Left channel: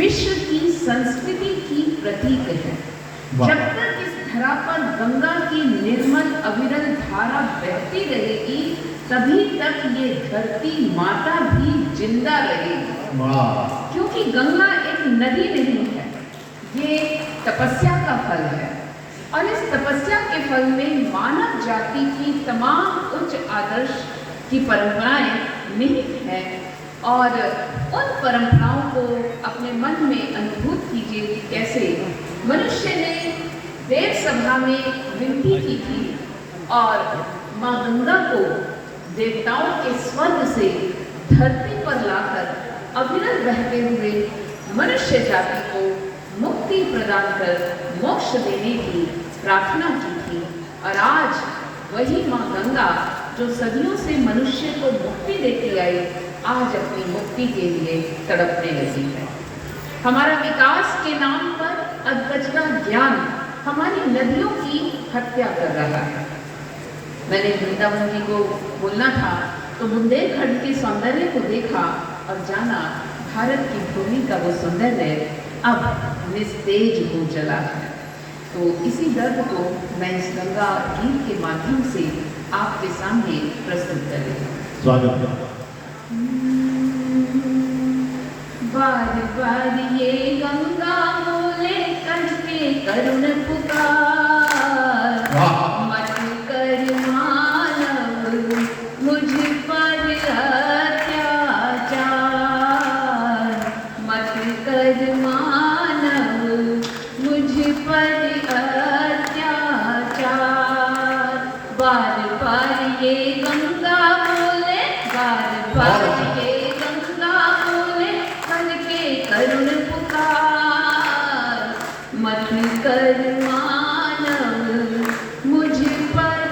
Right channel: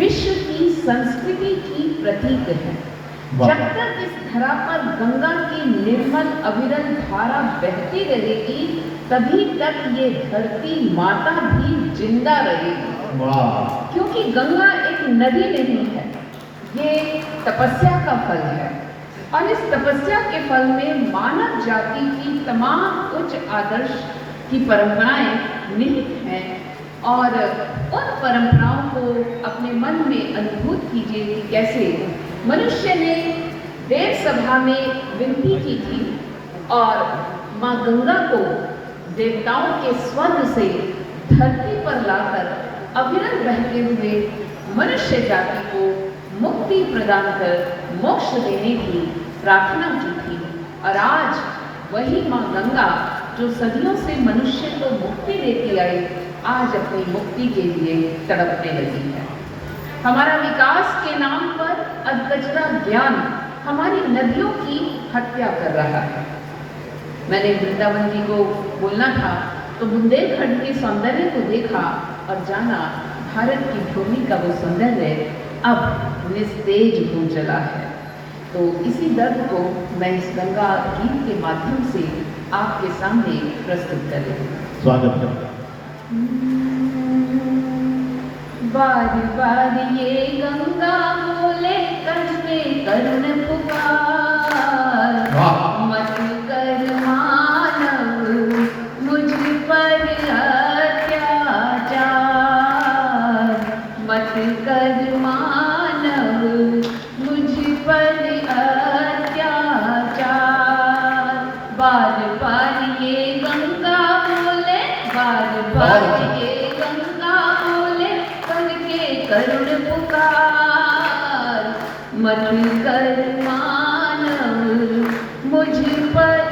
विश्व की संस्कृति की प्रतीक है। जब तक इस धरा पर गंगा की निर्मल अविरल धारा बहती रहेगी, तभी तक ये धरती माता भी जिंदा रहेगी। क्योंकि गंगा एक नदी नहीं है, ये तपस्या का फल है। और इस तपस्या के फल में मानव जाति की तमाम उच्च आदर्श की परंपराएं निहित हैं। और उन परंपराओं को अपने मन में अनुभूत कीजिए कि कैसे मनुष्य ने देव सभा में विनती की थी और माँ गंगा को देवताओं के स्वर्ग से धरती पर लाकर अविरल बहते हुए मनुष्य जाति को मुक्ति प्रदान कर मोक्ष देने की प्रार्थना की थी। और आज वही माँ गंगा जो सदियों से मनुष्य को मुक्ति देती आई, आज अपनी मुक्ति के लिए तड़पने लगी है। हमारा विकास के नाम पर अधकचरा ज्ञान हमारी नदियों की हत्या कर रहा है। मैंने वृंदावन जी को बोलना था तो बुंदेलखंड के सौंदर्य को देखा और जाना भारत की भूमि का वो सौंदर्य अब निस्तेज हो चला है। तो इसी दर्द को मैं इस गंगा गीत के माध्यम से आपके सामने प्रस्तुत कर रही हूँ। स्वागत है। बार बार ये गंगा बोले करके करुण पुकार, मत कर मानव मुझ पर अत्याचार, मत कर मानव मुझ पर अत्याचार। बार बार ये गंगा बोले, बार बार करुण पुकार, मत कर मानव मुझ पर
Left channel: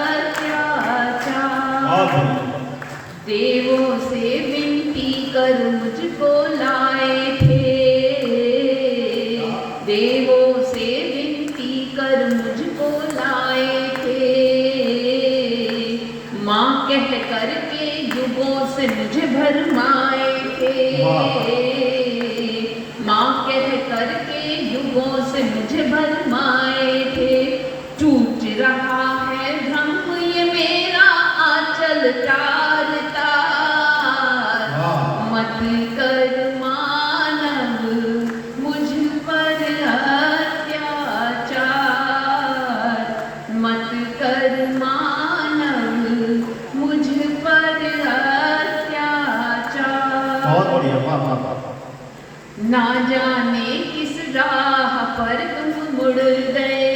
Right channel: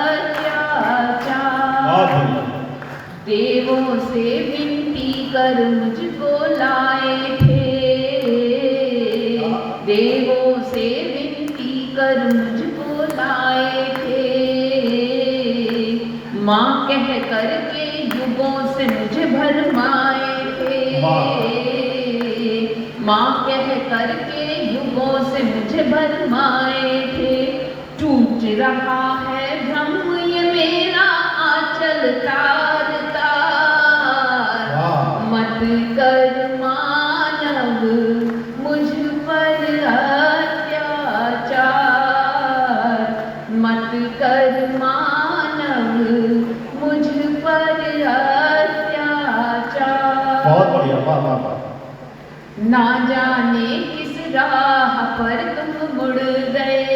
अत्याचार। देवों से विनती कर मुझको लाए थे, देवों से विनती कर मुझको लाए थे। माँ कह करके युगों से मुझे भरमाए थे, माँ कह करके युगों से मुझे भरमाए थे। टूट रहा है भ्रम ये मेरा आंचल तार तार, मत कर मानव मुझ पर अत्याचार, मत कर मानव मुझ पर अत्याचार। ना जाने किस राह पर तुम मुड़ गए,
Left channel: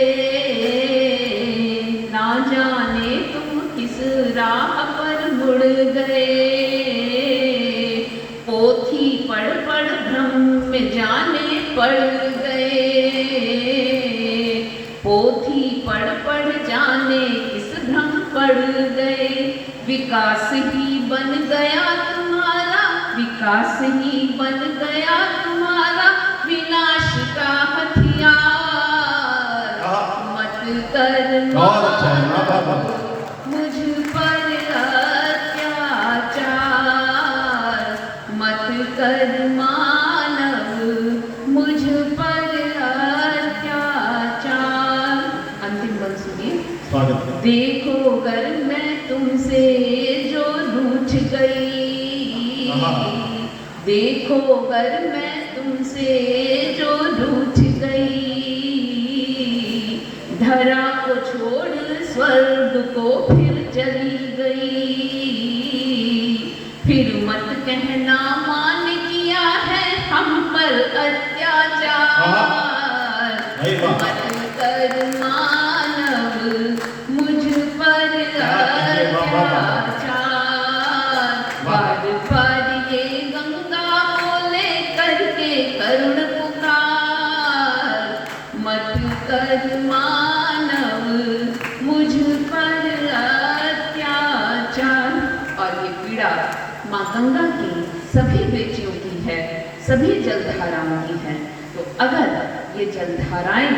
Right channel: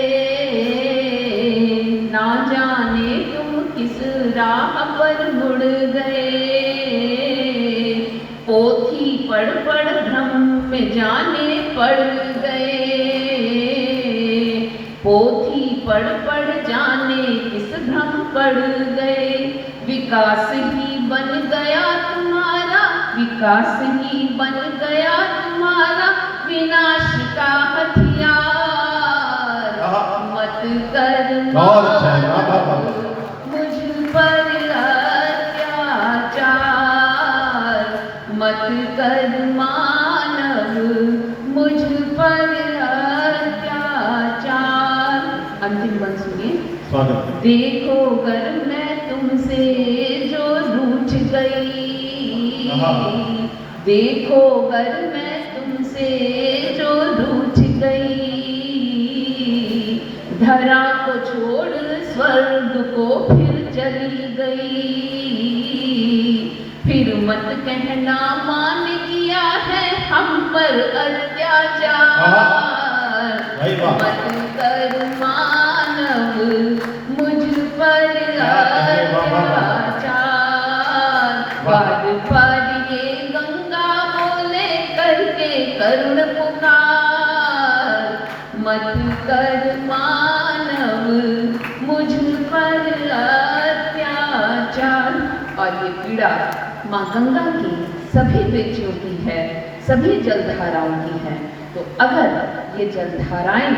ना जाने तुम किस राह पर मुड़ गए। पोथी पढ़ पढ़ भ्रम में जाने पड़ गए, पोथी पढ़ पढ़ जाने किस भ्रम पड़ गए। विकास ही बन गया तुम्हारा, विकास ही बन गया तुम्हारा विनाश का हथियार। मत कर मुझ पर अत्याचार, मत कर मानव मुझ पर अत्याचार। अंतिम गल सुनिए। देखो अगर मैं तुमसे जो रूठ गई, देखो अगर मैं तुमसे जो रूठ गई। धरा को छोड़ स्वर्ग को फिर चली गई, फिर मत कहना मान किया है हम पर अत्याचार। मत कर मानव मुझ पर अत्याचार। बार बार ये गंगा बोले करके करुण पुकार, मत कर मानव मुझ पर अत्याचार। और ये पीड़ा माँ गंगा की सभी बेटियों की है, सभी जलधाराओं की है। तो अगर ये जलधाराएं,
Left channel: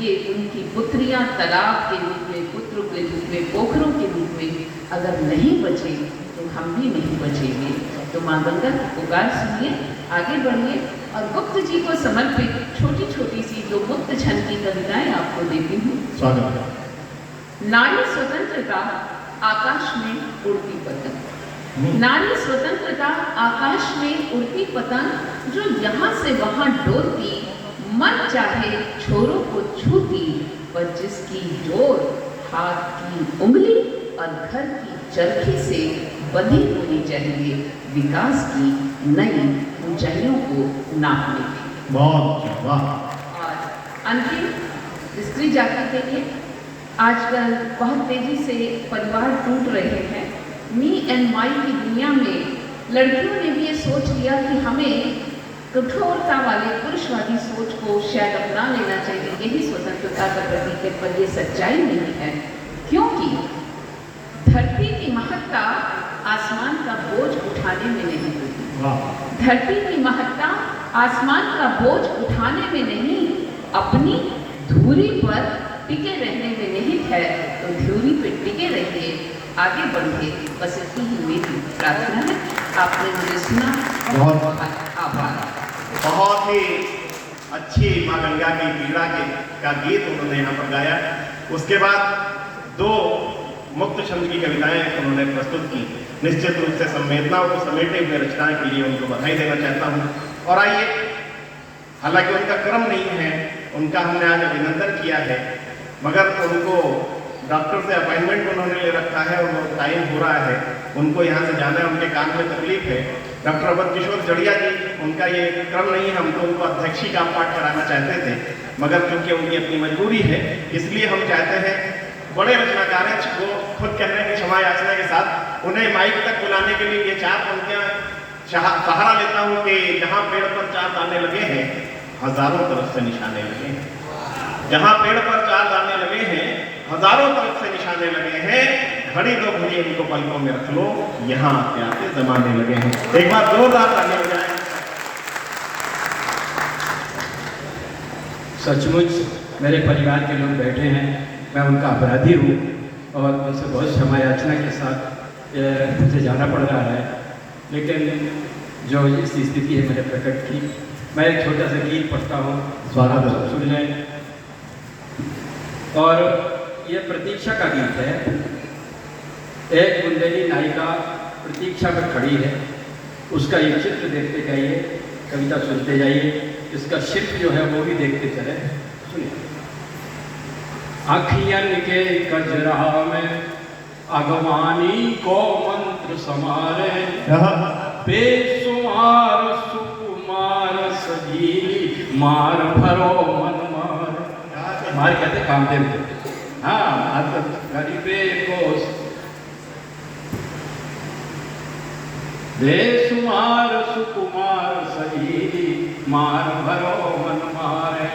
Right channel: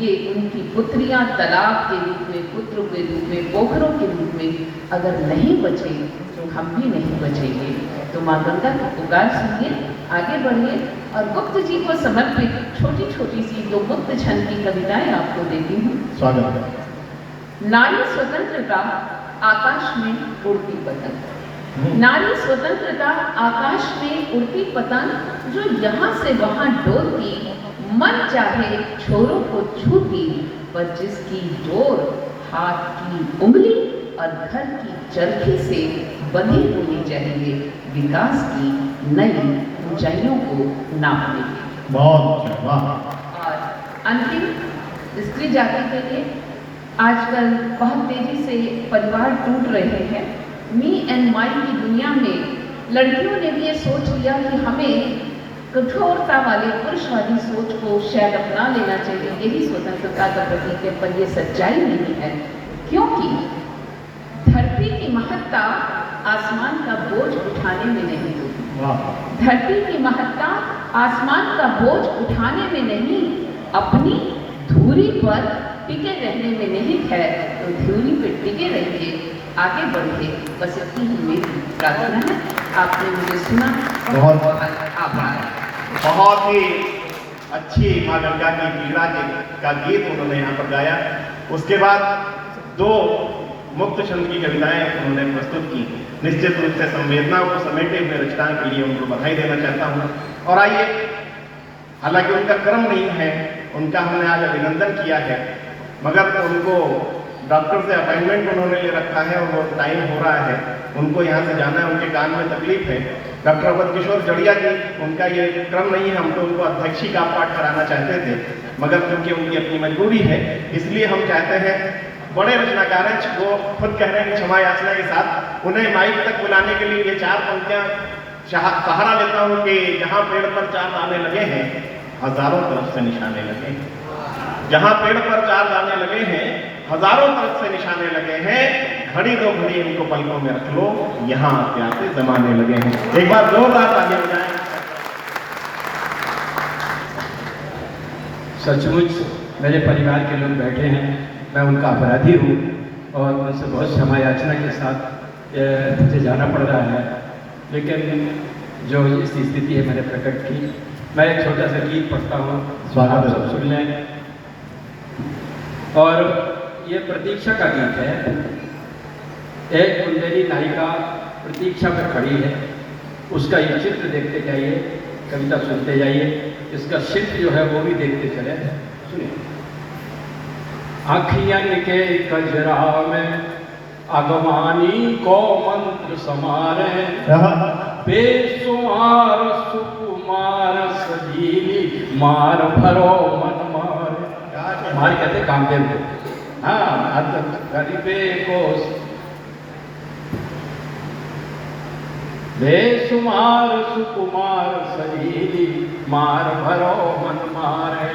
ये उनकी पुत्रियां तालाब के रूप में, पुत्रों के रूप में, पोखरों के रूप में अगर नहीं बचे तो हम भी नहीं बचेंगे। तो माँ गंगा की पुकार सुनिए। आगे बढ़िए और गुप्त जी को समर्पित छोटी छोटी सी दो गुप्त छंद की कविताएं आपको देती हूँ। स्वागत है। नारी स्वतंत्रता आकाश में उड़ती पतंग। नारी स्वतंत्रता आकाश में उड़ती पतंग, जो यहाँ से वहाँ डोलती, मन चाहे छोरों को छूती, पर जिसकी डोर हाथ की उंगली और घर की चरखी से बंधी होनी चाहिए, विकास की नई ऊंचाइयों को नापने की। बहुत वाह। और अंतिम स्त्री जाति के लिए, आजकल बहुत तेजी से परिवार टूट रहे हैं। मी एंड माई की दुनिया में लड़कियों ने भी ये सोच लिया कि हमें कठोरता वाले पुरुषवादी सोच को शायद अपना लेना चाहिए, यही स्वतंत्रता का प्रतीक है, पर ये सच्चाई नहीं है, क्योंकि धरती की महत्ता आसमान का बोझ उठाने में नहीं होती। धरती की महत्ता आसमान का बोझ उठाने में नहीं, अपनी धुरी पर टिके रहने में नहीं है। तो धुरी पे टिके रहिए, आगे बढ़िए, बस इतनी ही मेरी प्रार्थना है। आपने मुझे सुना, बहुत आभार। बहुत ही अच्छी माँ गंगा की पीड़ा का गीत उन्होंने यहाँ पर गाया। उसके बाद दो मुक्त छंद की कविताएं उन्होंने प्रस्तुत की। निश्चित रूप से संवेदना को समेटे हुए रचना के लिए उनको बधाई देना चाहता हूँ। और आइए, हालांकि उनका क्रम नहीं है, उनका हमने आज अभिनंदन किया है, मगर उनको डॉक्टर से अपॉइंटमेंट उन्होंने ले रखा है और वो टाइम हो रहा है, उनको यहाँ से जाना है, उनके कान में तकलीफ है। डॉक्टर अवध किशोर जड़िया जी, उनका ये क्रम नहीं है, हम तो उनको अध्यक्षी का पाठ कराना चाहते थे, मगर उनकी अपनी मजबूरी है, इसलिए हम चाहते हैं बड़े रचनाकार हैं, वो खुद कह रहे हैं कि क्षमा याचना के साथ उन्हें माइक तक बुलाने के लिए ये चार पंक्तियां सहारा लेता हूँ कि जहाँ पेड़ पर चार दाने लगे हैं, हजारों तरफ से निशाने लगे हैं। जहाँ पेड़ पर चार दाने लगे हैं, हजारों तरफ से निशाने लगे हैं, घड़ी दो घड़ी इनको पलकों में रख लो, यहाँ आते आते जमाने लगे हैं। एक बार जोरदार ताली बजाएं। सचमुच मेरे परिवार के लोग बैठे हैं, मैं उनका अपराधी हूँ और मुझसे बहुत क्षमा याचना के साथ मुझे जाना पड़ रहा है, लेकिन जो इस स्थिति है मेरे प्रकट की, मैं एक छोटा सा गीत पढ़ता हूँ, स्वागत है। सुन लें। और ये प्रतीक्षा का गीत है। एक बुंदेली नायिका प्रतीक्षा पर खड़ी है, उसका ये चित्र देखते जाइए, कविता सुनते जाइए, इसका शिल्प जो है वो भी देखते चले। सुनिए। अखियन के कजरा में अगवानी को मंत्र समारे, बेसुमार सुकुमार सजीली मार भरो मन मार। मार कहते कामदेव को। हाँ, गरीबे को बेसुमार सुकुमार सजीली मार भरो मन मारे।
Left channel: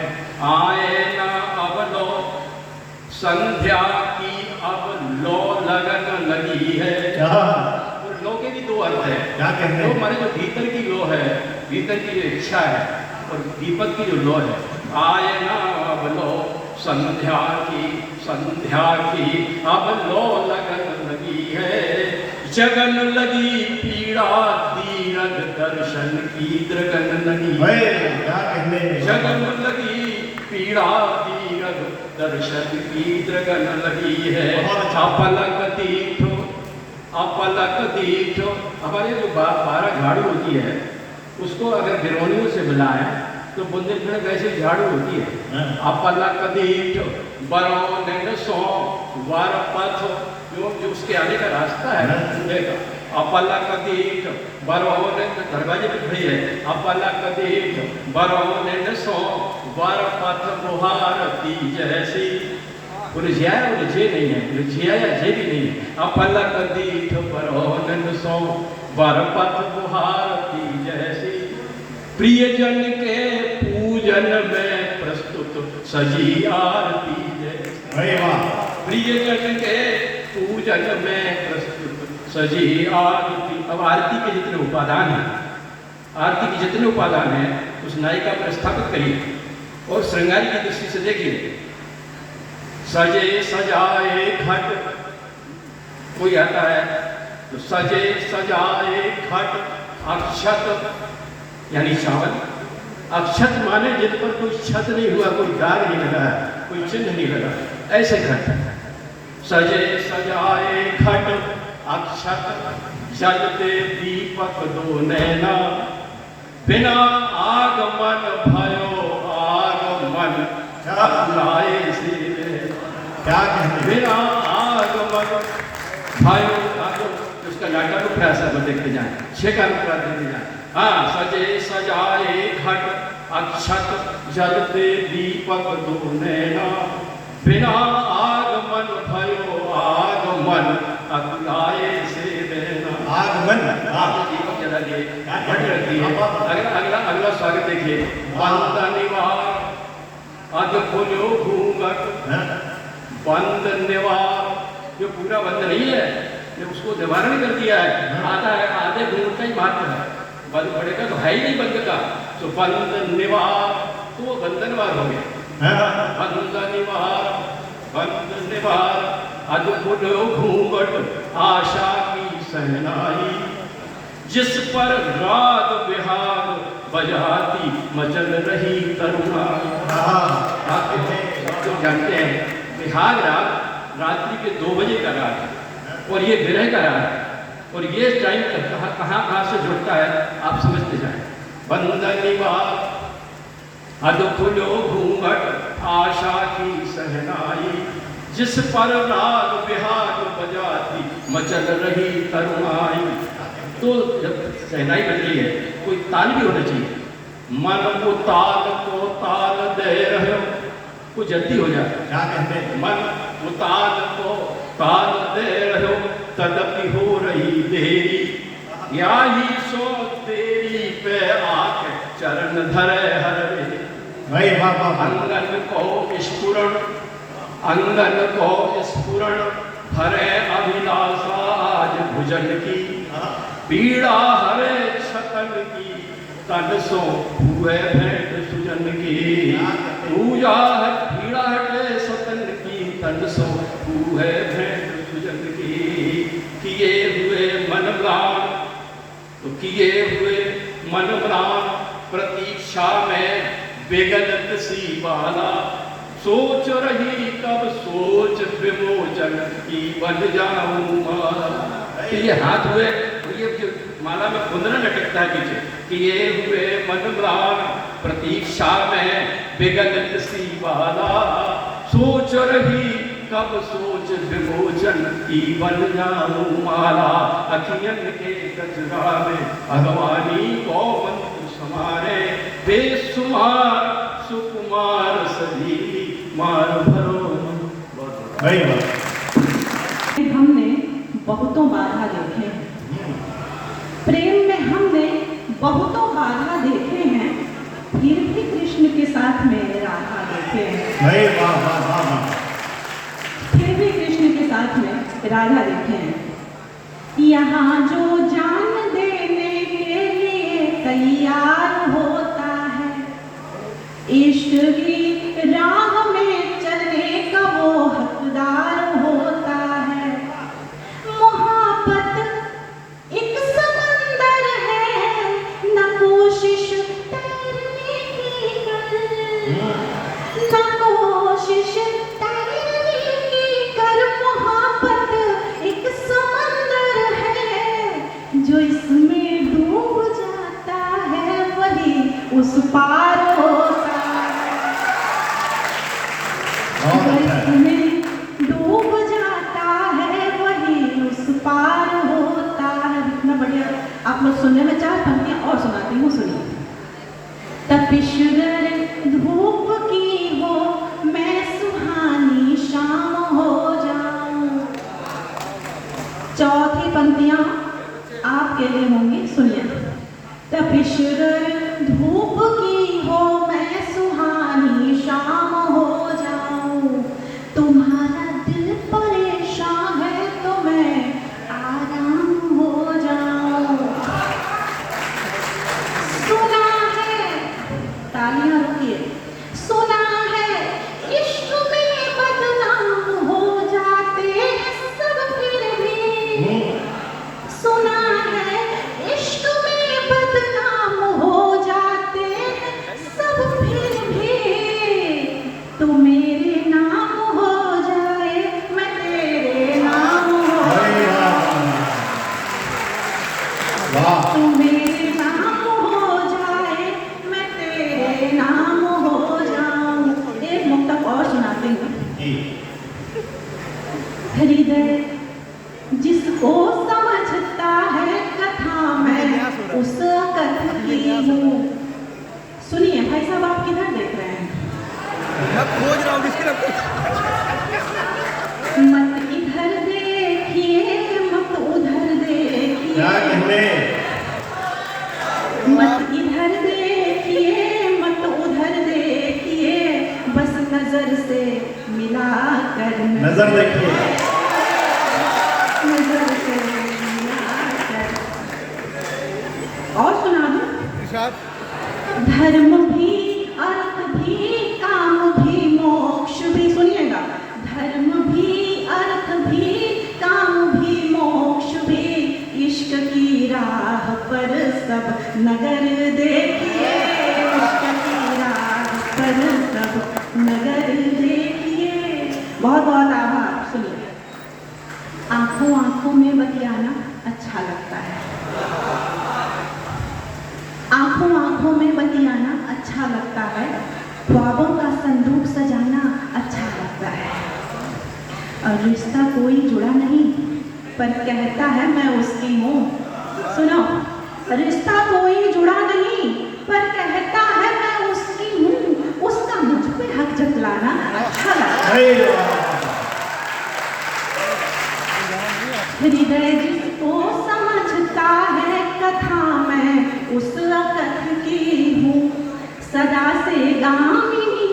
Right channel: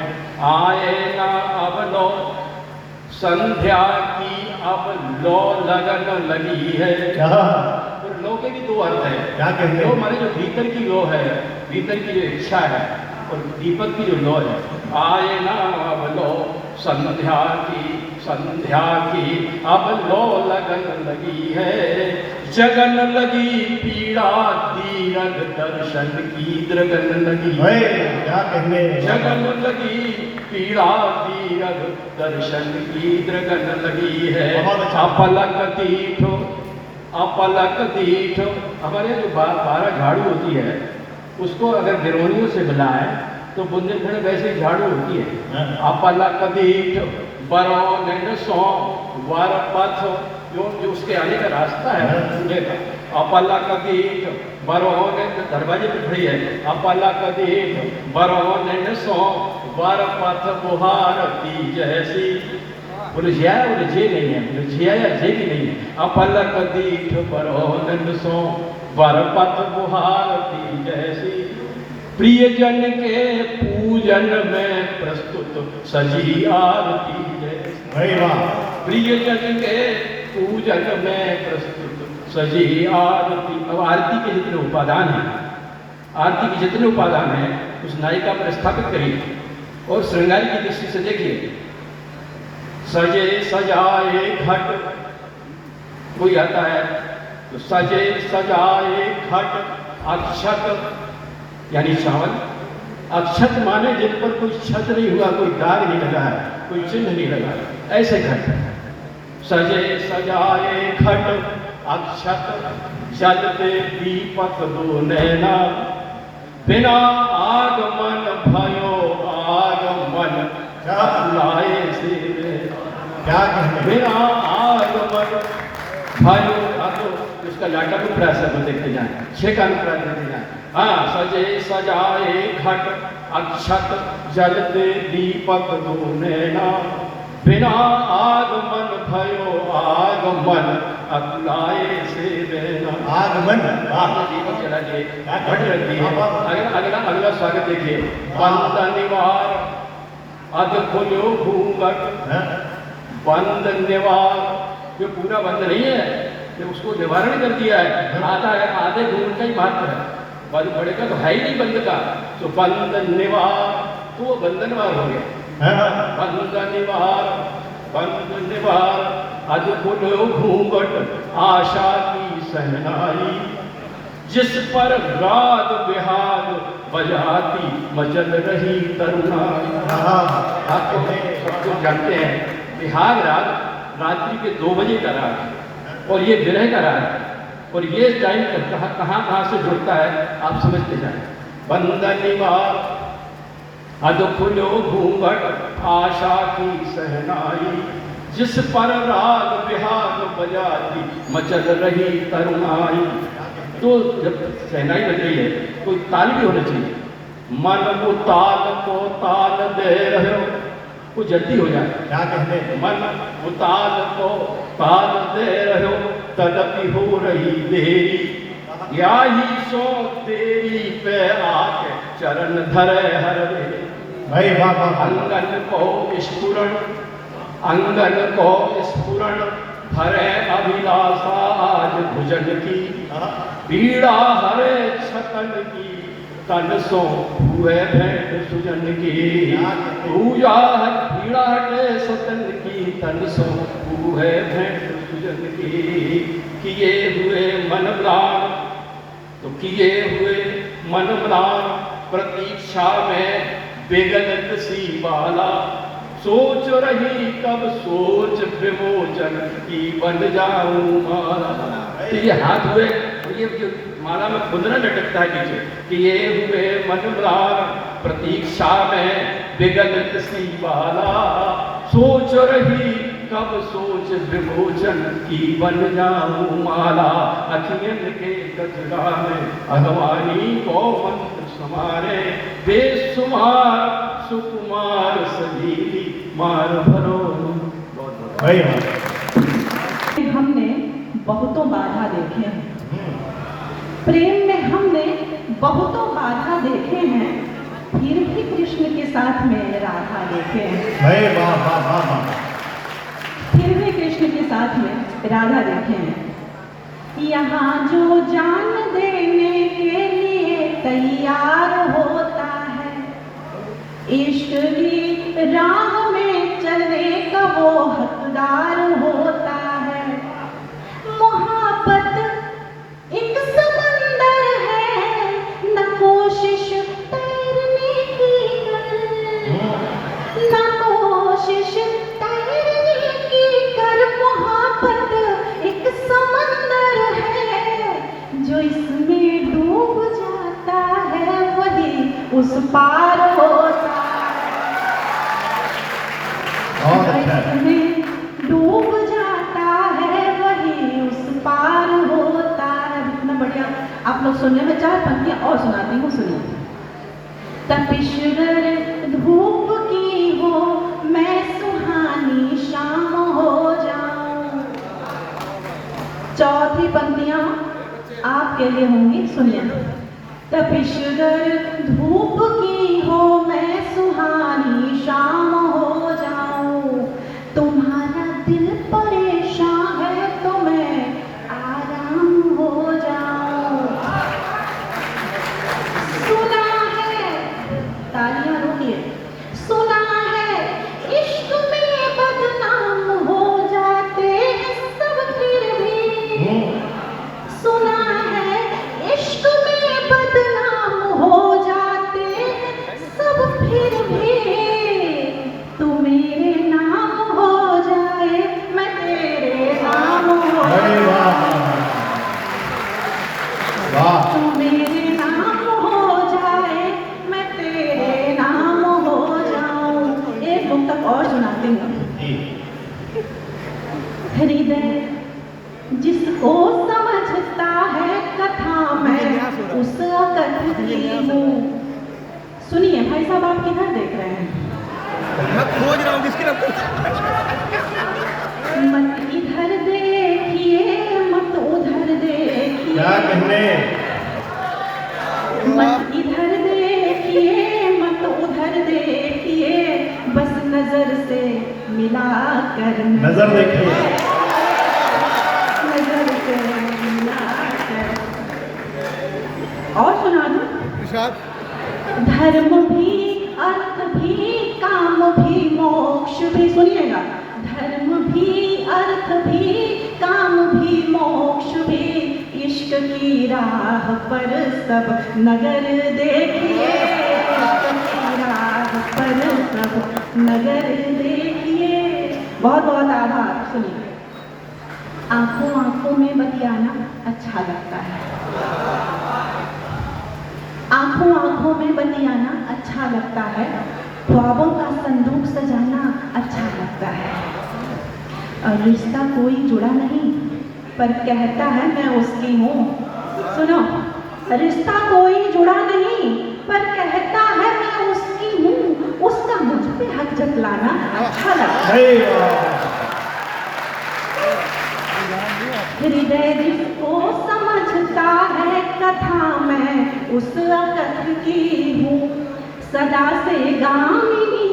आए ना अब लो संध्या की अब लो लगन लगी है। और लो के भी दो अर्थ है। क्या कहते हैं? लो हमारे जो भीतर की लो है, भीतर की जो इच्छा है, और दीपक की जो लो है। आए ना अब लो संध्या की अब लो लगन लगी है। जगन लगी पीड़ा दीरग दर्शन की द्रगन लगी। क्या कहने? जगन लगी पीड़ा दीरग दर्शन की द्रगन लगी है। अपलक दीठो। हमारे जो 12 झाड़ू होती है, उसको अगर गिरोनियों से मिलाएं तो बुंदेलखंड वैसे झाड़ू होती है। अपलक दीठो बरोन सो वर पथ, जो उसके आने का रास्ता है, अपलक दीठ बरोन, दरवाजे पे खड़ी है। अपलक दीठ बरोन सो वर पथ बुहारती जैसी। उलझिया उलझे नहीं है, उलझिया या जे भी नहीं है। अपलक दीठ बरोन सो वर पथ बुहारती जैसी। प्रियजन के पूजन में प्रस्तुत सजी आरती जैसी। प्रियजन के पूजन में प्रस्तुत सजी आरती। अब आरती के जितने उपादान हैं, आरती के जितने उपादान हैं, उस नायिका पर स्थापित करिए और श्रृंगार की दृष्टि से देखिए। सजे सजाए घट, कोई आता है तो सजे सजाए घट अक्षत यानी सावन। अक्षत माने जिन पर कोई छत नहीं हुआ, कोई दाग नहीं लगा है, कोई चिन्ह नहीं लगा, ऐसे घट। सजे सजाए घट अक्षत जलते दीपक दो नैना, बिना आगमन भयो आगमन लाए से क्या कहते बिना आगमन भयो। उसका लाटा को प्रयास को देखते जाए, छह का अनुप्रास देखते जाए। हाँ, सजे सजाए घट अक्षत जलते दीपक दो नैना, बिना आगमन भयो आगमन अकुलाए से देना। आगमन दीपक जला दिए, घट रख दिए। अगला स्वागत देखिए। बंद निवार अध खोलो घूंघट, बंद निवार, जो पूरा बंद नहीं है, उसको निवारण कर दिया है। आता है आधे घूंघट का ही महत्व है, बंद पड़ेगा तो है ही नहीं बंद का, तो बंद निवार, तो वो बंधनवार हो गया। बंद निवार अध खोलो घूंघट, आशा की सहनाई, जिस पर राग बिहार बजाती मचल रही तरुणाई। आपको जानते हैं बिहार राग रात्रि के 2 बजे का राग है, और ये विरह का राग है, और ये टाइम कहाँ से जुड़ता है आप समझते जाए। बंदनिवार अध खुलो घूंघट, आशा की सहनाई, जिस पर राग बिहार बजाती मचल रही तरुणाई। तो जब सहनाई बज रही है, कोई ताल भी होना चाहिए। मन को ताल दे रहे हो, वो जल्दी हो जाए। क्या कहते हैं? मन उताल को ताल दे रहे हो, तदपि हो रही देरी, या ही सो तेरी के आके चरण धरे हरे। भाई बाबा अंगन को स्फुरण भरे अभिलाषा आज भुजन की, पीड़ा हरे छतन की, तन सो हुए भेंट सुजन की। पूजा है पीड़ा हटे सतन की, तन सो हुए भेंट सुजन की। किए हुए मन म्लान, तो किए हुए मन म्लान, प्रतीक्षा में बेगलत सी बाला, सोच रही कब सोच विमोचन की बन जाऊं माला। तो ये हाथ हुए, ये जो माला में कुंदन लटकता है पीछे, कि ये हुए मन म्लान, प्रतीक्षा में बेगलत सी बाला, सोच रही कब सोच विमोचन की बन जाऊं माला। अखियन के गजरा में भगवानी को मंत्र समारे, बेसुमार सुकुमार सही मार भरो। भाई हमने बहुतों बाधा देखे हैं, प्रेम में हमने बहुतों बाधा देखे हैं, फिर भी कृष्ण के साथ में राधा देखे हैं। भाई वाह, फिर भी कृष्ण के साथ में राधा देखे हैं। यहाँ जो जान देने के लिए तैयार होता है, इश्क की राह में चलने का वो हकदार होता है। मोहब्बत एक समंदर है, न कोशिश तैरने की कर, न कोशिश तैरने की कर। मोहब्बत एक समंदर है, जो इसमें डूब जाता है वही उस पार होता है। इसमें डूब जाता है वही उस पार होता है। इतना बढ़िया आप लोग सुनने में चाहे पंक्तियां और सुनाती हूँ, सुनिए। तपिश्वर धूप की हो मैं सुहानी शाम हो जाऊं। चौथी पंक्तियां आपके लिए होंगी, सुनिए। तपिश्वर धूप की हो मैं सुहानी शाम हो जाऊं, तुम्हारा दिल परेशान है तो मैं आराम हो जाऊं। सुना है तालियां नजर देखिए। और सुना दूं? धर्म भी, अर्थ भी, काम भी, मोक्ष भी, सुनिएगा। धर्म भी, अर्थ भी, काम भी, मोक्ष भी, इश्क की राह पर सब नगर देखिए, इश्क की राह पर सब नगर देखिए। बहुत बहुत आभार। सुनिए, आंखों आंखों में बतियाना अच्छा लगता है, आंखों आंखों में बतियाना अच्छा लगता है, ख्वाबों का संदूक सजाना अच्छा लगता है। और रिश्ता कोई जुड़ा नहीं पर कहता है मैं उसकी हूँ। सुनो, रिश्ता कोई जुड़ा नहीं पर कहता है मैं उसकी हूँ, उसका मुझ पे हक जतलाना अच्छा लगता है। हृदय जिसको समझता है कथा मैं उस वक्त की हूँ, सदा से गामिनी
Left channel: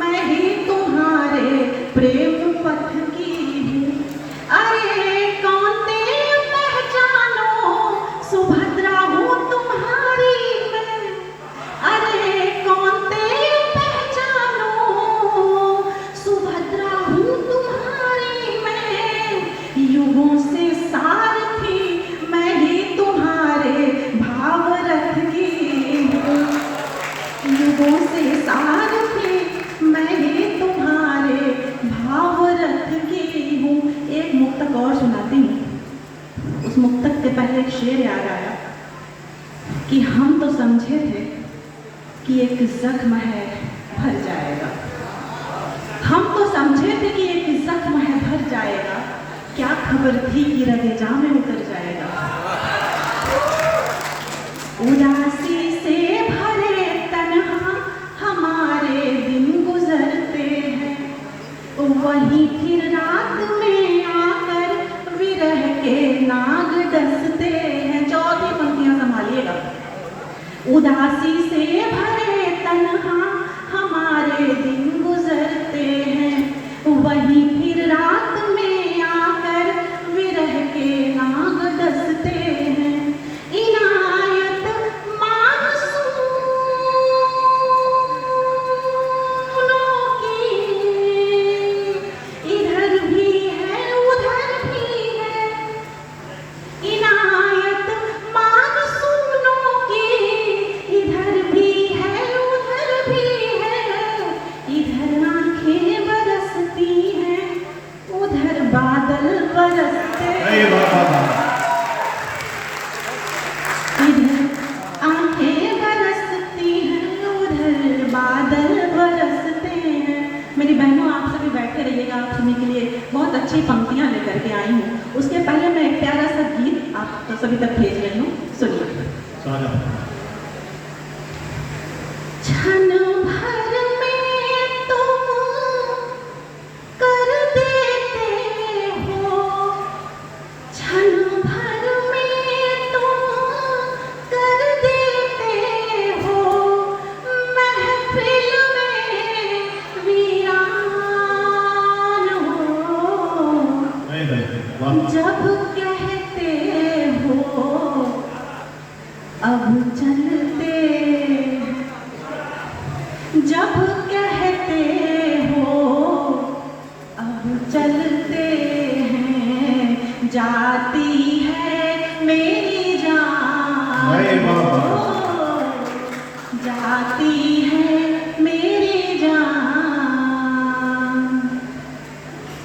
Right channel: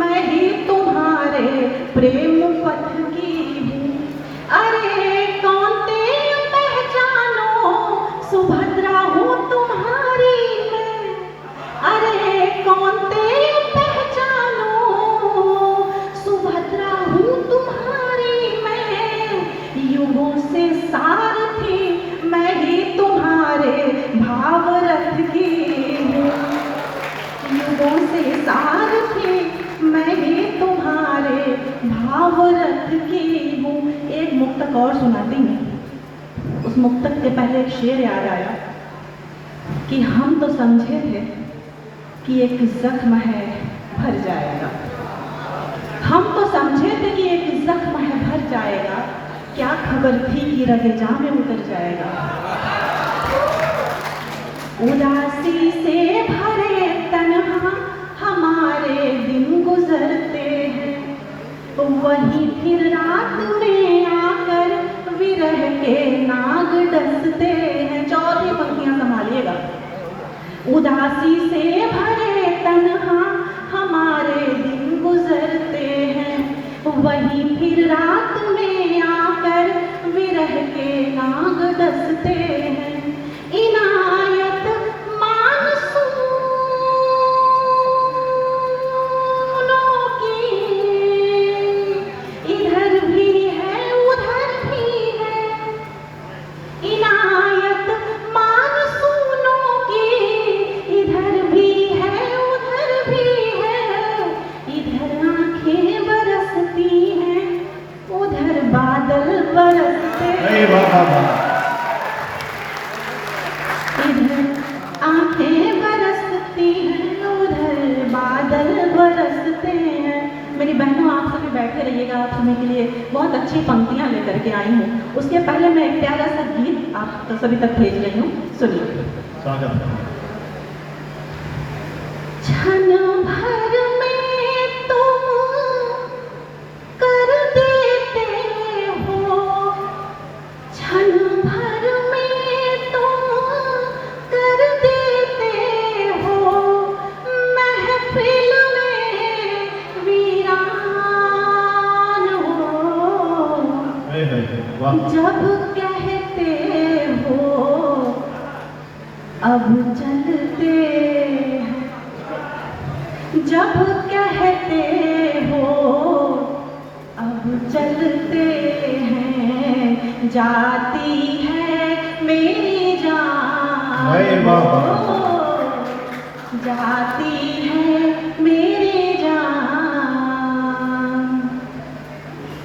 मैं ही तुम्हारे प्रेम पथ की हूँ। अरे कौन तेरे पहचानो, सुभद्रा हूँ तुम्हारी मैं। अरे कौन तेरे पहचानो, सुभद्रा हूँ तुम्हारी मैं। युगों से सारथी मैं ही तुम्हारे भाव रथ की हूँ, युगों से सारथी मैं ही तुम्हारे भाव रथ की हूँ। एक मुक्तक और सुनाती हूँ। उस मुक्तक के पहले एक शेर याद आया कि हम तो समझे थे कि एक जख्म है भर जाएगा, हम तो समझे थे कि एक जख्म है भर जाएगा, क्या खबर थी कि रगेजा में उतर जाएगा। उदासी से भरे तन्हा हमारे दिन गुजरते हैं, वहीं फिर रात में आकर विरह के नाग डसते हैं। चौथी पंक्तियां संभालिएगा। उदासी से भरे तन्हा हमारे दिन गुजरते हैं, वहीं फिर रात में आकर विरह के नाग डसते हैं। इनायत मानसूनों की इधर भी है उधर भी है, इनायत मानसूनों की इधर भी है उधर भी है। इधर आंखें बरसती हैं उधर बादल बरसते हैं। इधर आंखें बरसती हैं उधर बादल बरसते हैं। मेरी बहनों, आप सभी बैठे रहिएगा, आप सुनने के लिए बहुत अच्छी पंक्तियां लेकर के आई हूँ। उसके पहले मैं एक प्यारा सा गीत आप तो सभी तक भेज रही हूँ, सुनिए। क्षण भर में तुम कर देते हो, क्षण भर में तुम कर देते हो, महफिल में वीरान हो। जब कहते हो अब चलते हैं, जब कहते हो अब चलते हैं, जाती है मेरी जान, जाती है मेरी जान।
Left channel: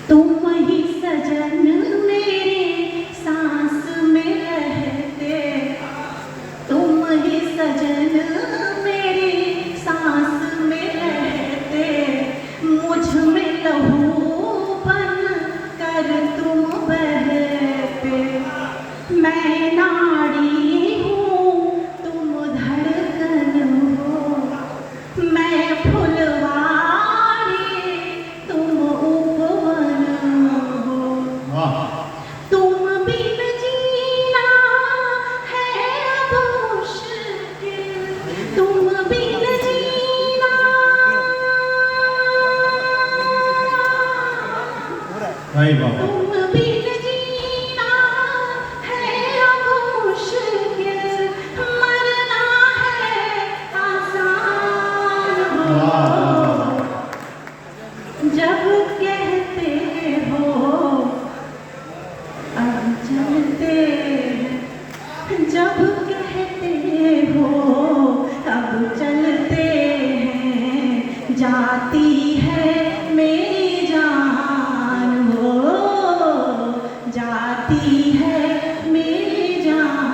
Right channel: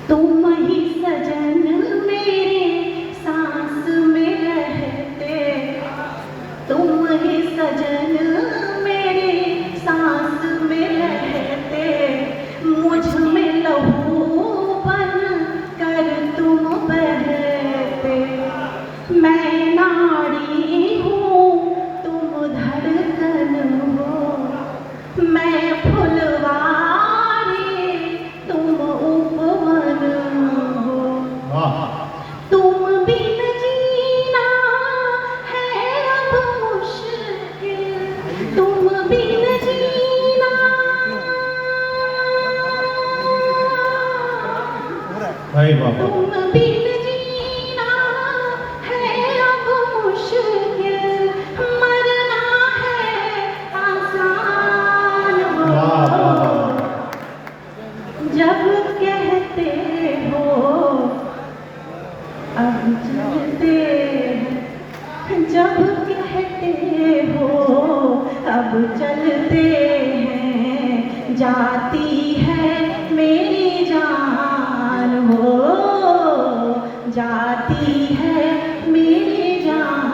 तुम ही सजन मेरी सांस में रहते, तुम ही सजन मेरी सांस में रहते, मुझ में लहू बन कर तुम बहते। मैं नाड़ी हूँ भाई बाबा तुम बिन जीना है अब मुश्किल, मरना है आसान हो। जब कहते हो अब चलते हैं, जब कहते हो अब चलते हैं, जाती है मेरी जान हो, जाती है मेरी जान।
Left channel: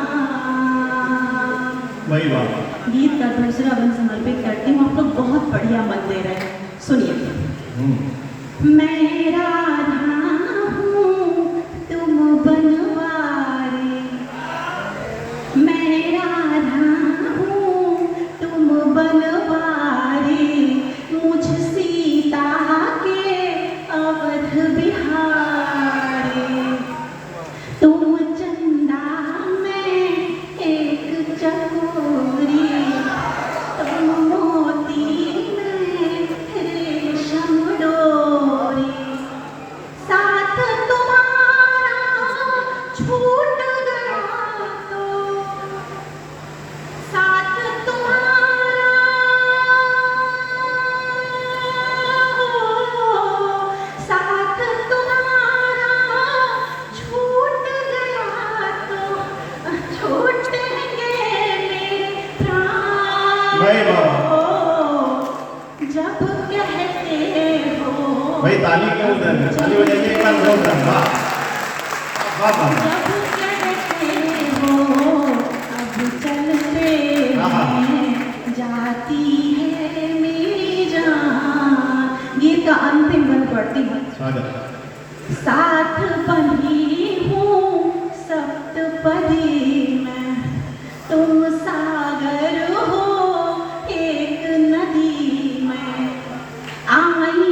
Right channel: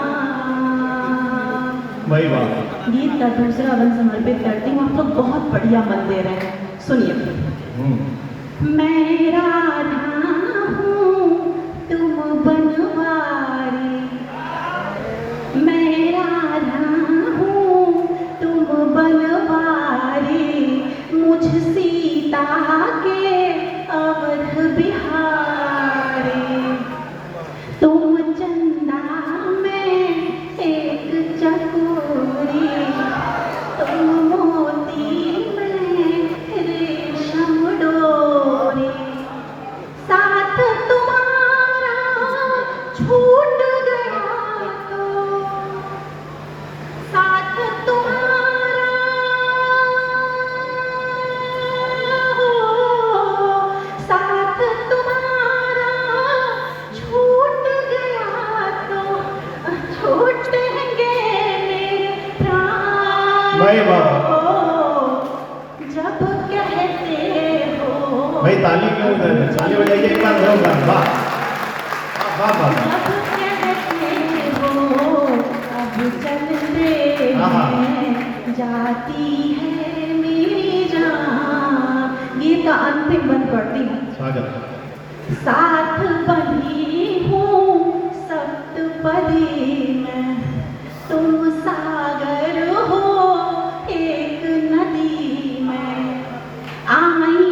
भाई बाबा गीत का दूसरा वन समर्पित करती हूँ आपको, बहुत बढ़िया मंदिर है, सुनिए। मैं राधा हूँ तुम बनवारी, मैं राधा हूँ तुम बनवारी, मुझ सीता के अवध बिहारी। तुम चंदा में एक चकोरी, तुम मोती में रेशम डोरी, साथ तुम्हारा छूट गया तो, साथ तुम्हारा साथ तुम्हारा छूट गया तो, छूटेंगे मेरे प्राण भाई बाबा जब कहते हो, भाई ताली क्यों कर रहे? ताली बजाइए एकदम जोरदार। वाह वाह वाह जब कहते हो अब चलते हैं, जाती है मेरी जान। गीत का अंतिम बंद पढ़ती हूँ। स्वागत। साथ बंधी हूँ सप्तपदी में, तुम सागर हो एक नदी में, आई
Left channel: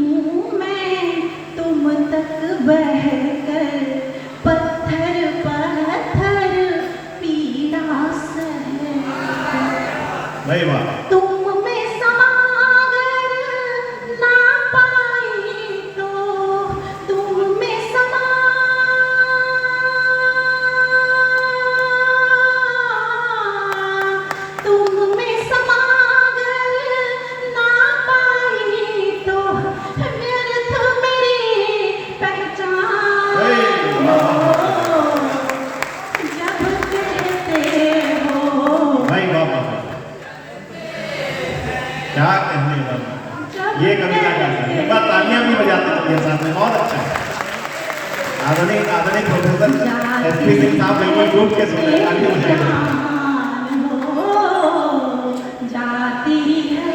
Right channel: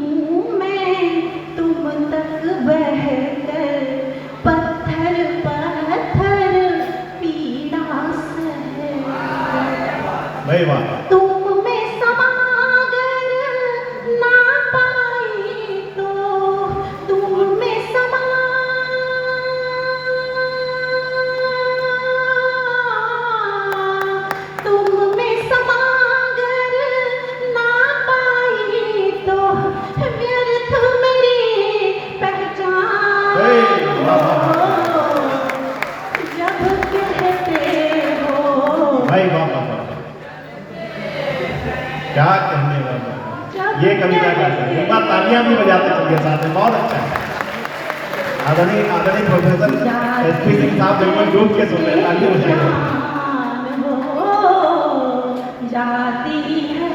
हूँ मैं तुम तक बहकर, पत्थर पत्थर पीड़ा सह। भाई वाह तुम में समागर ना पाई तो, तुम में समा तुम में समागर ना पाई तो, व्यर्थ मेरी पहचान हो। जब कहते हो भाई वाह वाह वाह। क्या कहने वाला, ये कविता का है। एक बार तालियां भी बजाते चलिए साथ में, बहुत अच्छा है। आदरणीय प्रोफेसर एसपी सिंह साहब बिल्कुल डूब के सुन रहे हैं, तालियां बजाएंगे। जाती है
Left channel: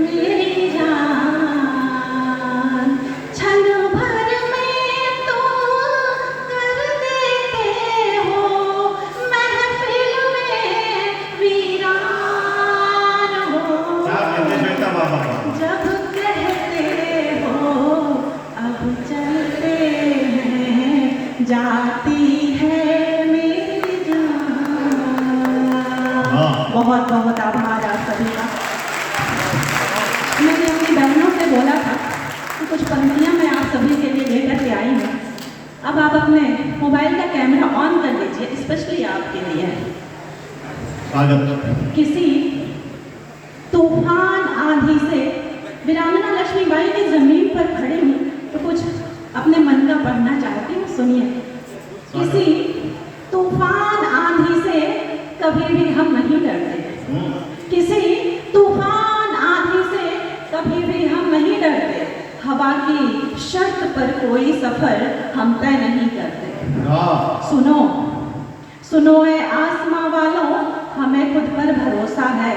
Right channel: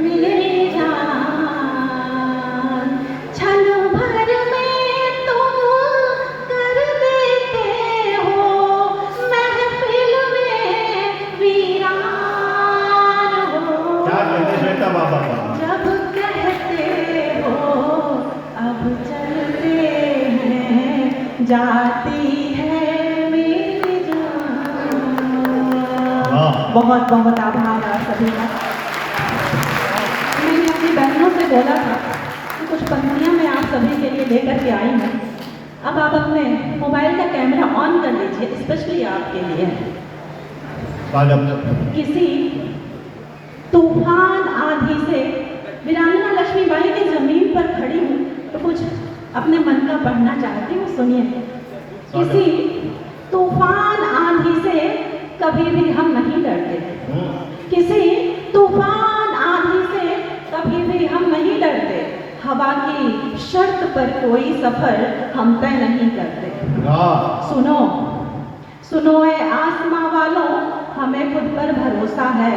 मेरी जान, क्षण भर में तुम कर देते हो महफिल में वीरान हो। क्या कहते श्वेता बाबा? जब कहते हो अब चलते हैं, जाती है मेरी जान। बहुत बहुत आभार आप सभी का। मैंने अपनी बहनों से बोला था कि कुछ पंक्तियाँ मैं आप सभी के लिए लेकर के आई हूँ। अब आप अपने मोबाइल का कैमरा ऑन कर लीजिए, स्पेशली आपके लिए। स्वागत। किसी तूफान आंधी से वीरांगना लक्ष्मीबाई की जमीन पर खड़ी हूँ तो कुछ अपने मन का पढ़ना चाहती हूँ, सुनिए। किसी तूफान आंधी से कभी भी हम नहीं डरते, किसी तूफान आंधी से कभी भी हम नहीं डरते, हवा की शर्त पर कोई सफर हम तय नहीं करते। सुनो सुनो ऐ आसमां वालों, हमें खुद पर भरोसा है।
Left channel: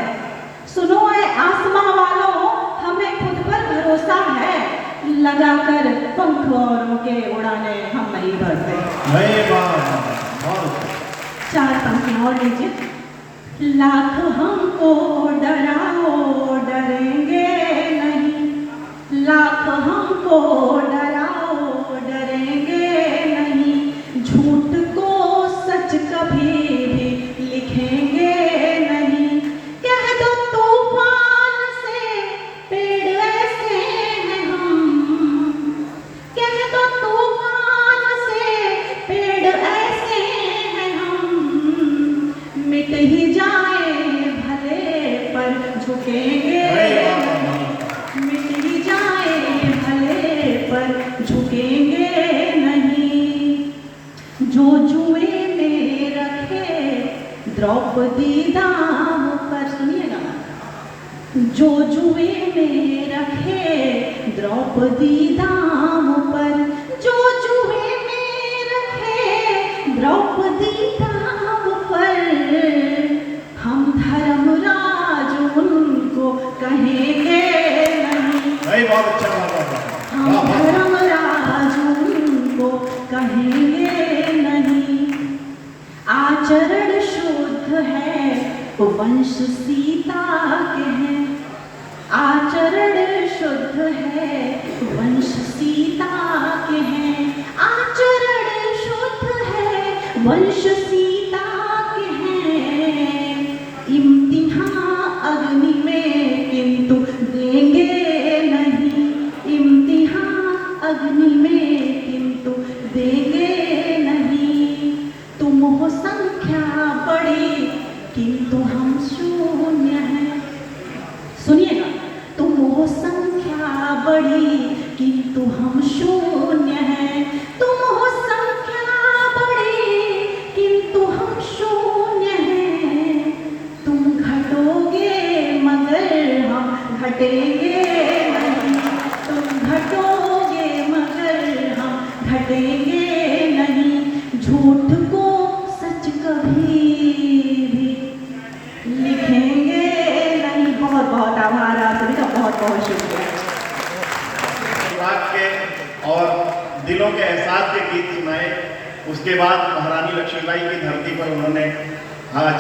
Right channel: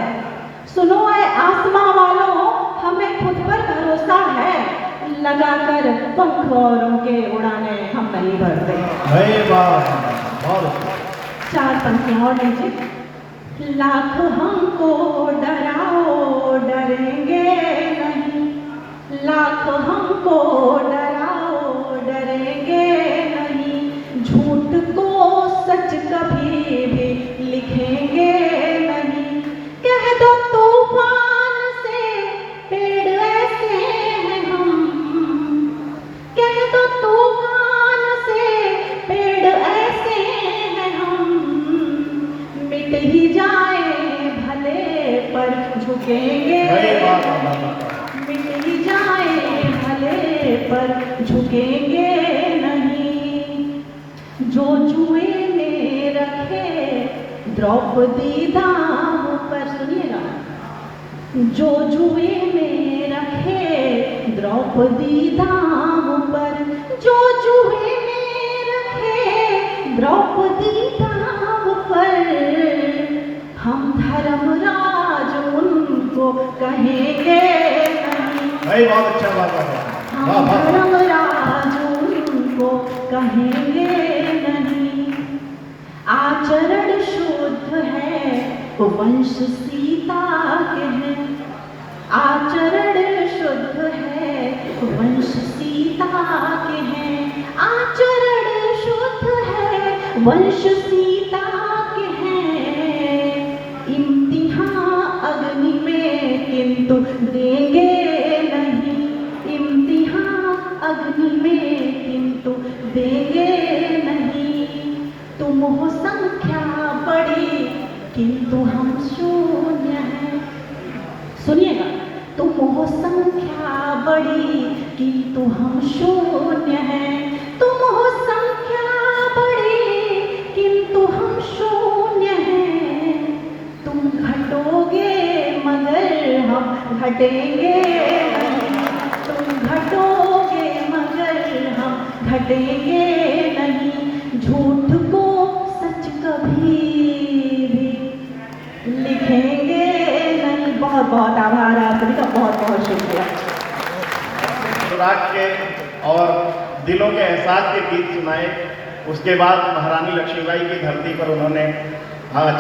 सुनो ऐ आसमां वालों, हमें खुद पर भरोसा है। लगाकर पंख औरों के उड़ाने हम नहीं भरते। चार पंक्तियां और लीजिए। लाख हमको डराओ डरेंगे नहीं, लाख हमको डराओ डरेंगे नहीं, झूठ को सच कभी भी लिखेंगे नहीं। कह दो तूफान से पेड़ ऐसे हैं हम, कह दो तूफान मिट ही जाए भले पर झुकेंगे नहीं, जो जुए में रखे द्रौपदी दाम पर। सुनिएगा, जो जुए में रखे द्रौपदी दाम पर, जो जुए में रखे द्रौपदी दाम पर, हम धर्मराज उनको कहेंगे नहीं, बहुत अच्छा बात है। हम धर्मराज उनको कहेंगे नहीं। आचरण शुद्ध है वंश सीता के हैं, आचरण शुद्ध है वंश सीता के हैं, आचरण शुद्ध है वंश सीता के हैं। इम्तिहान अग्नि में किंतु देंगे नहीं, इम्तिहान अग्नि में किंतु देंगे नहीं। तुम हो संख्या बड़ी किंतु हम शून्य हैं। सुनिएगा, तुम हो संख्या बड़ी किंतु हम शून्य हैं, तुम हो संख्या बड़ी किंतु हम शून्य हैं। तुम घटोगे मगर हम घटेंगे नहीं, तुम घटोगे मगर हम घटेंगे नहीं। झूठ को सच कभी भी लिखेंगे नहीं। बहुत बहुत आभार आप सभी का, बहुत बहुत शुक्रिया। राग के और दिलों के एहसास के गीत सुनाए। उसके बाद महारानी लक्ष्मीबाई की धरती पर उन्होंने आज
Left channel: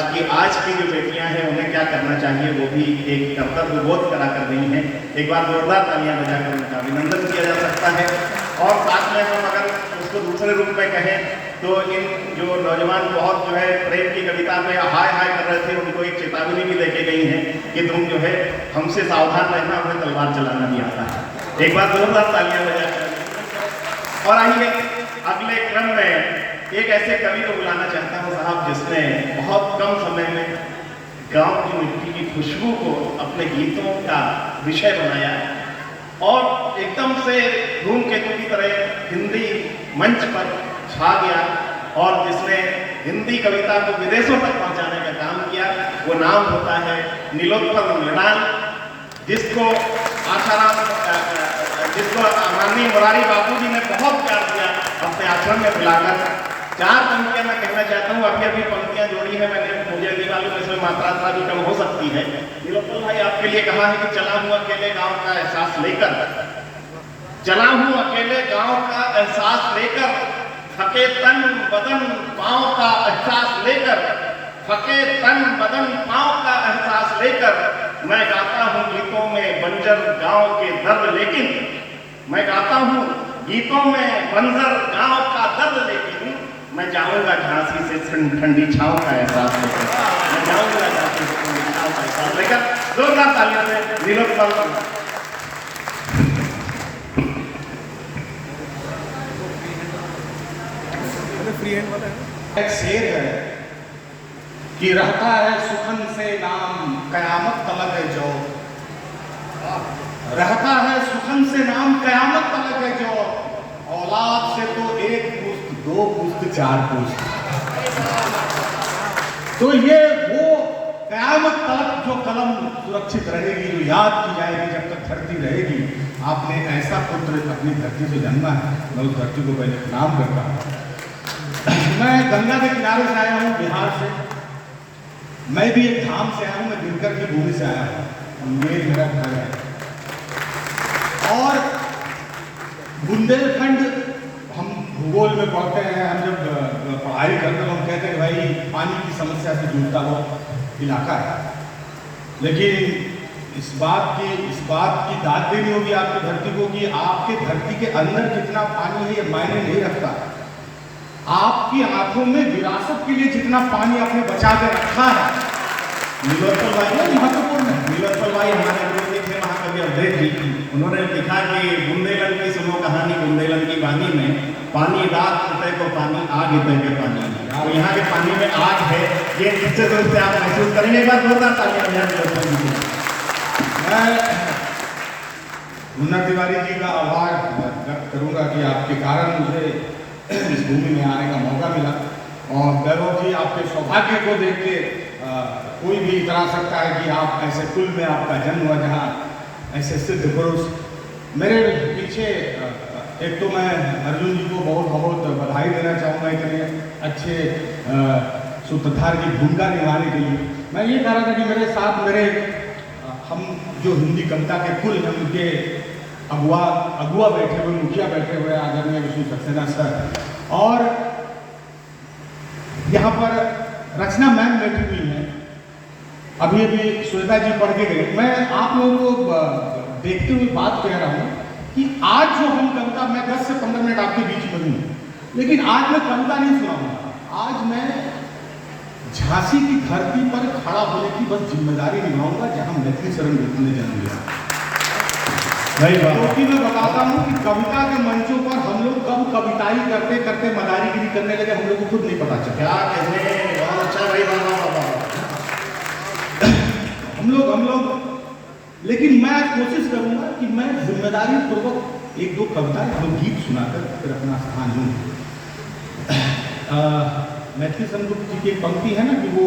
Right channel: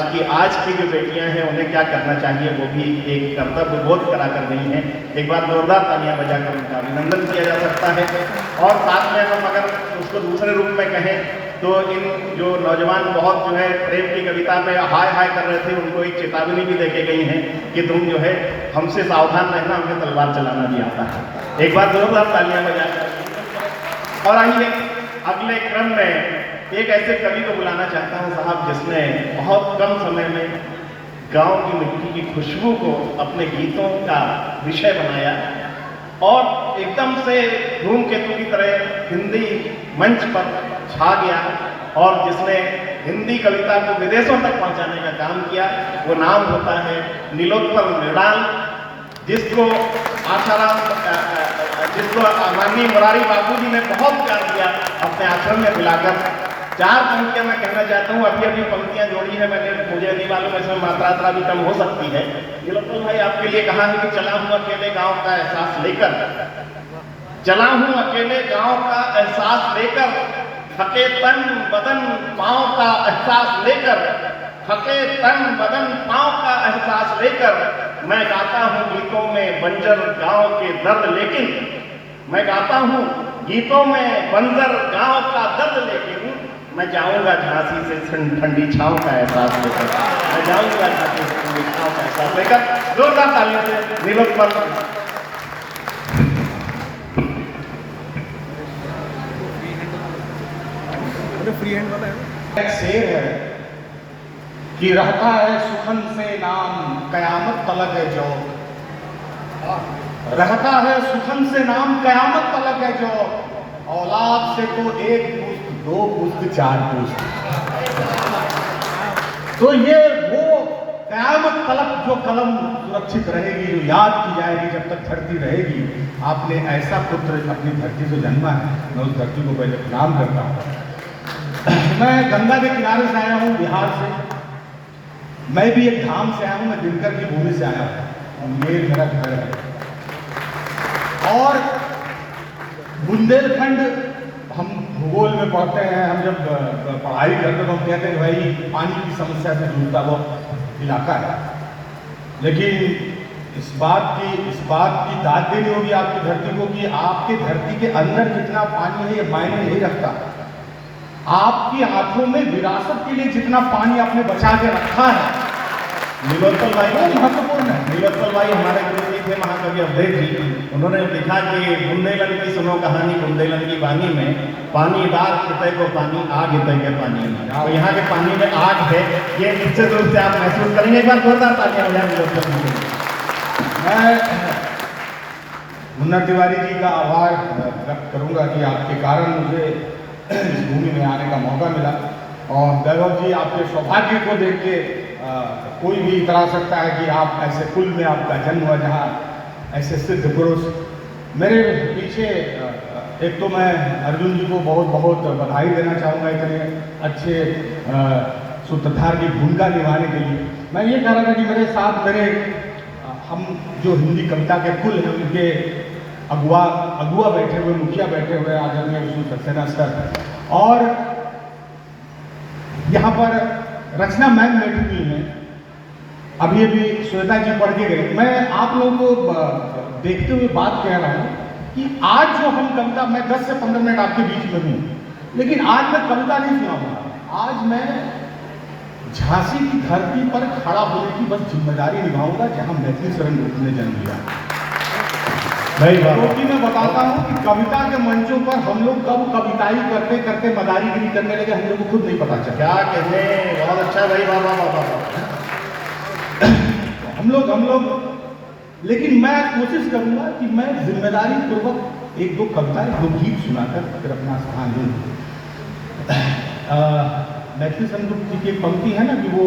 की जो बेटियां हैं उन्हें क्या करना चाहिए वो भी एक कर्तव्य बोध करा कर रही हैं। एक बार जोरदार तालियां बजाकर उनका अभिनंदन किया जा सकता है। और साथ में हम अगर उसको दूसरे रूप में कहें तो इन जो नौजवान बहुत जो है प्रेम की कविता में हाय हाय कर रहे थे, उनको एक चेतावनी भी देके गई है कि तुम जो है हमसे सावधान रहना, हमें तलवार चलाना नहीं आता है। एक बार जोरदार तालियां बजाकर। और आइए अगले क्रम में एक ऐसे कवि को बुलाना चाहता हूँ साहब, जिसने बहुत कम समय में गांव की मिट्टी की खुशबू को अपने गीतों का विषय बनाया और एकदम से धूमकेतु की तरह हिंदी मंच पर छा गया और जिसने हिंदी कविता को विदेशों तक पहुंचाने का काम किया। वो नाम होता है नीलोत्पल मृणाल, जिसको माननीय मुरारी बापू जी ने बहुत प्यार दिया अपने आश्रम में बुलाकर। 4 पंक्तियां मैं कहना चाहता हूँ, अभी पंक्तियां जोड़ी है मैंने, मुझे नहीं मालूम इसमें मात्रा भी कम हो सकती है। नीलोत्पल भाई आपके लिए कहा है कि चला हूँ अकेले गांव का एहसास लेकर, चला हूँ अकेले गांव का एहसास लेकर, थके तन बदन पांव का एहसास लेकर, थके तन बदन पांव का एहसास लेकर, मैं गाता हूँ गीतों में बंजर गांव के दर्द, लेकिन मैं गाता हूँ गीतों में बंजर गांव का दर्द, लेकिन मैं जाऊंगा झांसी से ठंडी छांव का एहसास लेकर, मैं जाऊंगा झांसी से ठंडी छांव का एहसास लेकर। जोरदार तालियों से नीलोत्पल। एक शेर है कि रहता है सुखन से नाम कयामत तलक है जो, रहता है सुखन से नाम कयामत तलक है जो, औलाद से तो 1 पुश्त 2 पुश्त 4 पुश्त। तो ये वो कयामत तलक जो कलम सुरक्षित रहेगी, जो याद की जाएगी जब तक धरती रहेगी। आपने ऐसा पुत्र अपनी धरती से जन्मा है, मैं उस धरती को पहले प्रणाम करता हूँ। मैं गंगा के किनारे से आया हूँ, बिहार से। मैं भी एक धाम से आया हूँ, मैं दिनकर की भूमि से आया हूँ, मेरा घर है। और बुंदेलखंड हम भूगोल में पढ़ते हैं, हम जब पढ़ाई करते तो हम कहते हैं भाई पानी की समस्या से जूझता वो इलाका है। लेकिन इस बात की दाद देनी होगी आपकी धरती को कि आपके धरती के अंदर कितना पानी है ये मायने नहीं रखता। आपकी आंखों में विरासत के लिए जितना पानी आपने बचा के रखा है, नीलोत्पल भाई बहुत महत्वपूर्ण है। नीलोत्पल भाई हमारे गुरु जी थे महाकवि अवधेश जी, उन्होंने लिखा कि बुंदेलन की सुनो कहानी बुंदेलन की वाणी में, पानी रात हितै को पानी आग हितै के पानी में। तो यहाँ के पानी में आग है, ये निश्चित रूप से आप महसूस करेंगे। एक बार जोरदार तालियां बजाएं नीलोत्पल जी के। मैं मुन्ना तिवारी जी का आभार व्यक्त करूंगा कि आपके कारण मुझे इस भूमि में आने का मौका मिला। और वैभव जी, आपके सौभाग्य को देख के कोई भी इतरा सकता है कि आप ऐसे कुल में आपका जन्म हुआ जहाँ ऐसे सिद्ध पुरुष। मेरे पीछे एक तो मैं अर्जुन जी को बहुत बहुत बधाई देना चाहूँगा इतने अच्छे सूत्रधार की भूमिका निभाने के लिए। मैं ये कह रहा था कि मेरे साथ हम जो हिंदी कविता के कुल हैं उनके अगुआ बैठे हुए, मुखिया बैठे हुए आदरणीय विष्णु सक्सेना सर, और यहाँ पर रचना मैम बैठी हुई हैं। अभी श्वेता जी पढ़ के गए। मैं आप लोगों को देखते हुए बात कह रहा हूँ कि आज जो हम कविता, मैं 10 से 15 मिनट आपके बीच में हूँ, लेकिन आज मैं कविता नहीं सुनाऊंगा। आज मैं झांसी की धरती पर खड़ा होने की बस जिम्मेदारी निभाऊंगा जहां मैथिली शरण गुप्त ने जन्म लिया। क्योंकि मैं बताता हूं कि कविता के मंचों पर हम लोग कब कविताई करते करते मदारीगिरी करने लगे, हम लोग को खुद नहीं पता चला। क्या कहने, बहुत अच्छा भाई, हम लोग लेकिन मैं कोशिश करूंगा कि मैं जिम्मेदारी पूर्वक एक दो कविताएं, दो गीत सुनाकर फिर अपना स्थान लूं। मैथिली शरण गुप्त जी की एक पंक्ति है ना कि वो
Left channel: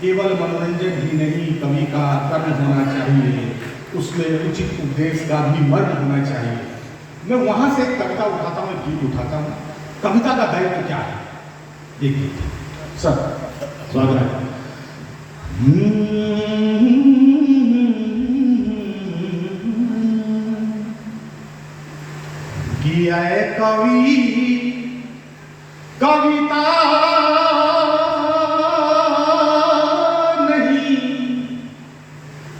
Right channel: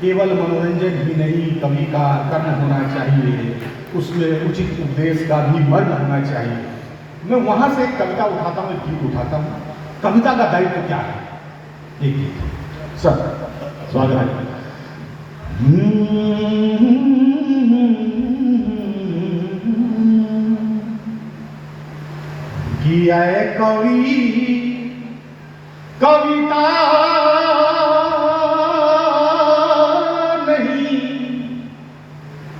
केवल मनोरंजन ही नहीं, कवि का कर्म होना चाहिए, उसमें उचित उपदेश का भी मर्म होना चाहिए। मैं वहां से एक कविता उठाता हूँ, एक गीत उठाता हूँ। कविता का दायित्व क्या है? एक गीत सर स्वागत है। किया कवि कविता नहीं,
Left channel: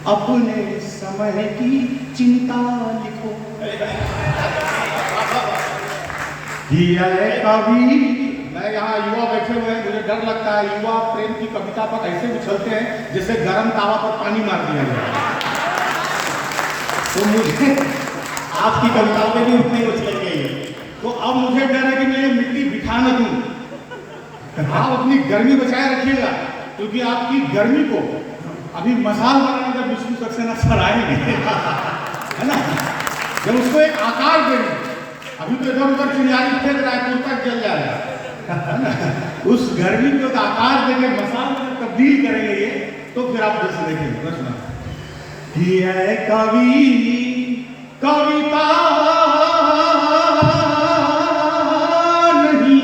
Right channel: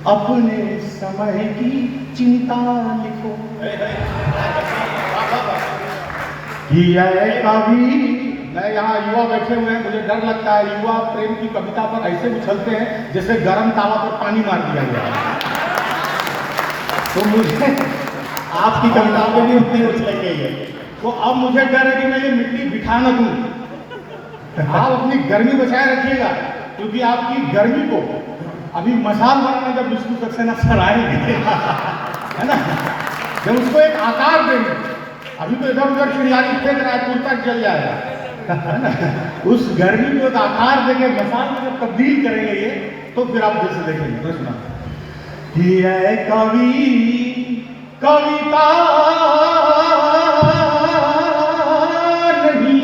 अपने समय की चिंता लिखो। किया कवि, मैं यहाँ युवा बैठे हुए हैं, मुझे डर लगता है युवा प्रेम की कविता पर ऐसे उछलते हैं जैसे गर्म तावा पर पानी मार दिया गया। तो मुझे आपकी कविताओं में भी उतनी उछल गई है। तो अब मुझे डर है कि मैं ये मिट्टी बिठा न दूं। आप अपनी गर्मी बचाए रखिएगा, क्योंकि आपकी गर्मी को अभी मसाल बनाने जब विष्णु सक्सेना सर आएंगे, है ना, जब उसको एक आकार देंगे, अभी तो इधर उधर चिड़ियाली फेंक रहा है, कुर्ता जल जाएगा, है ना, उस गर्मी को एक आकार देंगे, मसाल में जब तब्दील करेंगे ये, तो फिर आप जैसे देखेंगे। मैं सुना कि है कवि कविता नहीं,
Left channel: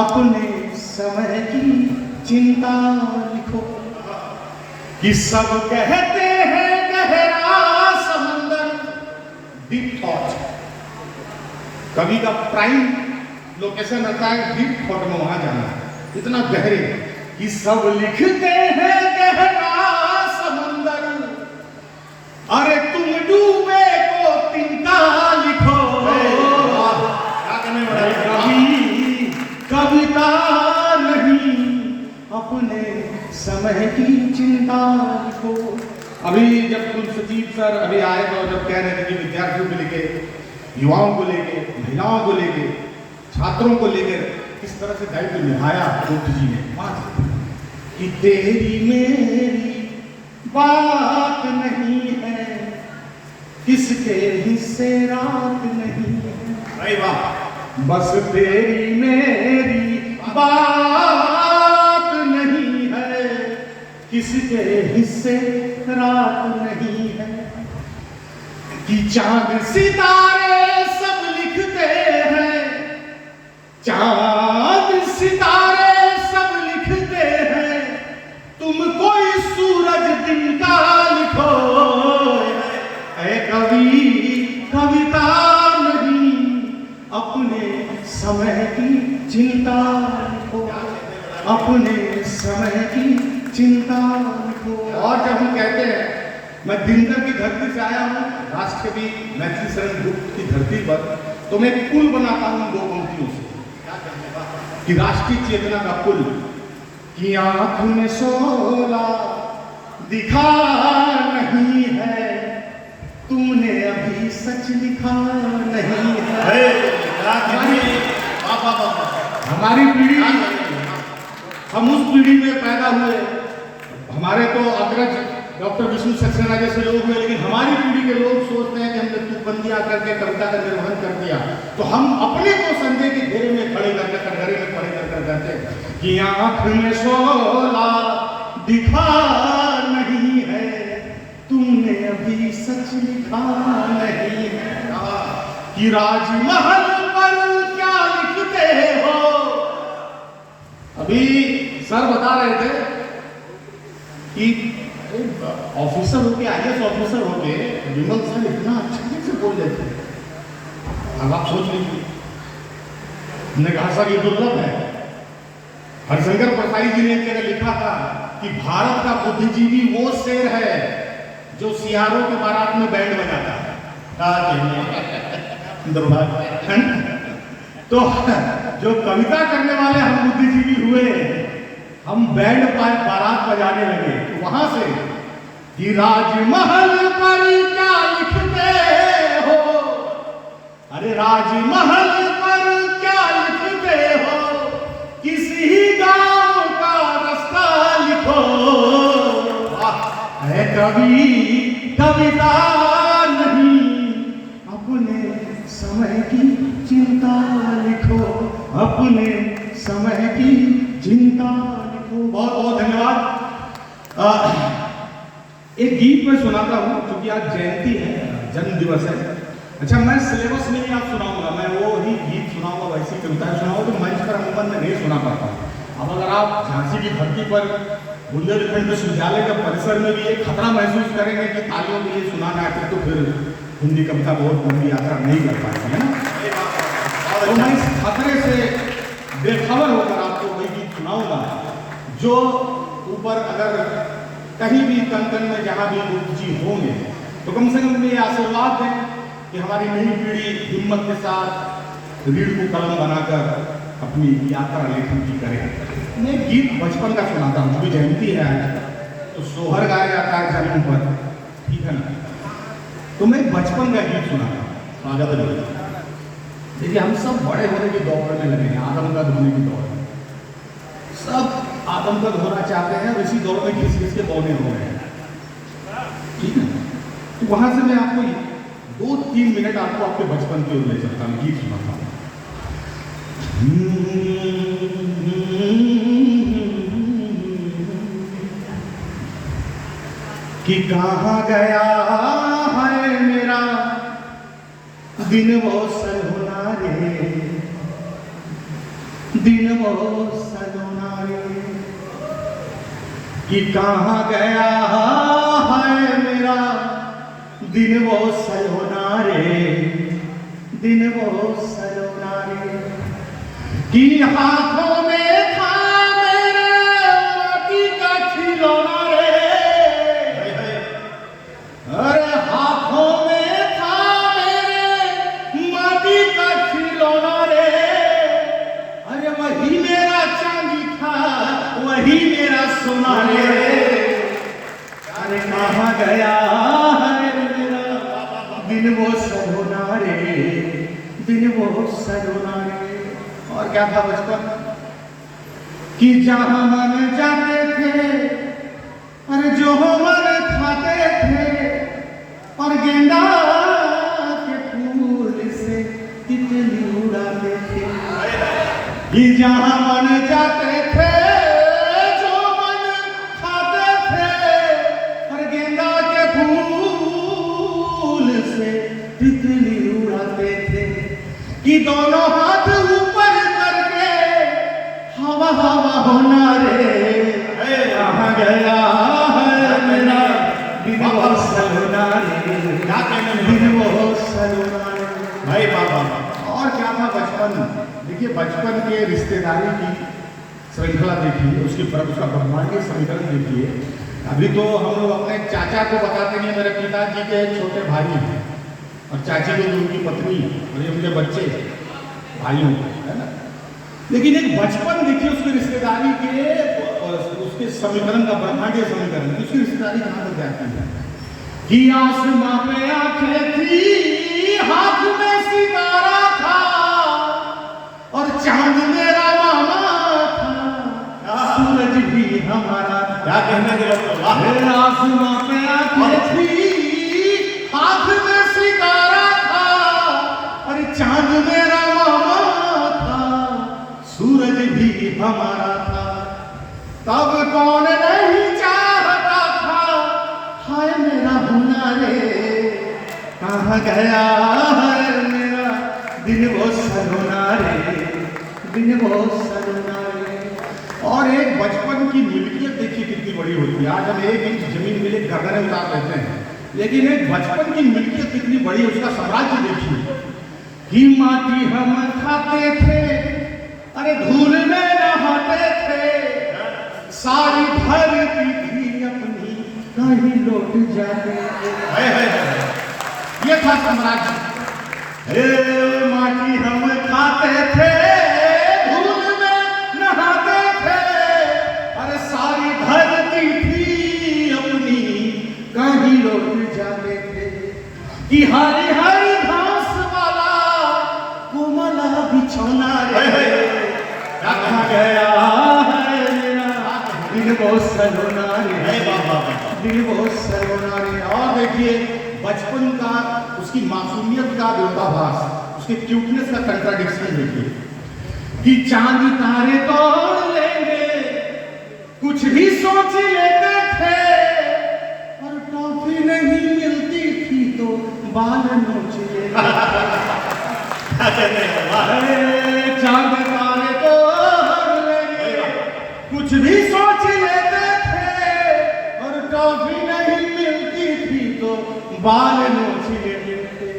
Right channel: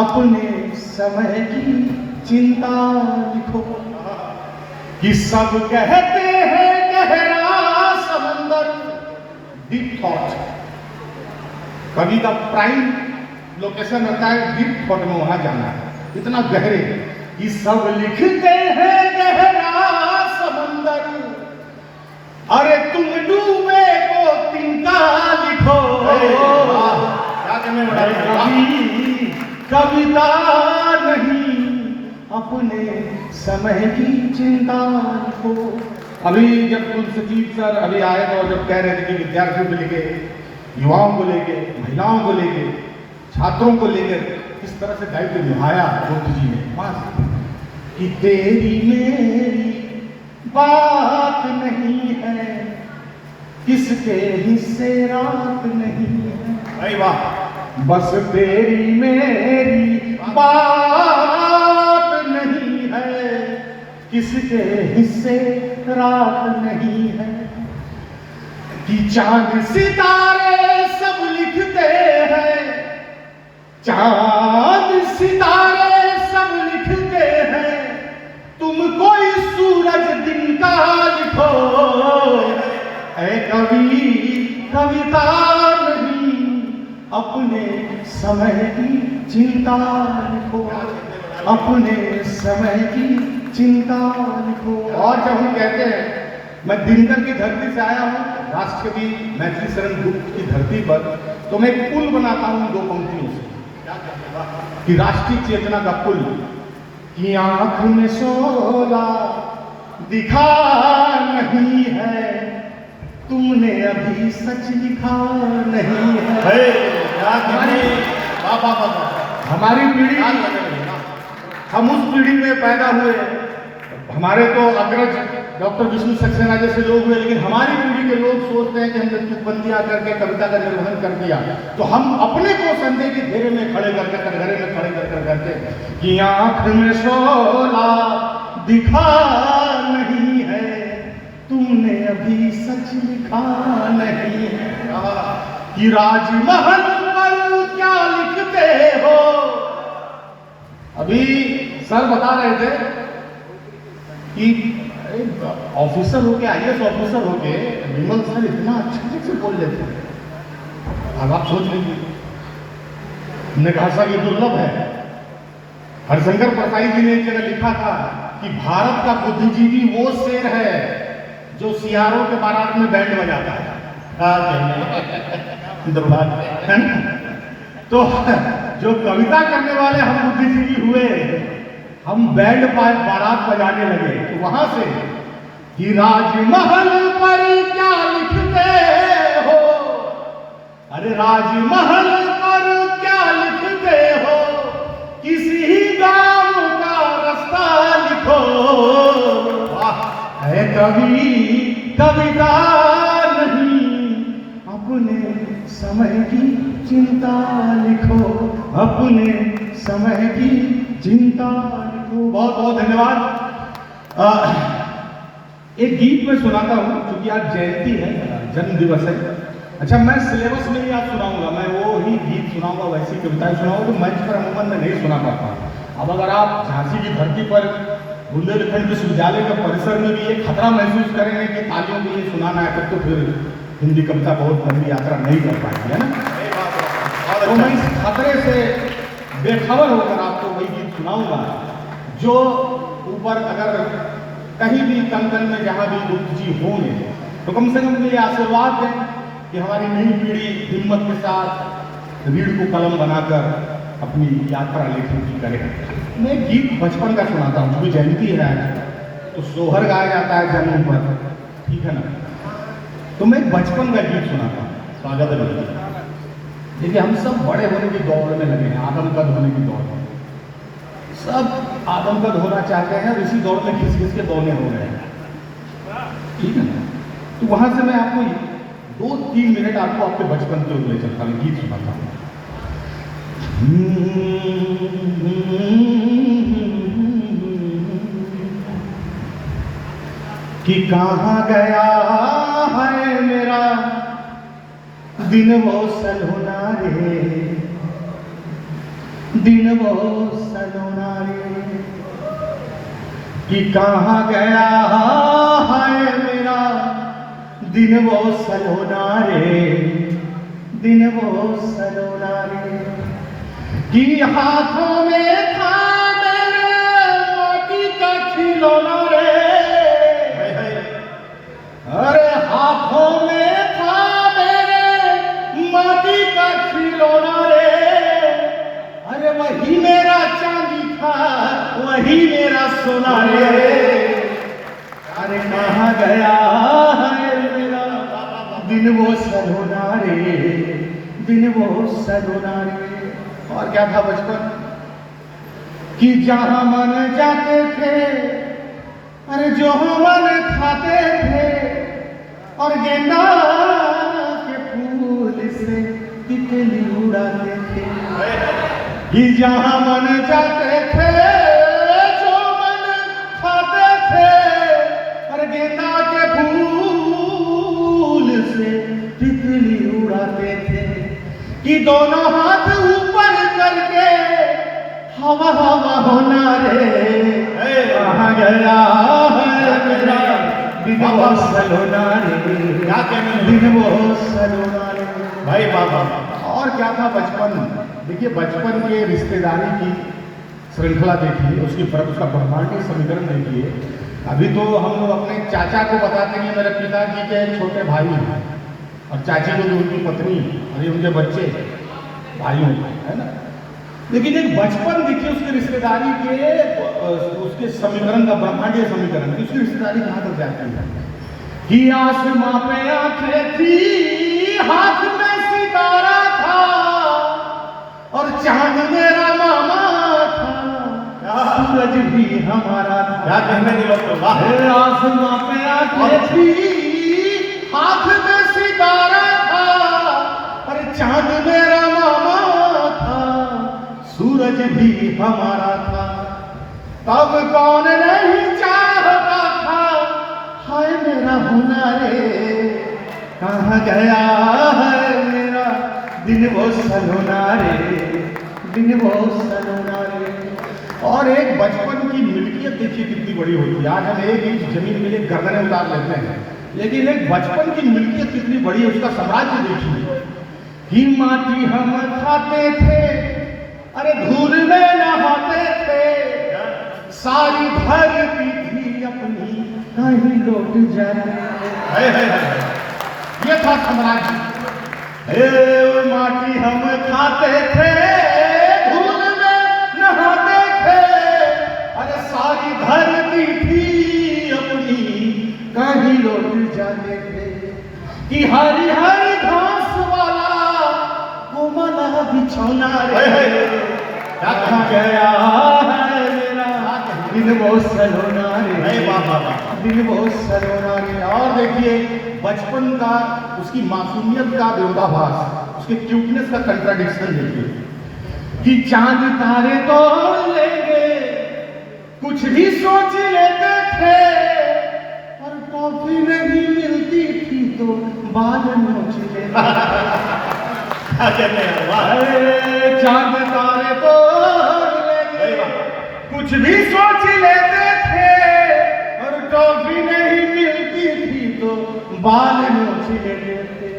अपने समय की चिंता लिखो। कि सब कहते हैं गहरा समंदर, डीप थॉट, कवि का प्राइम लोकेशन रहता है डीप थॉट में, वहां जाना है, इतना गहरे। कि सब लिखते हैं गहरा समंदर, अरे तुम डूबे को तिनका लिखो। कवि कविता नहीं, अपने समय की चिंता लिखो। अभी जब कुल सचिव सर अभी आएगा और जब कह रहे थे कि विद्यार्थियों को लेके, युवाओं को लेके, महिलाओं को लेके, छात्रों को लेकर किस तरह से दायित्व निभाया गुप्त जी ने, कि तेरी मेरी बात नहीं है, किसके हिस्से रात नहीं है। भाई वाह, बस तेरी मेरी बात नहीं है, किसके हिस्से रात नहीं है। कि चांद सितारे सब लिखते हैं, चांद सितारे सब लिखते हैं, तुम कोई सूरज दिन का लिखो। ऐ कवि कविता नहीं, अपने समय की चिंता लिखो, अपने समय की चिंता लिखो। और जब हम कहते हैं, मैं दिनकर की धरती से आया हूँ, राष्ट्रकवि मैथिली शरण गुप्त की धरती पर, तो मैं एक पुल बनाता हूँ दो पंक्तियों से, कि राष्ट्रीय चेतना का पुल। कि आंख में सोला दिखा नहीं है, तुमने अभी सच लिखा नहीं है। हमारी पीढ़ी, हम उस पीढ़ी में पैदा हुए, हमारे तो अग्रज डॉक्टर विष्णु सक्सेना जैसे लोग हुए, लेकिन हमारी पीढ़ी के लोग सोचते हैं कि हमने तुकबंदियां करके कविता का निर्वहन कर दिया, तो हम अपने को संदेह के घेरे में खड़े करके कटघरे में खड़े कर कहते हैं कि आंख में शोला दिखा नहीं है, तुमने अभी सच लिखा नहीं है, कि राजमहल पर क्या लिखते हो। अभी सर बता रहे थे कि ऑफिसर होके, IAS ऑफिसर होके विमल सर इतना अच्छे से बोल लेते हैं। अब आप सोच लीजिए, हमने कहा सर ये दुर्लभ है। हरिशंकर परसाई जी ने एक जगह लिखा था कि भारत का बुद्धिजीवी वो शेर है जो सियारों के बारात में बैंड बजाता है। दुर्भाग्य है। तो जो कविता करने वाले हम बुद्धिजीवी हुए, हम बैंड बारात बजाने लगे, तो वहां से कि राजमहल पर क्या लिखते हो, अरे राजमहल पर क्या लिखते हो, किसी गांव का रास्ता लिखो। है कवि कविता नहीं, अपने समय की चिंता लिखो, अपने समय की चिंता लिखो। बहुत बहुत धन्यवाद। एक गीत में सुनाता हूँ, क्योंकि आज जयंती है, जन्म दिवस है। अच्छा, मैं सिलेबस में ही आप सुनाऊंगा, मैं वो ही गीत सुनाऊंगा, वैसी कविताएं सुनाऊंगा तो मंच पर अमूमन में नहीं सुना पाता। अब अगर आप झांसी की धरती पर बुंदेलखंड विश्वविद्यालय के परिसर में भी एक खतरा महसूस करेंगे कि तालियों के लिए सुनाना है, तब तो फिर हिंदी कविता बहुत लंबी यात्रा नहीं कर पाएंगे, है ना। तो मैं इस खतरे से बेखबर होकर आपको वही गीत सुनाऊंगा जो ऊपर अगर कहीं भी तन तन में जहाँ भी गुप्त जी होंगे तो कम से कम ये आशीर्वाद दें कि हमारी नई पीढ़ी हिम्मत के साथ रीढ़ को कलम बनाकर अपनी यात्रा लेखन की करे। मैं एक गीत बचपन का सुनाता हूँ, क्योंकि जयंती है आज, तो सोहर गाया जाता है जन्म पर, ठीक है ना। तो मैं बचपन का गीत सुनाता हूँ, स्वागत है। देखिए, हम सब बड़े होने की दौड़ में लगे हैं, आदमकद होने की दौड़ में, सब आदमकद होना चाहते हैं, उसी दौड़ में घिस घिस के दौड़ने हो रहे हैं, ठीक है। तो वहां से मैं आपको 2-3 मिनट आपको आपके बचपन की ओर ले चलता हूँ, गीत सुनाता हूँ। कि कहाँ गया है मेरा दिन वो सलोना रे, दिन वो सलोना रे, कि कहाँ गया है मेरा दिन वो सलोना रे, दिन वो सलोना रे, कि हाथों में था मेरे माटी का खिलौना रे, अरे हाथों में था मेरे माटी का खिलौना रे, अरे वही मेरा चांदी था, वही मेरा सोना रे, अरे कहाँ गया है मेरा दिन वो सलोना रे, दिन वो सलोना रे। और क्या था बचपन कि जहां मन जाते थे, अरे जो मन खाते थे, और गेंदा के फूल से तितली उड़ाते थे, कि जहां मन जाते थे, जो मन खाते थे, और गेंदा के फूल से तितली उड़ाते थे, कि दोनों हाथ ऊपर करके हवा हवा होना रे, कहाँ गया है मेरा दिन वो सलोना रे, दिन वो सलोना रे। भाई बाबा, और क्या था बचपन। देखिए, बचपन के रिश्तेदारी की श्रृंखला देखिए, उसकी उसका ब्रह्मांडीय समीकरण देखिए। अभी तो हम लोग अपने चाचा को बताते नहीं, मेरे पिताजी के छोटे भाई हैं, और चाची को जो उनकी पत्नी और ये उनके बच्चे भाइयों है ना। लेकिन एक बचपन देखिए, उसकी रिश्तेदारी के उसके समीकरण का ब्रह्मांडीय समीकरण, उसकी रिश्तेदारी कहाँ तक जाती है कि आसमां पे आंखें थी, हाथ में सितारा था, और चांद मेरा मामा था, सूरज भी हमारा था। क्या कहने दिलोत्तम, वाह। आसमां पे आंखें थी, हाथ में सितारा था, अरे चांद मेरा मामा था, सूरज भी हमारा था। तब कौन नहीं चाहता था, हाय मेरा हुनरे कहाँ गया है मेरा दिन वो सलोना रे, दिन वो सलोना रे। और एक बचपन की मिल्कियत देखिए कितनी बड़ी होती है। आज हम 1 इंच जमीन में एक गगने उतार लेते हैं, लेकिन एक बचपन की मिल्कियत कितनी बड़ी है, उसका साम्राज्य देखिए। कि माटी हम खाते थे, अरे धूल में नहाते थे, सारी धरती थी अपनी कहीं लौट जाते थे। ये था साम्राज्य। हे माटी हम खाते थे, धूल में नहाते थे, अरे सारी धरती थी अपनी कहीं लौट जाते थे। कि हरी हरी घास वाला कोमला बिछौना रे कहाँ गया है मेरा दिन वो सलोना रे, दिन वो सलोना रे। और देखिए बचपन का, उसकी मासूमियत का विरोधाभास, उसके क्यूटनेस का कंट्राडिक्शन देखिए। कि चांद तारे तोड़ लेंगे, कुछ भी सोच लेते थे, और टॉफी नहीं मिलती थी तो बाल नोच लेते। चांद तारे तोड़ लेंगे, कुछ भी सोच लेते थे, और टॉफी नहीं मिलती थी तो बाल नोच लेते थे।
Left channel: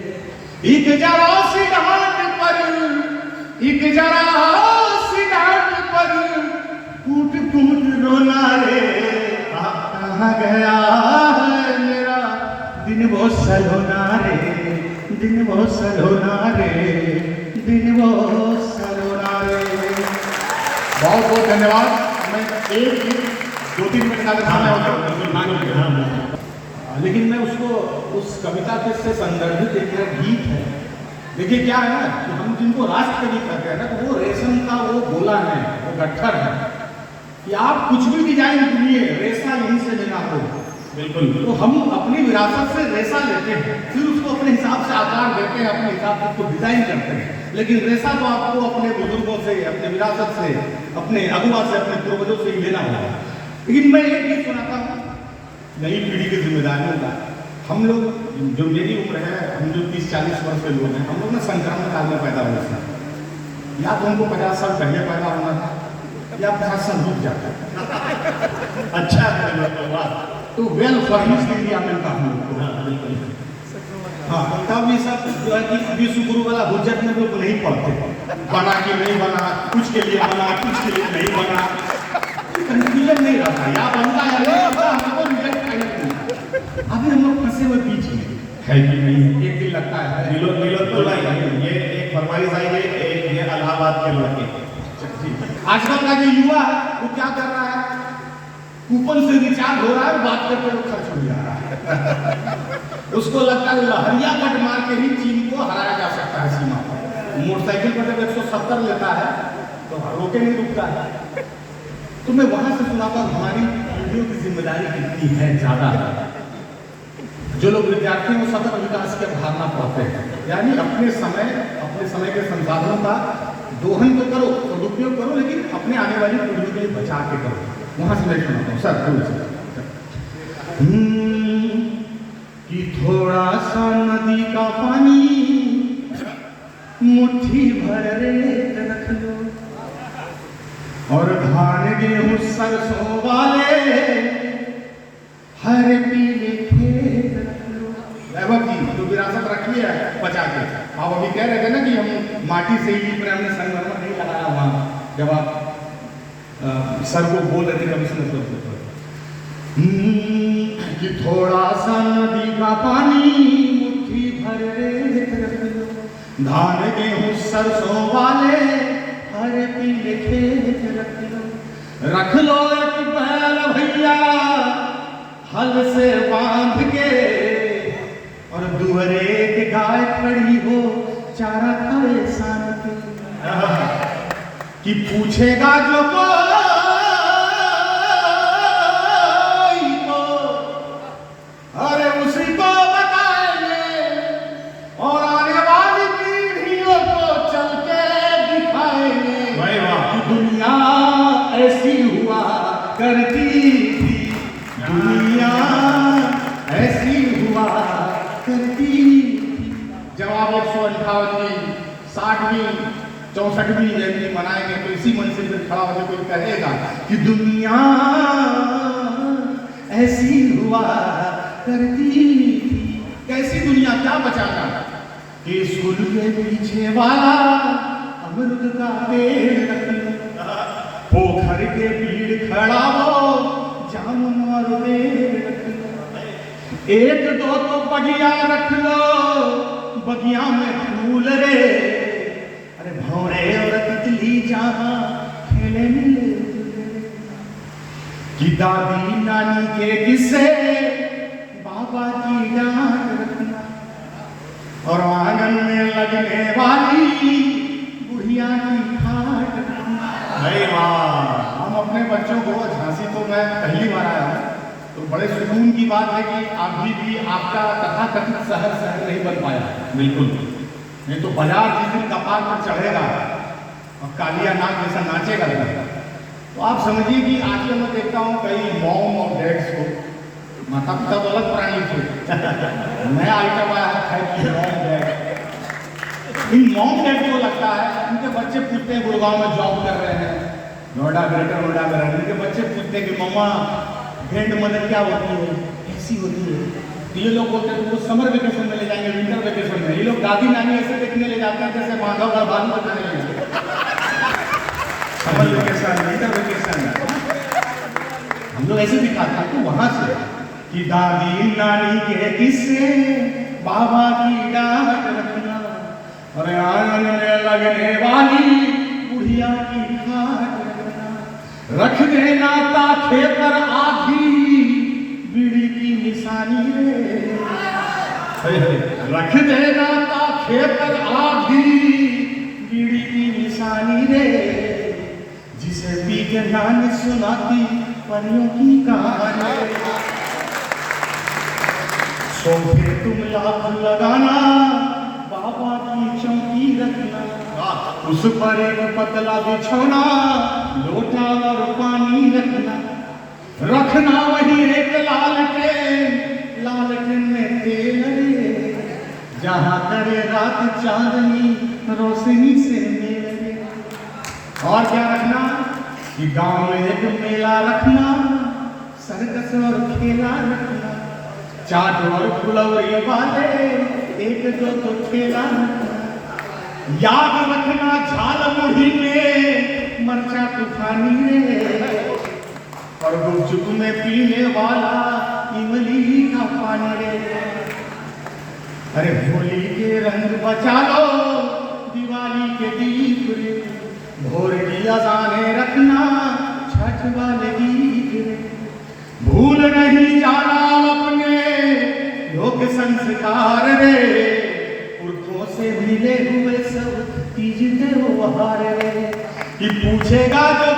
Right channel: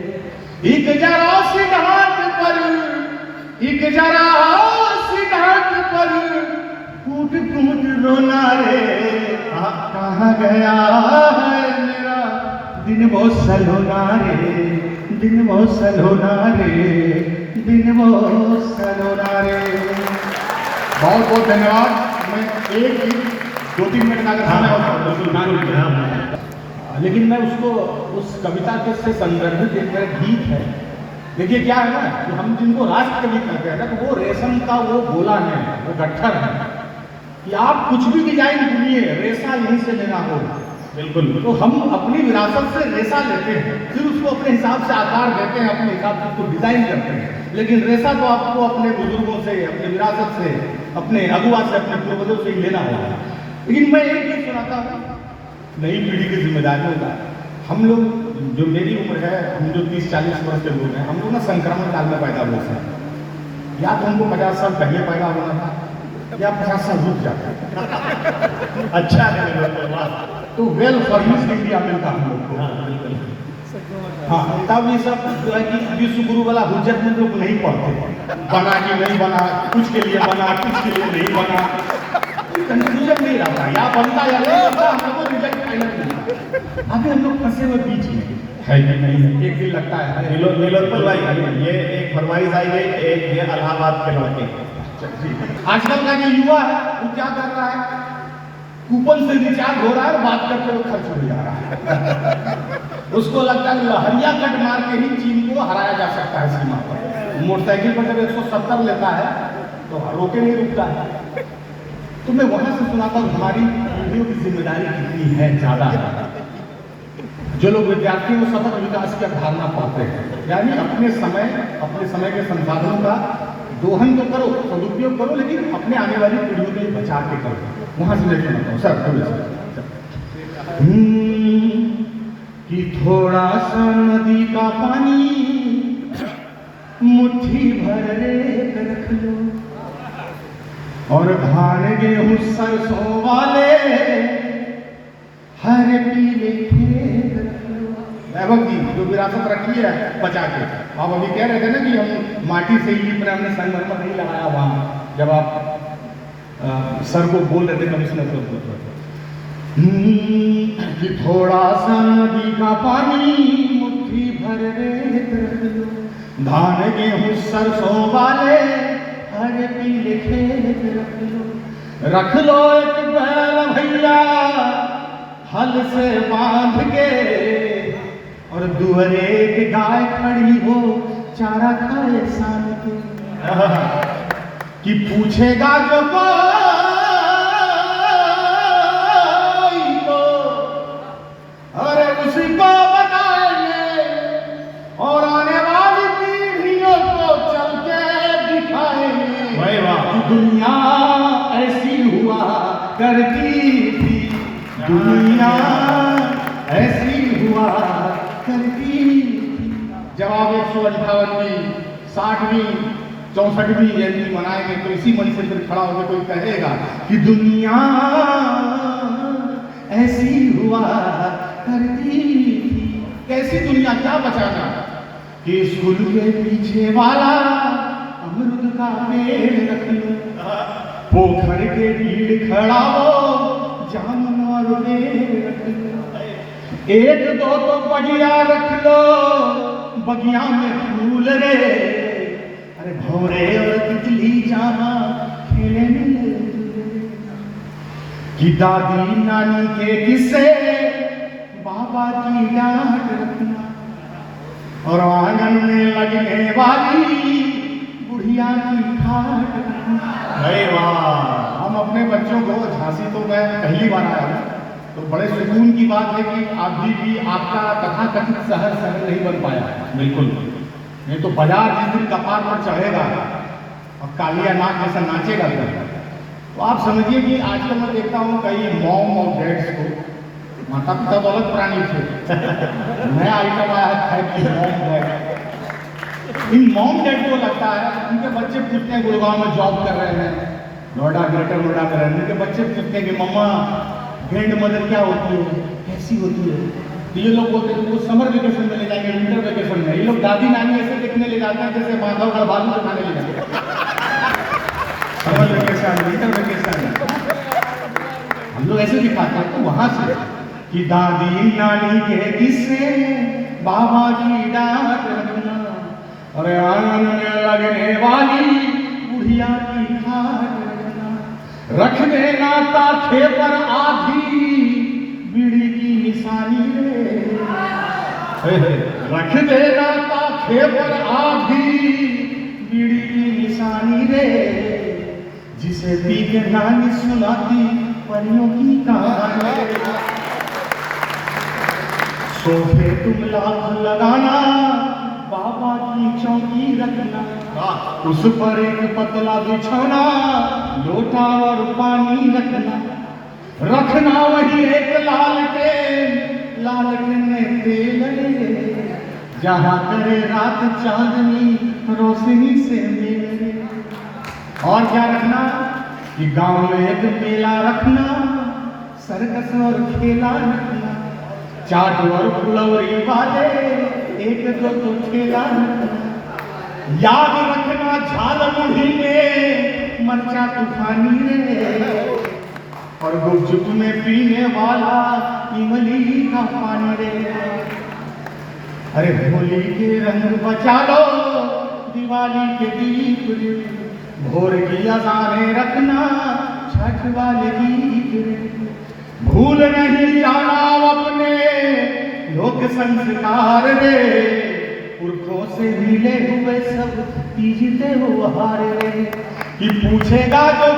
एक जरा सिद्धांत पर, एक जरा सिद्धांत पर कूट कूट रोना रे कहाँ गया है मेरा दिन वो सलोना रे, दिन वो सलोना रे, दिन वो सलोना रे। बहुत बहुत धन्यवाद। मैं 2-3 मिनट का समय होगा, लेकिन मैं उसको उस कविता के से संदर्भित एक गीत है। देखिए क्या है ना कि हम जिनको राष्ट्र कवि कहते हैं ना, तो वो रेशम का वो गोला है, वो गट्ठर है कि आप कुछ भी डिजाइन कीजिए, रेशा यहीं से लेना हो। बिल्कुल। तो हम अपनी विरासत से रेशा लेते हैं, फिर उसको अपने हिसाब से आकार देते हैं, अपने हिसाब से उसको डिजाइन करते हैं। लेकिन रेशा तो आपको अपने बुजुर्गों से, अपनी विरासत से, अपने अगुआ से, अपने पूर्वजों से ही लेना होगा। लेकिन मैं एक चीज सुनाता हूँ नई पीढ़ी की जिम्मेदारियों का। हम लोग, जो मेरी उम्र है, हम जो 30-40 वर्ष के लोग हैं, हम लोग ना संक्रमण काल में पैदा हुए थे। या तो हमको 50 साल पहले पैदा होना था, या 50 साल रुक जाते। अच्छा तो वेल फर्निश डिग्री मिलता हम लोग को। हाँ, तब ये सब जो है कि विश्व गुरु वाला हुज्जत में लोग नहीं पढ़ते, बना कि नहीं बना, कुछ के लिए बना, कुछ के लिए नहीं बना, कंफ्यूजन नहीं रहता, या बनता या नहीं बनता, हमको रिजल्ट क्लियर नहीं। अभी हम लोग फंसे हुए बीच में है कि नहीं, एक दिन लगता है। नीलोत्पल भाई, ये एक फरमाइश आई है, एक ये इलाहाबाद के लौटे। आजकल का जो युवा है वो क्या कर रहा है, कूपन से रिचार्ज हो रहा है और बात करते हुए खर्च हो जा रहा है। उसको लगता है लहरिया कट मार के ही चीन को हराया जा सकता है सीमा पर। मोटरसाइकिल पर जब 170 लेता है तो रोके नहीं रुकता है। तो मैं वहां से सुनाता हूँ हमारी पीढ़ियों की जिम्मेदारी कितनी है, ज्यादा है। जो लोग विद्यार्थियों में सतत विकास की अवधारणा पाते हैं, यानी अपने समय के संसाधनों का दोहन तो करो, सदुपयोग करो, लेकिन अपने आने वाली पीढ़ियों के लिए बचा के करो। वहां से मैं सुनाता हूँ सर कि थोड़ा सा नदी का पानी मुट्ठी भर रेत रख लो, और धान गेहूं सरसों वाले हर पीले खेत रख लो। वैभव जी जो विरासत रखी है बचा के, आप अभी कह रहे थे ना कि हम माटी से ही लिप रहे, हमने संगमरमर नहीं लगाया वहां, जब आप सर को बोल रहे थे कमिश्नर को कि थोड़ा सा नदी का पानी मुट्ठी भर रेत रख लो, धान गेहूं सरसों वाले हर पीले खेत रख लो एक बैल भैया हल से बांध के, और दुहरे एक गाय खड़ी हो चारा खाए शाम के। कि पूछेगा जो कोई जब आप 158वीं 60वीं 64वीं जयंती मनाएंगे तो इसी मन से फिर खड़ा होकर कोई कहेगा कि दुनिया ऐसी हुआ करती थी। कैसी दुनिया, क्या बचाना कि स्कूल के पीछे वाला अमृत का पेड़ रख लो, पोखर के भीड़ खड़ा हो जानवर पेड़ रख लो, एक दो तो बगिया रख लो, बगिया में फूल रे, अरे भौरे और तितली जहाँ खेले मिले कि दादी नानी के किस्से बाबा की डांट रखना, और आंगन में लगने वाली बुढ़िया की खाट रखना। अरे वाह, हम अपने बच्चों को, झांसी तो मैं पहली बार आया हूँ, तो बड़े सुकून की बात है कि अभी भी आपका तथाकथित शहर नहीं बन पाया। बिल्कुल नहीं तो बाजार जिस दिन कपार पर चढ़ेगा और कालिया नाग जैसा नाचेगा तो आप समझिए कि आजकल मैं देखता हूँ कई मॉम और डैड्स को, माता पिता तो अलग प्राणी थे, नया आइटम आया है, इन मॉम डैड को लगता है उनके बच्चे पूछते हैं, गुड़गांव में जॉब कर रहे हैं, नोएडा ग्रेटर नोएडा में रह रहे हैं, उनके बच्चे पूछते हैं कि मम्मा ग्रैंड मदर क्या होती है, कैसी होती है, तो ये लोग बोलते हैं वो समर वेकेशन में ले जाएंगे, विंटर वेकेशन में। ये लोग दादी नानी ऐसे देखने ले जाते हैं जैसे बांधव का बालू दिखाने ले जाते, समर वेकेशन विंटर वेकेशन हम लोग ऐसे दिखाते हैं। तो वहां से कि दादी नानी के किस्से बाबा की डांट रखना, और आंगन में लगने वाली बुढ़िया की खाट रखना, रख देना ताखे पर आधी बीड़ी की निशानी रे, रख देना ताखे पर आधी बीड़ी की निशानी रे, जिसे पी के नानी सुनाती परियों की कहानी। सोफे तुम लाख लगाना, बाबा की चौकी रखना, उस पर एक पतला बिछौना, लोटा और पानी रखना, रखना वही एक लालटेन में तेल रे, जहाँ करे रात चांदनी रोशनी से मेरे। और क्या रखना कि गांव में एक मेला रखना, सर्कस और खेला रखना, चाट और फुलौरी बाते एक दो तो खेला रखना, याद रखना झाल मुढ़ी में मरचा तूफानी रे, और गुपचुप में पीने वाला इमली का पानी रे। अरे होली के रंग बचा लो, दिवाली के दीप रे, भोर की अज़ानें रखना, छठ वाले गीत रे, भूल नहीं जाना अपने लोक संस्कार रे, पुरखों से मिले हुए सब तीज त्योहार रे, कि पूछेगा जो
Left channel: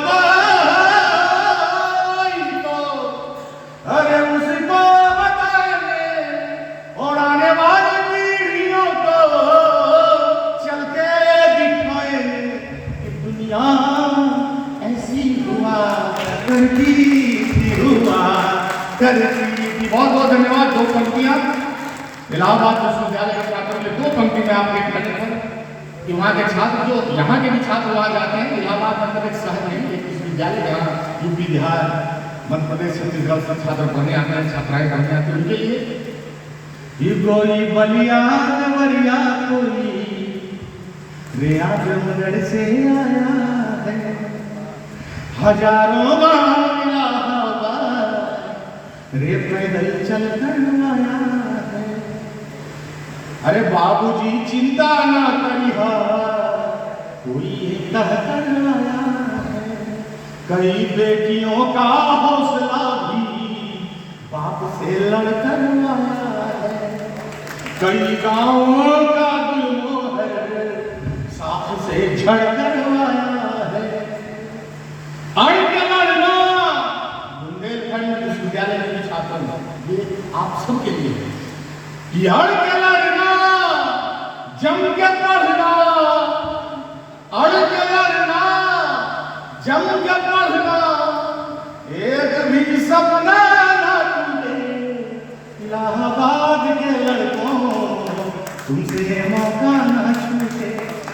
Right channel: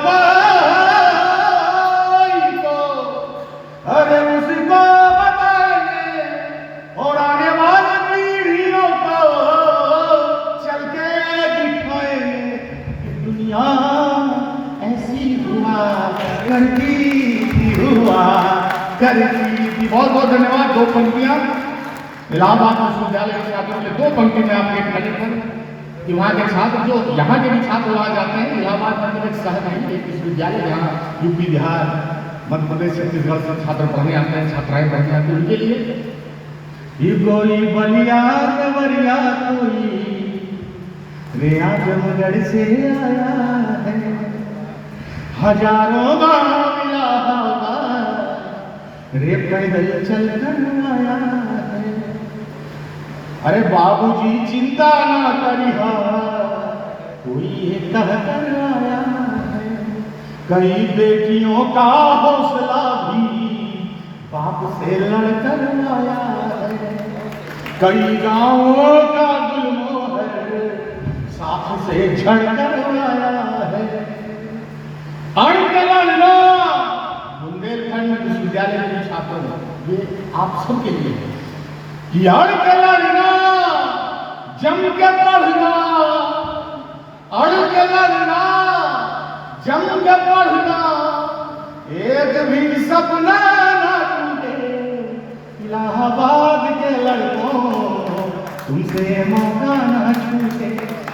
कोई को, अरे उसको बताएंगे, और आने वाली पीढ़ियों को चल के दिखाएंगे कि दुनिया ऐसी हुआ करती थी, हुआ करती थी। बहुत बहुत धन्यवाद। दो पंक्तियां इलाहाबाद विश्वविद्यालय के छात्रों के, दो पंक्ति में आपके कहने पर कि वहाँ के छात्र, जो यहाँ के भी छात्र वहाँ जाते हैं, इलाहाबाद मतलब एक शहर नहीं, एक विश्वविद्यालय जहाँ यूपी बिहार मध्य प्रदेश छत्तीसगढ़ से छात्र पढ़ने आते हैं, छात्राएं पढ़ने आती हैं, उनके लिए गोई बलिया वरिया कोई रे आजमगढ़ से आया है, हजारों गाँव इलाहाबाद रे पैदल चल कर आया है। अरे बाबूजी चिंता ना करिहा, कोई कह कर आया है, कई बेटियों का हौसला भी बाप से लड़कर आया है, कई गांवों का गुलमोहर साथ से झड़कर आया है। अड़कलना बुंदेलखंड विश्वविद्यालय के छात्रों, ये आप सबके लिए है कि अड़कलना जम के पढ़ना, अड़कलना जम के पढ़ना, एक भी सपना ना टूटे इलाहाबाद के लड़कों तुमसे ये मौका न छूटे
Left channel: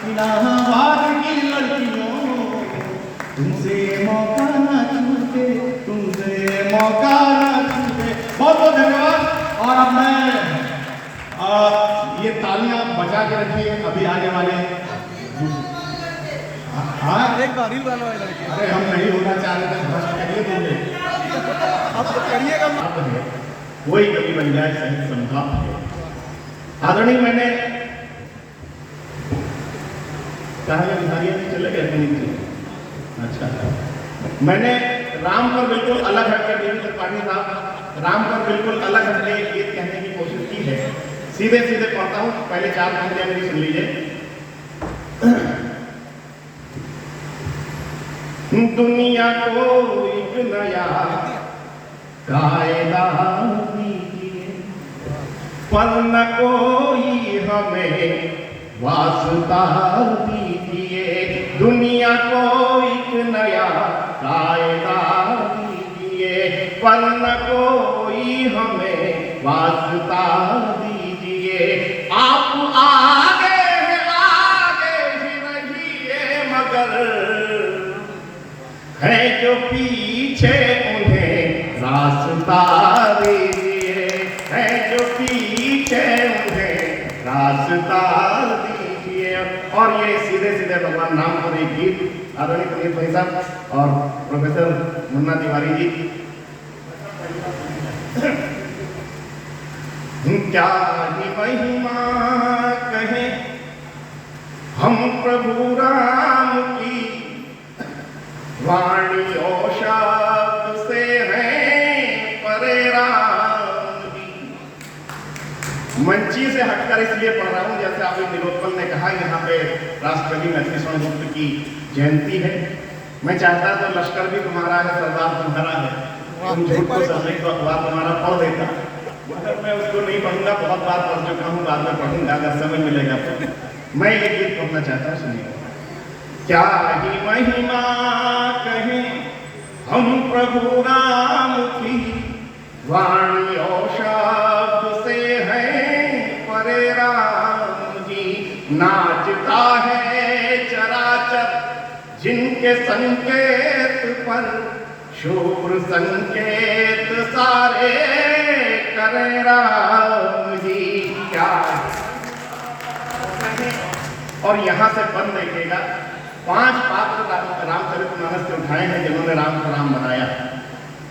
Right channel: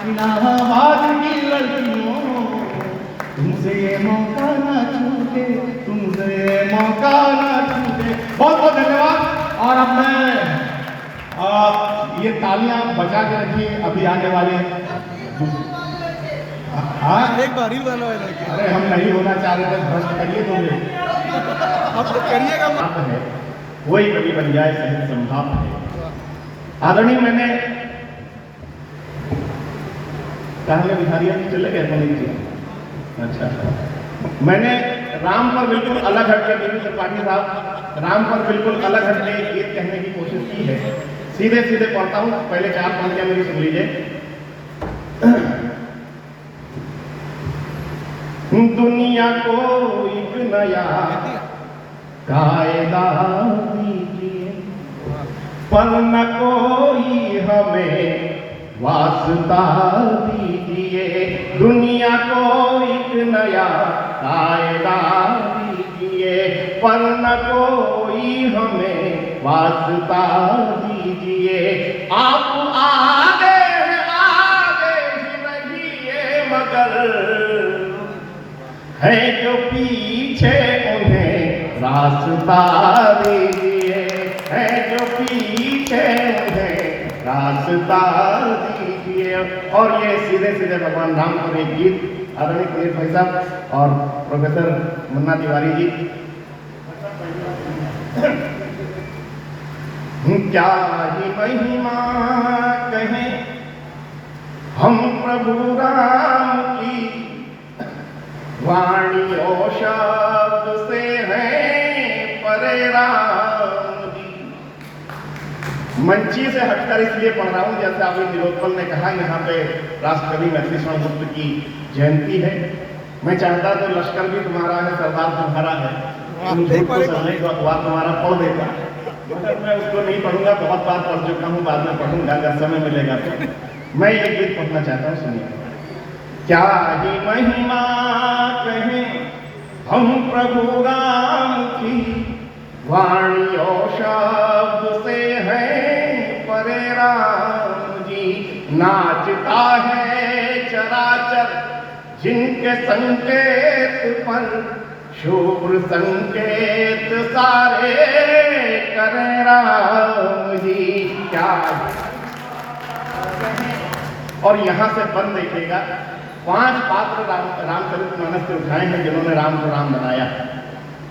इलाहाबाद की लड़कियों, तुमसे ये मौका न छूटे, तुमसे ये मौका न छूटे। बहुत बहुत धन्यवाद। और अब मैं ये तालियां बचा के रखिए अभी आने वाले। हाँ एक बार ही वाला है। अरे हम नहीं होना चाह रहे थे, भ्रष्ट करिए तुमने, अब तो करिएगा। बात है वही कभी बन जाए सहज संभाव है। आदरणीय मैंने कहा बिहारी चले गए नहीं। अच्छा, मैंने राम पर बिल्कुल अलग हटकर देवी त्रिपाठी साहब राम पर बिल्कुल अलग हटके एक गीत कहने की कोशिश की है। सीधे सीधे पढ़ता हूँ, पहले 4 पंक्तियां मेरी सुन लीजिए। दुनिया को एक नया कायदा दीजिए, पर न कोई हमें वास्ता दीजिए। दुनिया को एक नया कायदा दीजिए, पर न कोई हमें वास्ता दीजिए। आप आगे ही रहिए, मगर है जो पीछे उन्हें रास्ता दीजिए, है जो पीछे उन्हें रास्ता दीजिए। और ये सीधे सीधे भगवान राम पर एक गीत आदरणीय पुनीत भाई साहब और प्रोफेसर मुन्ना तिवारी जी। क्या ही महिमा कहें हम प्रभु राम की, वाणी और शब्द से है परे राम जी। मंची से हटकर इसलिए पढ़ रहा हूं, जैसे अभी तिलोत्पल ने कहा यहाँ पे राष्ट्रकवि लक्ष्मीश्वर गुप्त की जयंती है। मैं चाहता तो लश्कर भी तुम्हारा है, सरदार तुम्हारा है, अखबार तुम्हारा पढ़ देता, मगर मैं उसको नहीं पढ़ूंगा। बहुत बार पढ़ चुका हूँ, बाद में पढ़ूंगा अगर समय मिलेगा तो। मैं ये गीत पढ़ना चाहता हूँ, सुनिए। क्या ही महिमा कहें हम प्रभु राम की, वाणी और शब्द से है परे राम जी। नाचता है चराचर जिनके संकेत पर, शुभ्र संकेत सारे करे राम जी। क्या और यहाँ से बंद देखिएगा, 5 पात्र रामचरितमानस से उठाए हैं जिन्होंने राम को राम बनाया।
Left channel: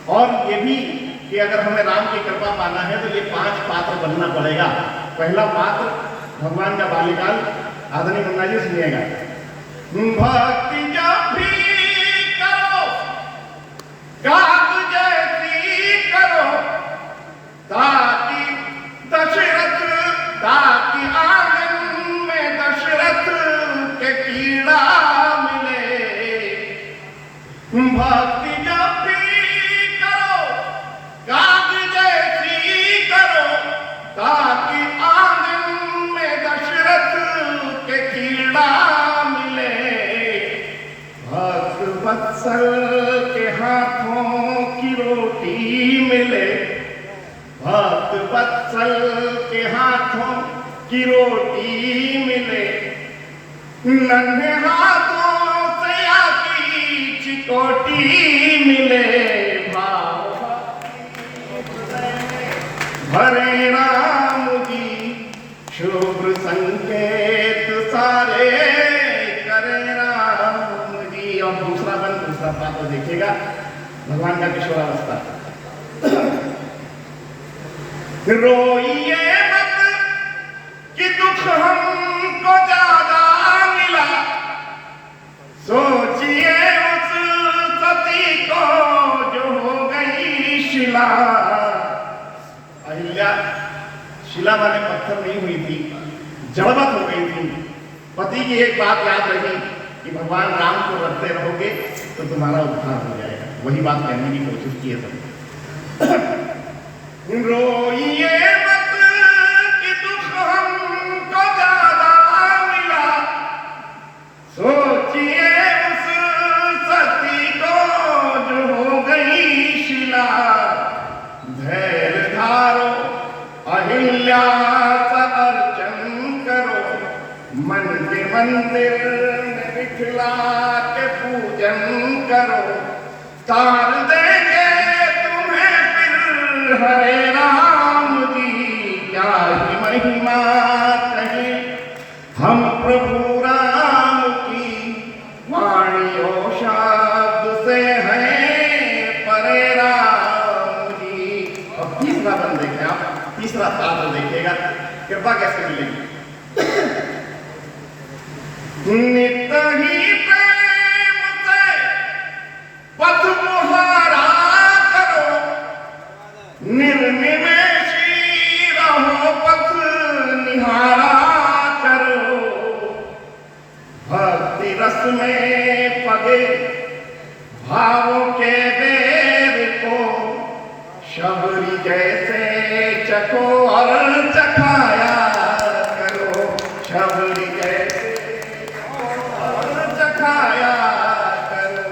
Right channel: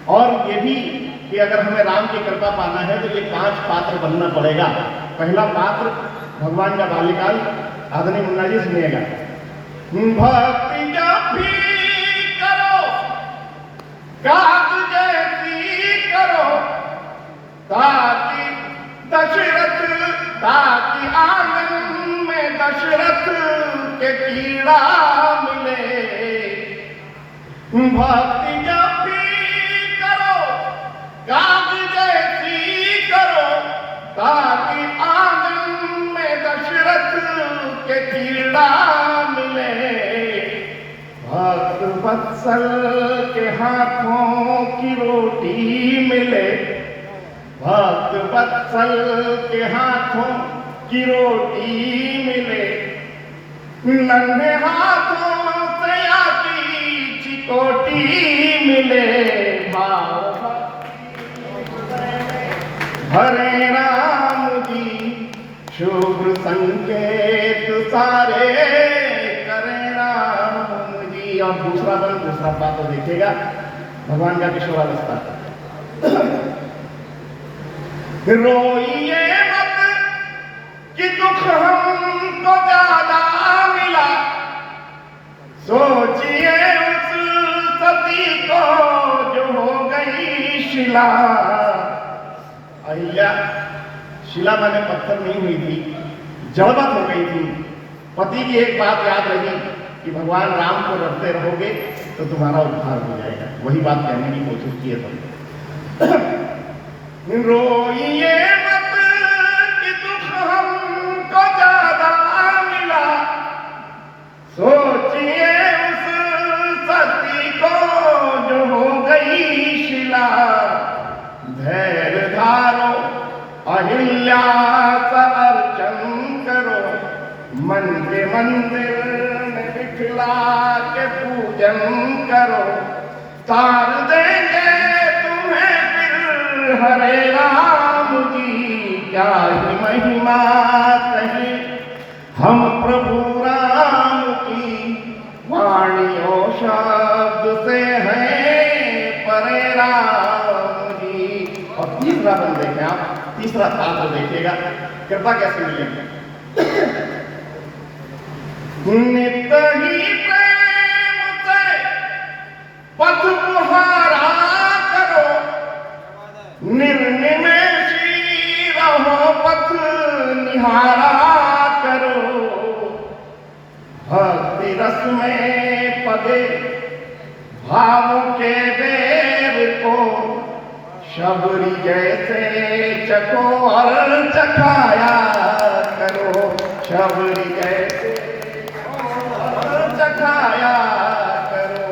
और ये भी कि अगर हमें राम की कृपा पाना है तो ये 5 पात्र बनना पड़ेगा। पहला पात्र भगवान का बाल्यकाल। आदरणीय मुन्ना जी सुनिएगा। भक्ति जब भी करो गात जैसी करो, ताकि दशरथ ताकि आंगन में दशरथ के कीड़ा मिले। भक्ति जब भी करो गात जैसी करो, ताकि आंगन में दशरथ के कीड़ा मिले। भक्त वत्सल के हाथों की रोटी मिले, भक्त वत्सल के हाथों की रोटी मिले। नन्हे हाथों से आकी चिकोटी मिले। भाव हरे राम जी शुभ्र संकेत सारे करे राम जी। और दूसरा बात तो देखिएगा भगवान का किशोरावस्था। रोइए मत कि दुख हमको ज्यादा मिला, सोचिए उस सती को जो हो गई शिला। अहिल्या शिला माने पत्थर नहीं हुई थी, जड़वत हो गई थी। पति की एक बात याद रही कि भगवान राम को रखते रहोगे तो तुम्हारा उद्धार हो जाएगा। वही बात कहने की कोशिश की है सबने। रोइए मत कि दुख हमको ज्यादा मिला, सोचिए उस सती को जो हो गई शिला। धैर्य धारो अहिल्या सा अर्चन क्या ही महिमा कहें हम प्रभु राम की वाणी और शब्द से है परे राम जी। और तीसरा बंद देखें आप, तीसरा पात्र देखिएगा कृपा कैसे मिलेगी। नित ही प्रेम से पथ मुहारा करो, निर्निमेषी रहो पथ निहारा करो। भक्ति रस में पगे भावों के बेर को शबरी जैसे चखो और चखाया करो। शबरी जैसे और चखाया करो।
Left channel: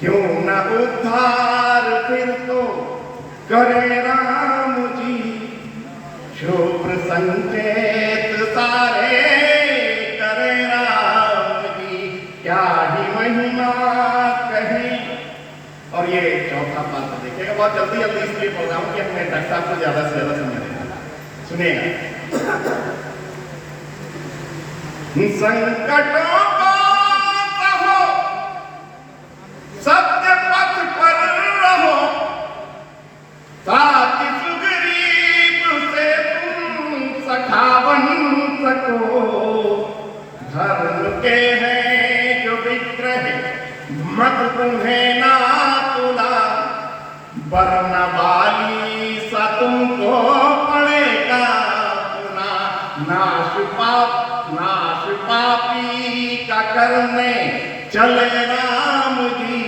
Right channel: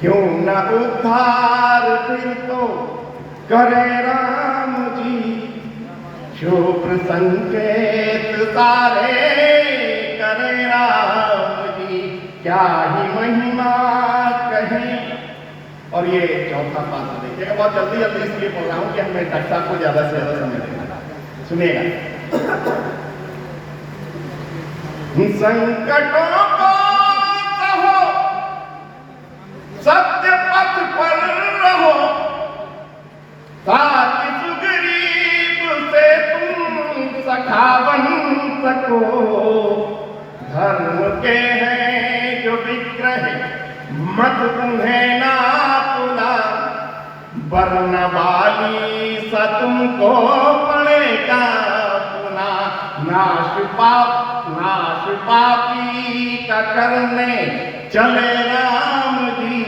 क्यों न उद्धार फिर तो करे राम जी, शुभ्र संकेत सारे करे राम जी। क्या ही महिमा कहें। और ये चौथा पात्र देखिएगा, बहुत जल्दी जल्दी इसलिए पढ़ रहा हूं कि हमें डॉक्टर साहब को ज्यादा से ज्यादा समय देना। सुनिएगा। संकटों को कहो, सत्य पथ पर रहो, ताकि सुग्रीव से तुम सखा बन सको। धर्म के हैं जो विग्रह मत तुम्हें ना तुला, वरना वाली सा तुमको पड़ेगा पुना। नाश पापी का करने चले राम जी,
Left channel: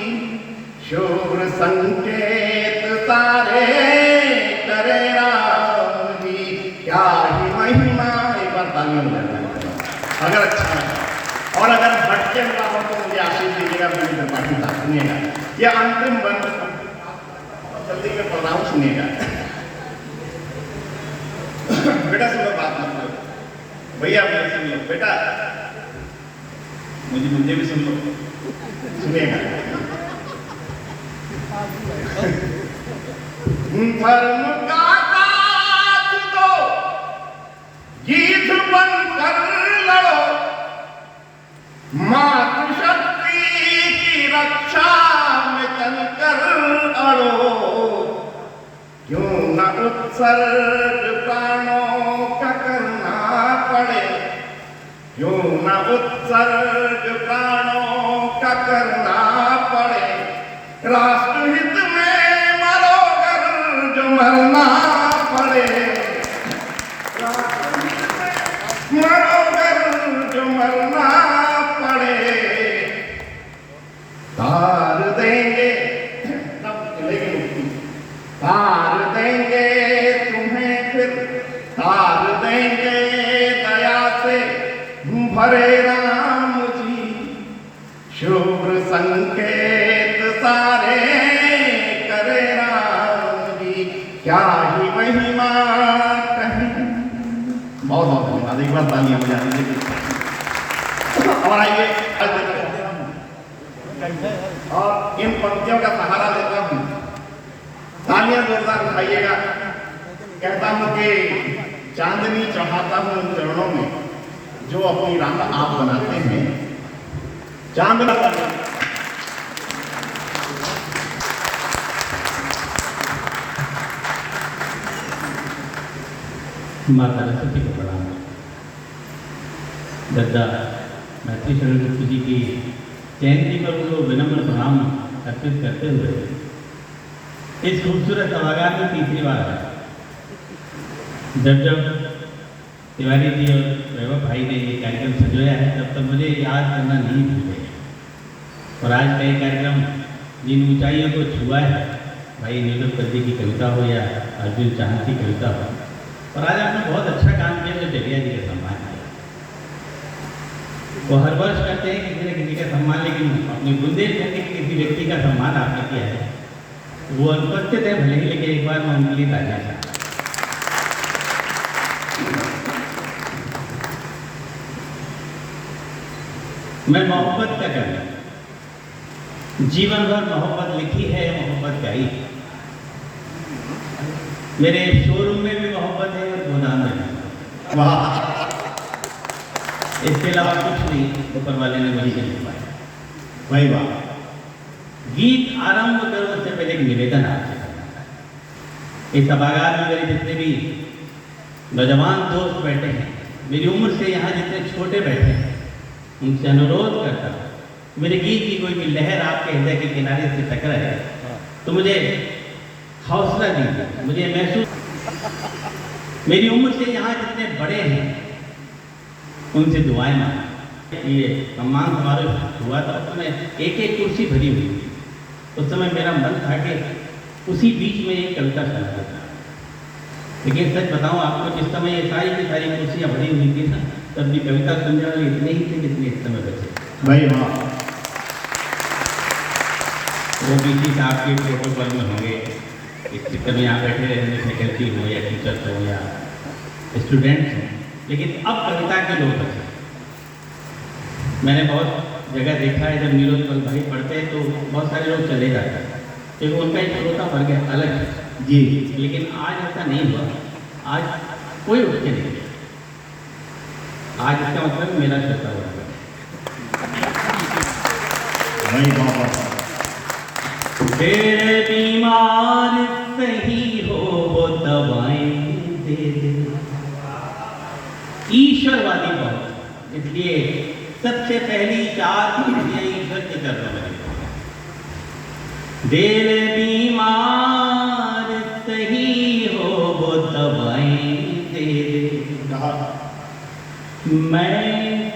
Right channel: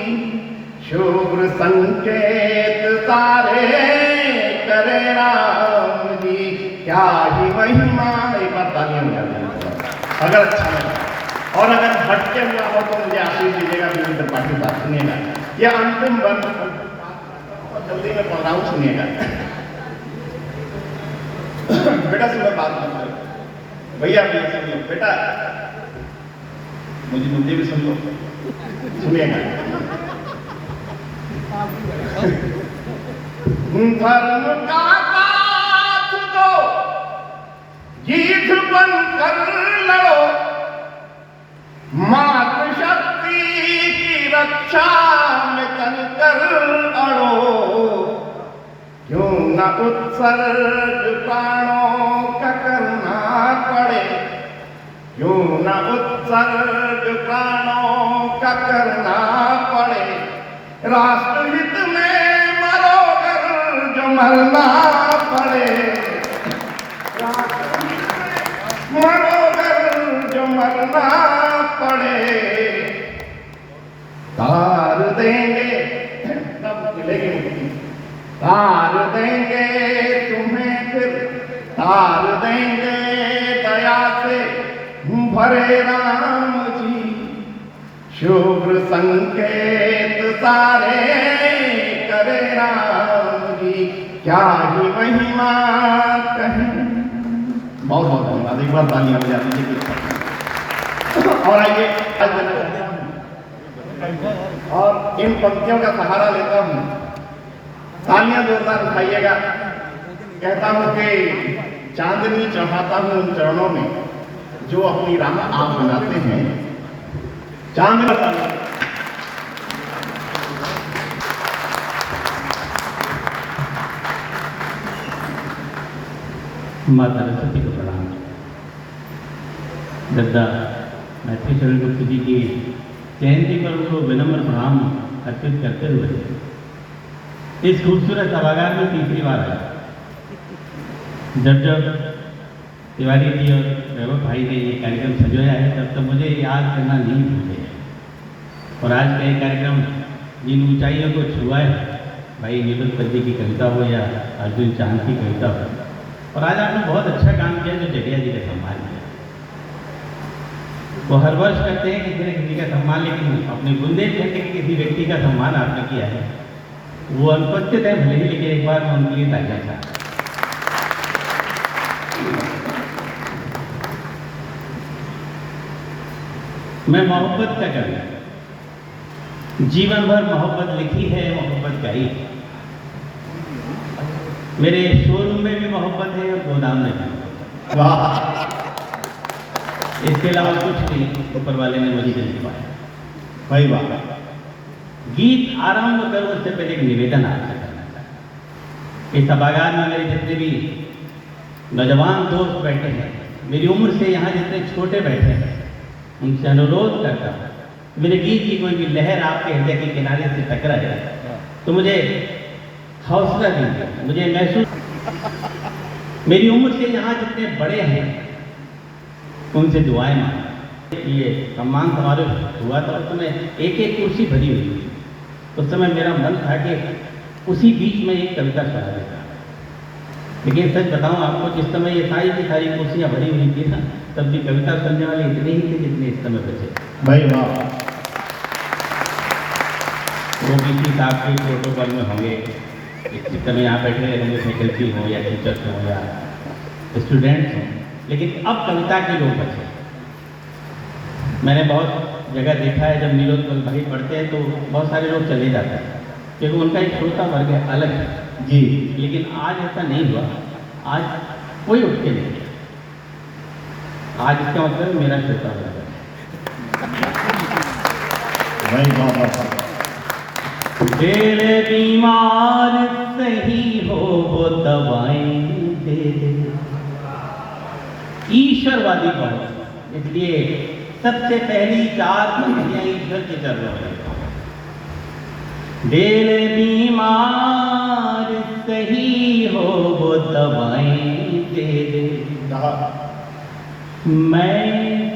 शुभ्र संकेत सारे करे राम जी। क्या ही महिमा। एक बार ताली हो जाती अगर अच्छा है। और अगर भटके हुआ हो तो मुझे आशीष दीजिएगा, मेरी त्रिपाठी बात सुनिएगा। ये अंतिम बंद जल्दी में पढ़ रहा हूँ, सुनिएगा। बेटा सुनो बात मत करो, भैया भैया सुन लो बेटा, मुझे भी सुन लो, सुनिएगा। धर्म का साथ दो, गीत बन कर लड़ो, मात शक्ति की रक्षा में तनकर अड़ो। क्यों न उत्सर्ग प्राणों का करना पड़े, क्यों न उत्सर्ग प्राणों का करना पड़े। राष्ट्रहित में मरो अगर जो मरना पड़े, मरो अगर जो मरना पड़े। तार देंगे तब मिलेगी मुक्ति, तार देंगे तुम्हें फिर, तार देंगे दया से भरे राम जी। शुभ्र संकेत सारे करे राम जी। क्या ही महिमा कहें। बहुत बहुत धन्यवाद। एक बार तालियां बजा दीजिए। और आइए और इन पंक्तियों का सहारा लेता हूं, तालियां जोरदार उठाइएगा। कहता हूं कि चांदनी चढ़ाता हूं उन चरणों में जो अपनी राह आप बनाते हैं। चांदनी माता सरस्वती को प्रणाम। दद्दा मैत्री शरण गुप्त जी की जयंती पर उनको विनम्र प्रणाम अर्पित करते हुए इस खूबसूरत सभागार में तीसरी बार है। जब तिवारी जी और वैभव भाई ने ये कार्यक्रम सजाया है तब तो मुझे याद करना नहीं भूल गया। और आज का ये कार्यक्रम जिन ऊंचाइयों को छुआ है, भाई नीलोत्पल जी की कविता हो या अर्जुन चांद की कविता हो, और आज आपने बहुत अच्छा काम किया जो जगह जी का सम्मान किया। वो हर वर्ष करते हैं किसी न किसी का सम्मान, लेकिन अपने बुंदेलखंड के किसी व्यक्ति का सम्मान आपने किया है, वो अनुपस्थित है भले ही, लेकिन एक बार मैं उनके लिए तालियां चाहता हूं। मैं मोहब्बत का कवि, जीवन भर मोहब्बत लिखी है, मोहब्बत गाई है। मेरे शोरूम में भी मोहब्बत है और दाम में दूंगा। वाह, इसके अलावा कुछ नहीं ऊपर वाले ने मुझे नहीं पाया। वही बात। गीत आरंभ करो उससे पहले एक निवेदन आपसे करना चाहता हूं। इस सभागार में मेरे जितने भी नौजवान दोस्त बैठे हैं, मेरी उम्र से यहाँ जितने छोटे बैठे हैं, उनसे अनुरोध करता हूँ, मेरे गीत की कोई भी लहर आपके हृदय के किनारे से टकराए तो मुझे हौसला दीजिए, मुझे महसूस। मेरी उम्र से यहाँ जितने बड़े हैं उनसे दुआएं मांगा। ये सम्मान समारोह हुआ था, उस समय एक एक कुर्सी भरी हुई थी। उस समय मेरा मन था कि उसी बीच में एक कविता सुना देता, लेकिन सच बताऊं आपको, जिस समय ये सारी की सारी कुर्सियां भरी हुई थी ना, तब भी कविता सुनने वाले इतने ही थे जितने इस समय बचे। भाई वाह, वो किसी साहब के प्रोटोकॉल में होंगे, इस समय यहाँ बैठे रहेंगे, फैकल्टी हो या टीचर्स हो या स्टूडेंट्स हों, लेकिन अब कविता के लोग बचे। मैंने बहुत जगह देखा है, जब नीलोत्पल भाई पढ़ते हैं तो बहुत सारे लोग चले जाते हैं क्योंकि उनका एक श्रोता वर्ग अलग है जी। लेकिन आज ऐसा नहीं हुआ। आज कोई उठ के नहीं गया। आज इसका मतलब मेरा श्रोता वर्ग है। भाई वाह, तेरे बीमार सही हो वो दवाएं दे दे। ईश्वरवादी बहुत, इसलिए सबसे पहली 4 पंक्तियां ईश्वर के चरणों में। तेरे बीमार सही हो वो दवाएं दे दे, मैं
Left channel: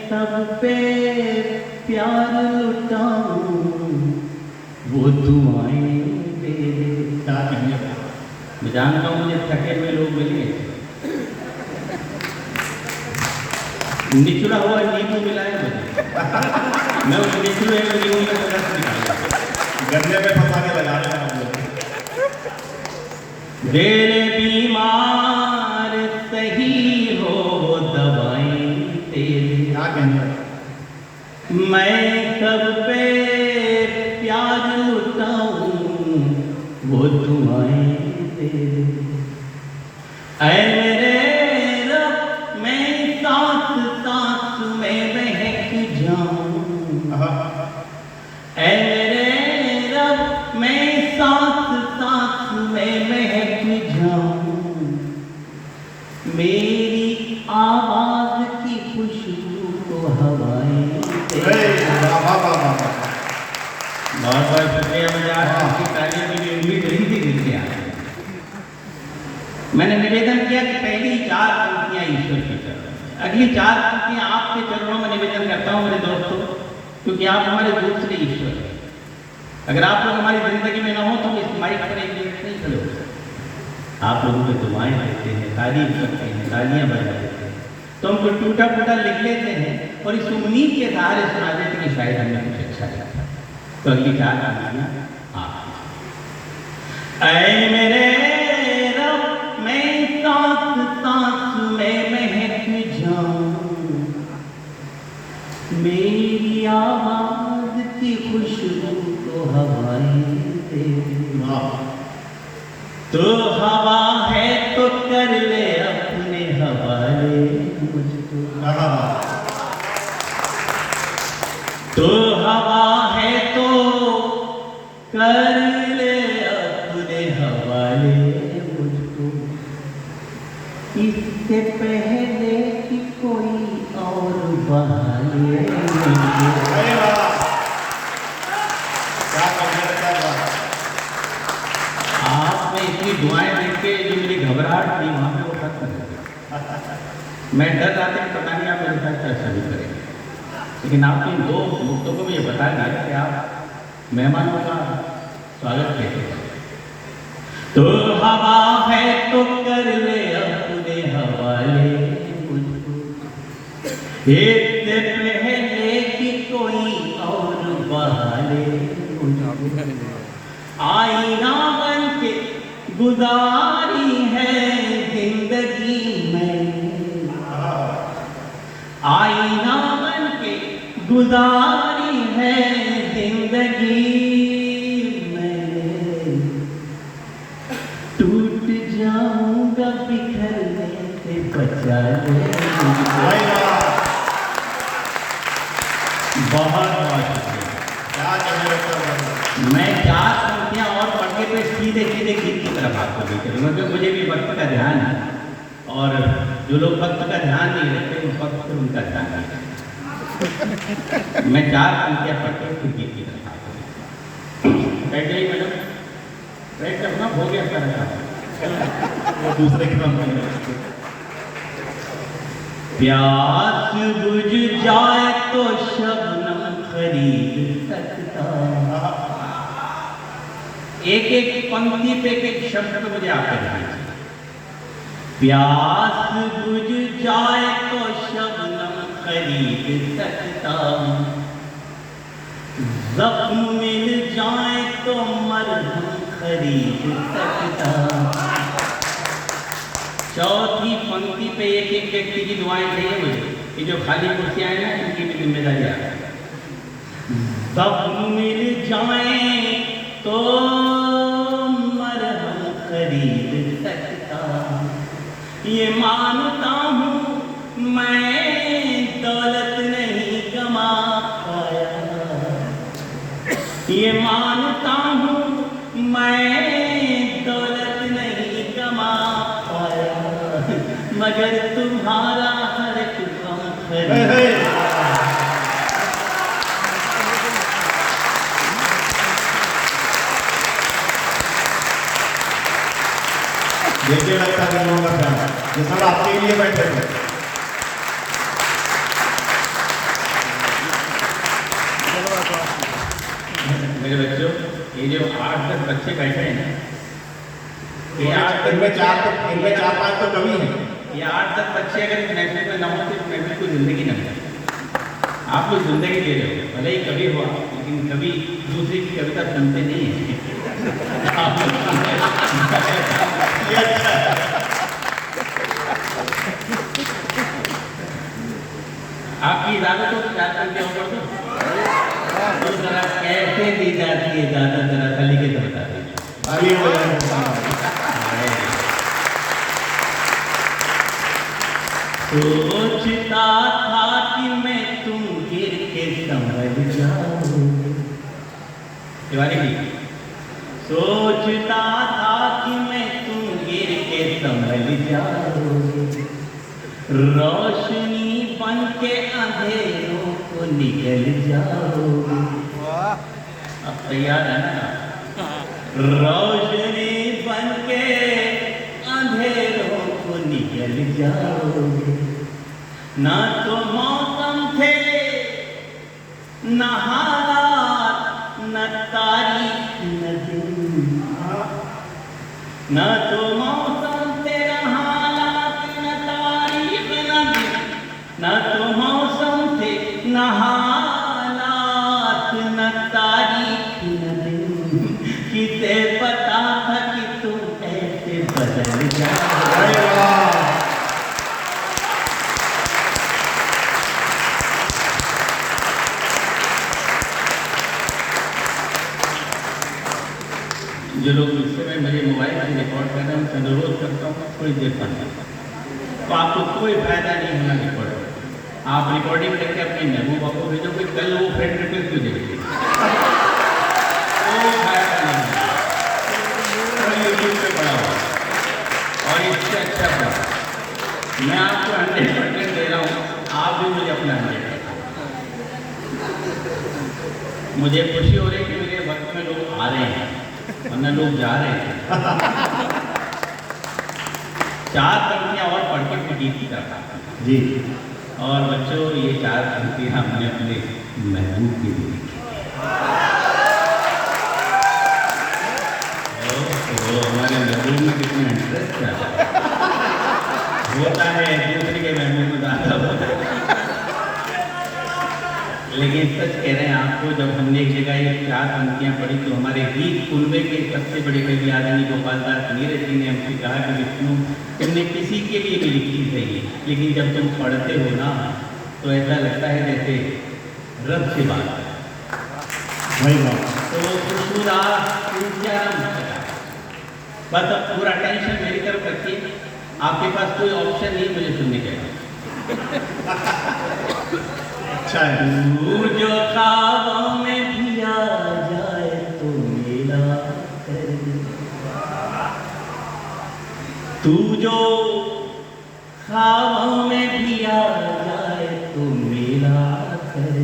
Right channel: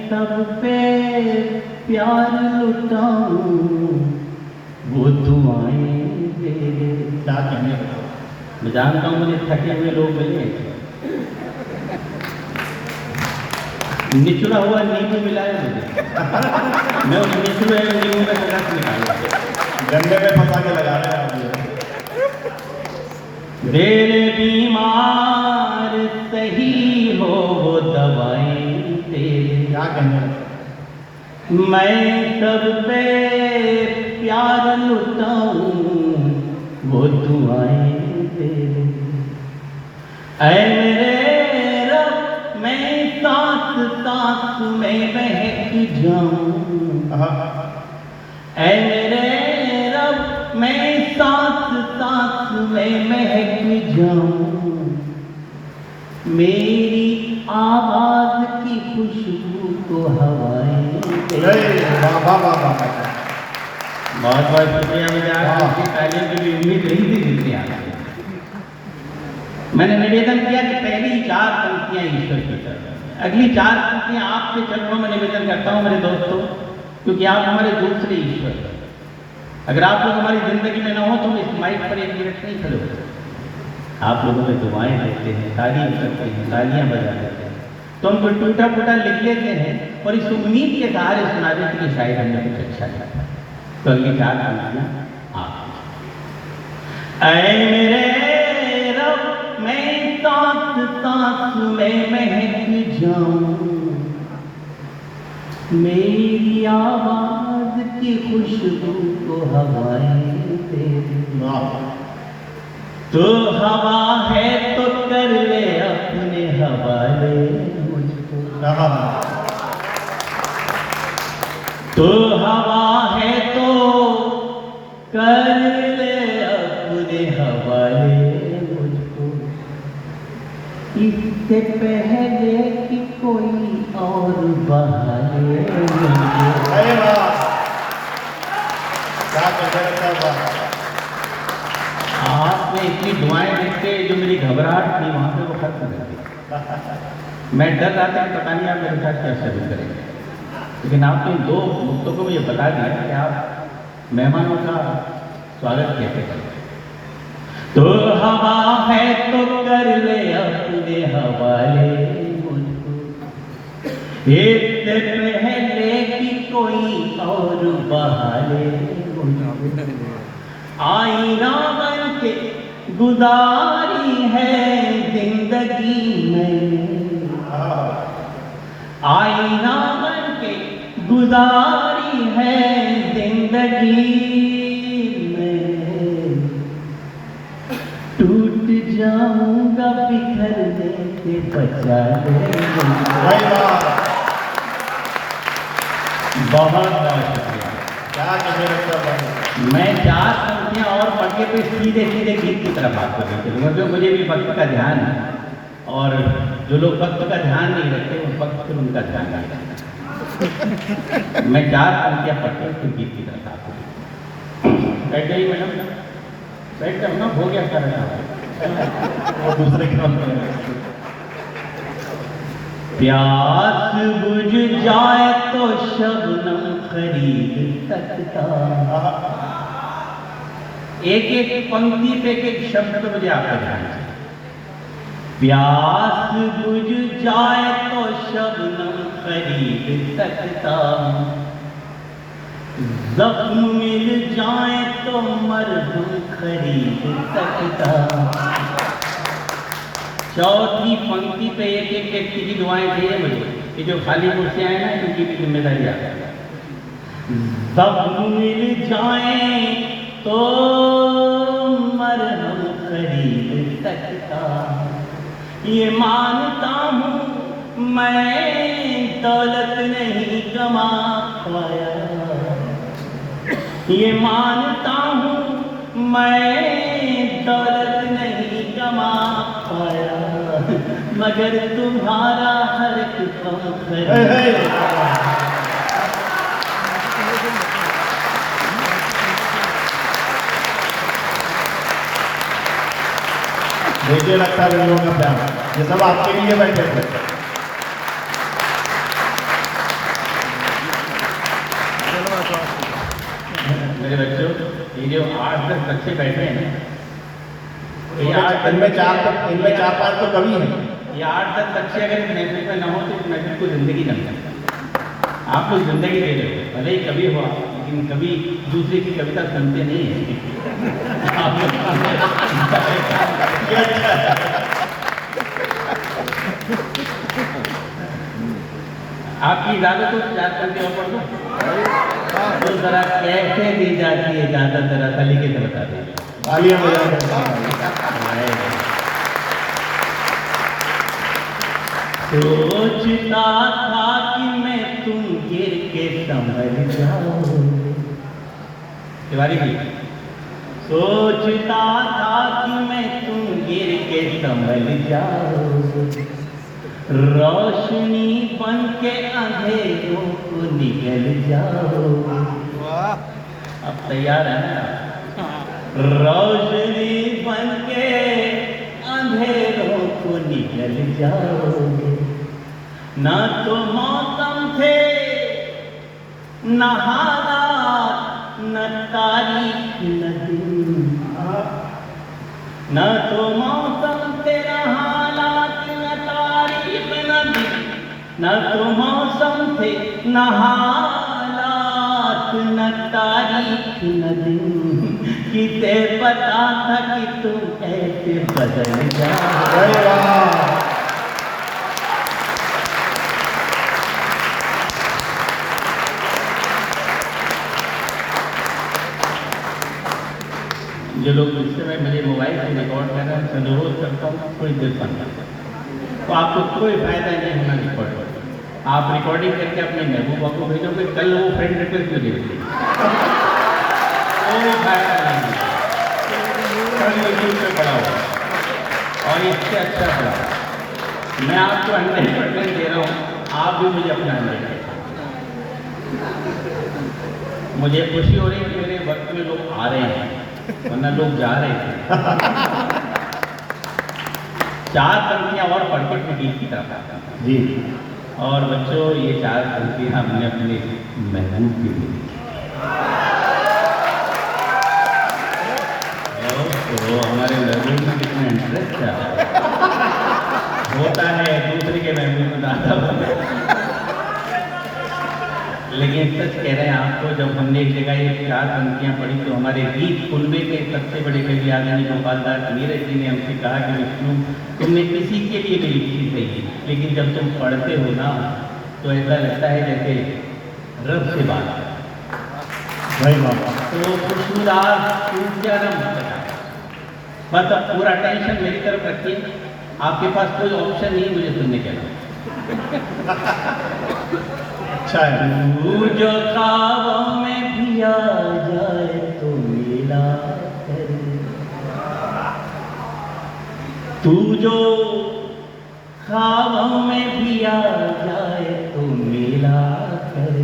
सब पे प्यार लुटाऊं वो दुआएं दे दे। क्या कहने, मैं जानता हूँ मुझे थके हुए लोग मिलेंगे, निचुड़ा हुआ नींबू मिलाए मुझे, मैं उस निचुड़े हुए नींबू का रस निकालूंगा। गन्ने में फंसाने लगाया है। तेरे बीमार सही हो वो दवाएं दे दे, क्या कहने, मैं सब पे प्यार लुटाऊं वो दुआएं दे दे। ऐ मेरे रब, मैं सांस सांस में महक जाऊं। ऐ मेरे रब, मैं सांस सांस में महक जाऊं। मेरी आवाज की खुशबू को हवाएं दे। वाह वाह वाह वाह, बहुत बहुत शुक्रिया। मुझे पहले कभी उम्मीद नहीं थी जितनी आज। मैंने निवेदन किया कि पहली 4 पंक्तियां ईश्वर की चरणों में, अगली 4 पंक्तियां आपके चरणों में निवेदन करता हूं मेरे दोस्तों, क्योंकि आप हमारे दूसरे ईश्वर हैं। अगर आप लोग हमारी जिंदगी में ना हो तो हम इस माइक पर एक मिनट नहीं खड़े हो सकते। आप लोगों पे दुआएं देते हैं, तारीफ करते हैं, तालियां बजा देते हैं, तो हम कोई टूटा फूटा लिख लेते हैं और इस उम्मीद के सहारे सुना देते हैं कि शायद हमें कुछ अच्छा है। तो अगली 4 पंक्तियां आप। ऐ मेरे रब, मैं सांस सांस में महक जाऊं। मेरी आवाज की खुशबू को हवाएं दे दे। तो हवा है तो कर ले अपने हवाले मुझको। तो हवा है तो कर ले अपने हवाले मुझको। इससे पहले कि कोई और बहाले मुझको। आपने इतनी दुआएं लिख के जो मेरी घबराहट थी वहां पे वो खत्म कर दी। मैं डर रहा था कि पता नहीं आप मेरे साथ कैसे भी करेंगे, लेकिन आपने 2 मुक्तों को ये बता दिया कि आप मेहमानों का स्वागत कैसे करें। तो हवा है तो कर ले अपने हवाले मुझको। इससे पहले कि कोई और बहाले मुझको। आईना बन के गुजारी है जिंदगी में। आईना बन के गुजारी है जिंदगी में। टूट जाऊंगा बिखरने से बचा ले। भाई वाह, बहुत बहुत शुक्रिया। क्या कहें डॉक्टर भाई। मैं 4 पंक्तियां और पढ़ के फिर सीधे सीधे गीत की तरफ आपको ले चलूँगा, जो मुझे भी वक्त का ध्यान है, और जो लोग वक्त का ध्यान नहीं रखते वो वक्त पर उनका ध्यान रखते हैं। मैं 4 पंक्तियां पढ़ के फिर गीत की तरफ आपको बैठ जाइए मैडम, बैठ करना हो गया था वो दूसरे की पंक्ति में। प्यास बुझ जाए तो शबनम खरीद सकता। एक एक पंक्ति पे एक एक शब्द पे मुझे आपका ध्यान चाहिए। प्यास बुझ जाए तो शबनम खरीद सकता, जख्म मिल जाए तो मरहम खरीद सकता। चौथी पंक्ति पे एक एक व्यक्ति की दुआएं चाहिए मुझे, ये जो खाली कुर्सियां हैं ना उनकी भी जिम्मेदारी आता है। जख्म मिल जाए तो मरहम खरीद सकता, ये मानता हूँ मैं दौलत नहीं कमा पाया, ये मानता हूँ मैं दौलत नहीं कमा पाया, मगर तुम्हारा हर एक काम खरीद। देखिए लगता है लोगों का प्यार, ये सब आपके लिए बैठे थे। मेरे बच्चों, ये जो 8-10 बच्चे बैठे हैं, इनमें 4-5 तो कवि हैं। ये 8-10 बच्चे अगर इस महफिल में न होते तो महफिल को जिंदगी न मिलती। आप लोग जिंदगी दे रहे हो, भले ही कवि हो आप, लेकिन कभी दूसरे की कविता सुनते नहीं हैं। आप लोग आपकी इजाजत हो 4 पंक्ति और पढ़ दूं? तो जरा कैसे दी जाती है इजाजत, जरा सा लिखे तो बता दीजिए। आइए सोचता था कि मैं तुम गिर के समझ जाओ। तिवारी जी, सोचता था कि मैं तुम गिर के समझ जाओ, रोशनी बन के अंधेरों को निकल जाओ। अब तैयार है ना? रोशनी बन के अंधेरों को निकल जाओ, ना तो मौसम थे न हालात न तारीख न दिन, न तो मौसम थे न हालात न तारीख न दिन, न तो मौसम थे न हालात न तारीख न दिन, किसे पता था कि तुम ऐसे बदल जाओ। जो लोग इस समय मेरे मोबाइल से रिकॉर्ड कर रहे हैं, मैं अनुरोध करता हूँ थोड़ी देर पढ़ना, तो आपको कोई फायदा नहीं होना रिकॉर्ड। आप रिकॉर्डिंग करके अपने महबूबा को भेजोगे, कल वो फ्रेंड रिक्वेस्ट क्यों देंगे? कोई फायदा नहीं, यूट्यूब पे पड़ा हुआ। और इससे अच्छा था, मैं आपको 100% दे रहा हूँ, आप भी मुझे अपना 100%। मुझे खुशी हो रही है कि मेरे वक्त में लोग आ रहे हैं, वरना लोग जा रहे थे। 4 पंक्तियां और पढ़ के फिर गीत की तरफ आता हूं जी। और बच्चों, ये 4 पंक्तियां हमने अपने महबूब के लिए लिखी। तो हमारे महबूब में कितना इंटरेस्ट है, होता है दूसरे के महबूब में आता होता, लेकिन सच कह रहे हैं आपको, जब हमने एक जगह ये 4 पंक्तियां पढ़ी तो हमारे गीत कुनबे के सबसे बड़े कवि आदरणीय गोपाल दास नीरज जी ने हमसे कहा कि विष्णु, तुमने किसी के लिए भी लिखी सही, लेकिन जब तुम पढ़ते हो ना तो ऐसा लगता है जैसे रब से बात कर। तो खुशबूदार क्या नाम, बस अब पूरा टेंशन मेरी तरफ रखिए, आपके पास कोई ऑप्शन नहीं मुझे सुनने के। अच्छा है। तू जो ख्वाबों में भी आ जाए तो मेरा कर, तू जो ख्वाबों में भी आ जाए तो मेरा कर,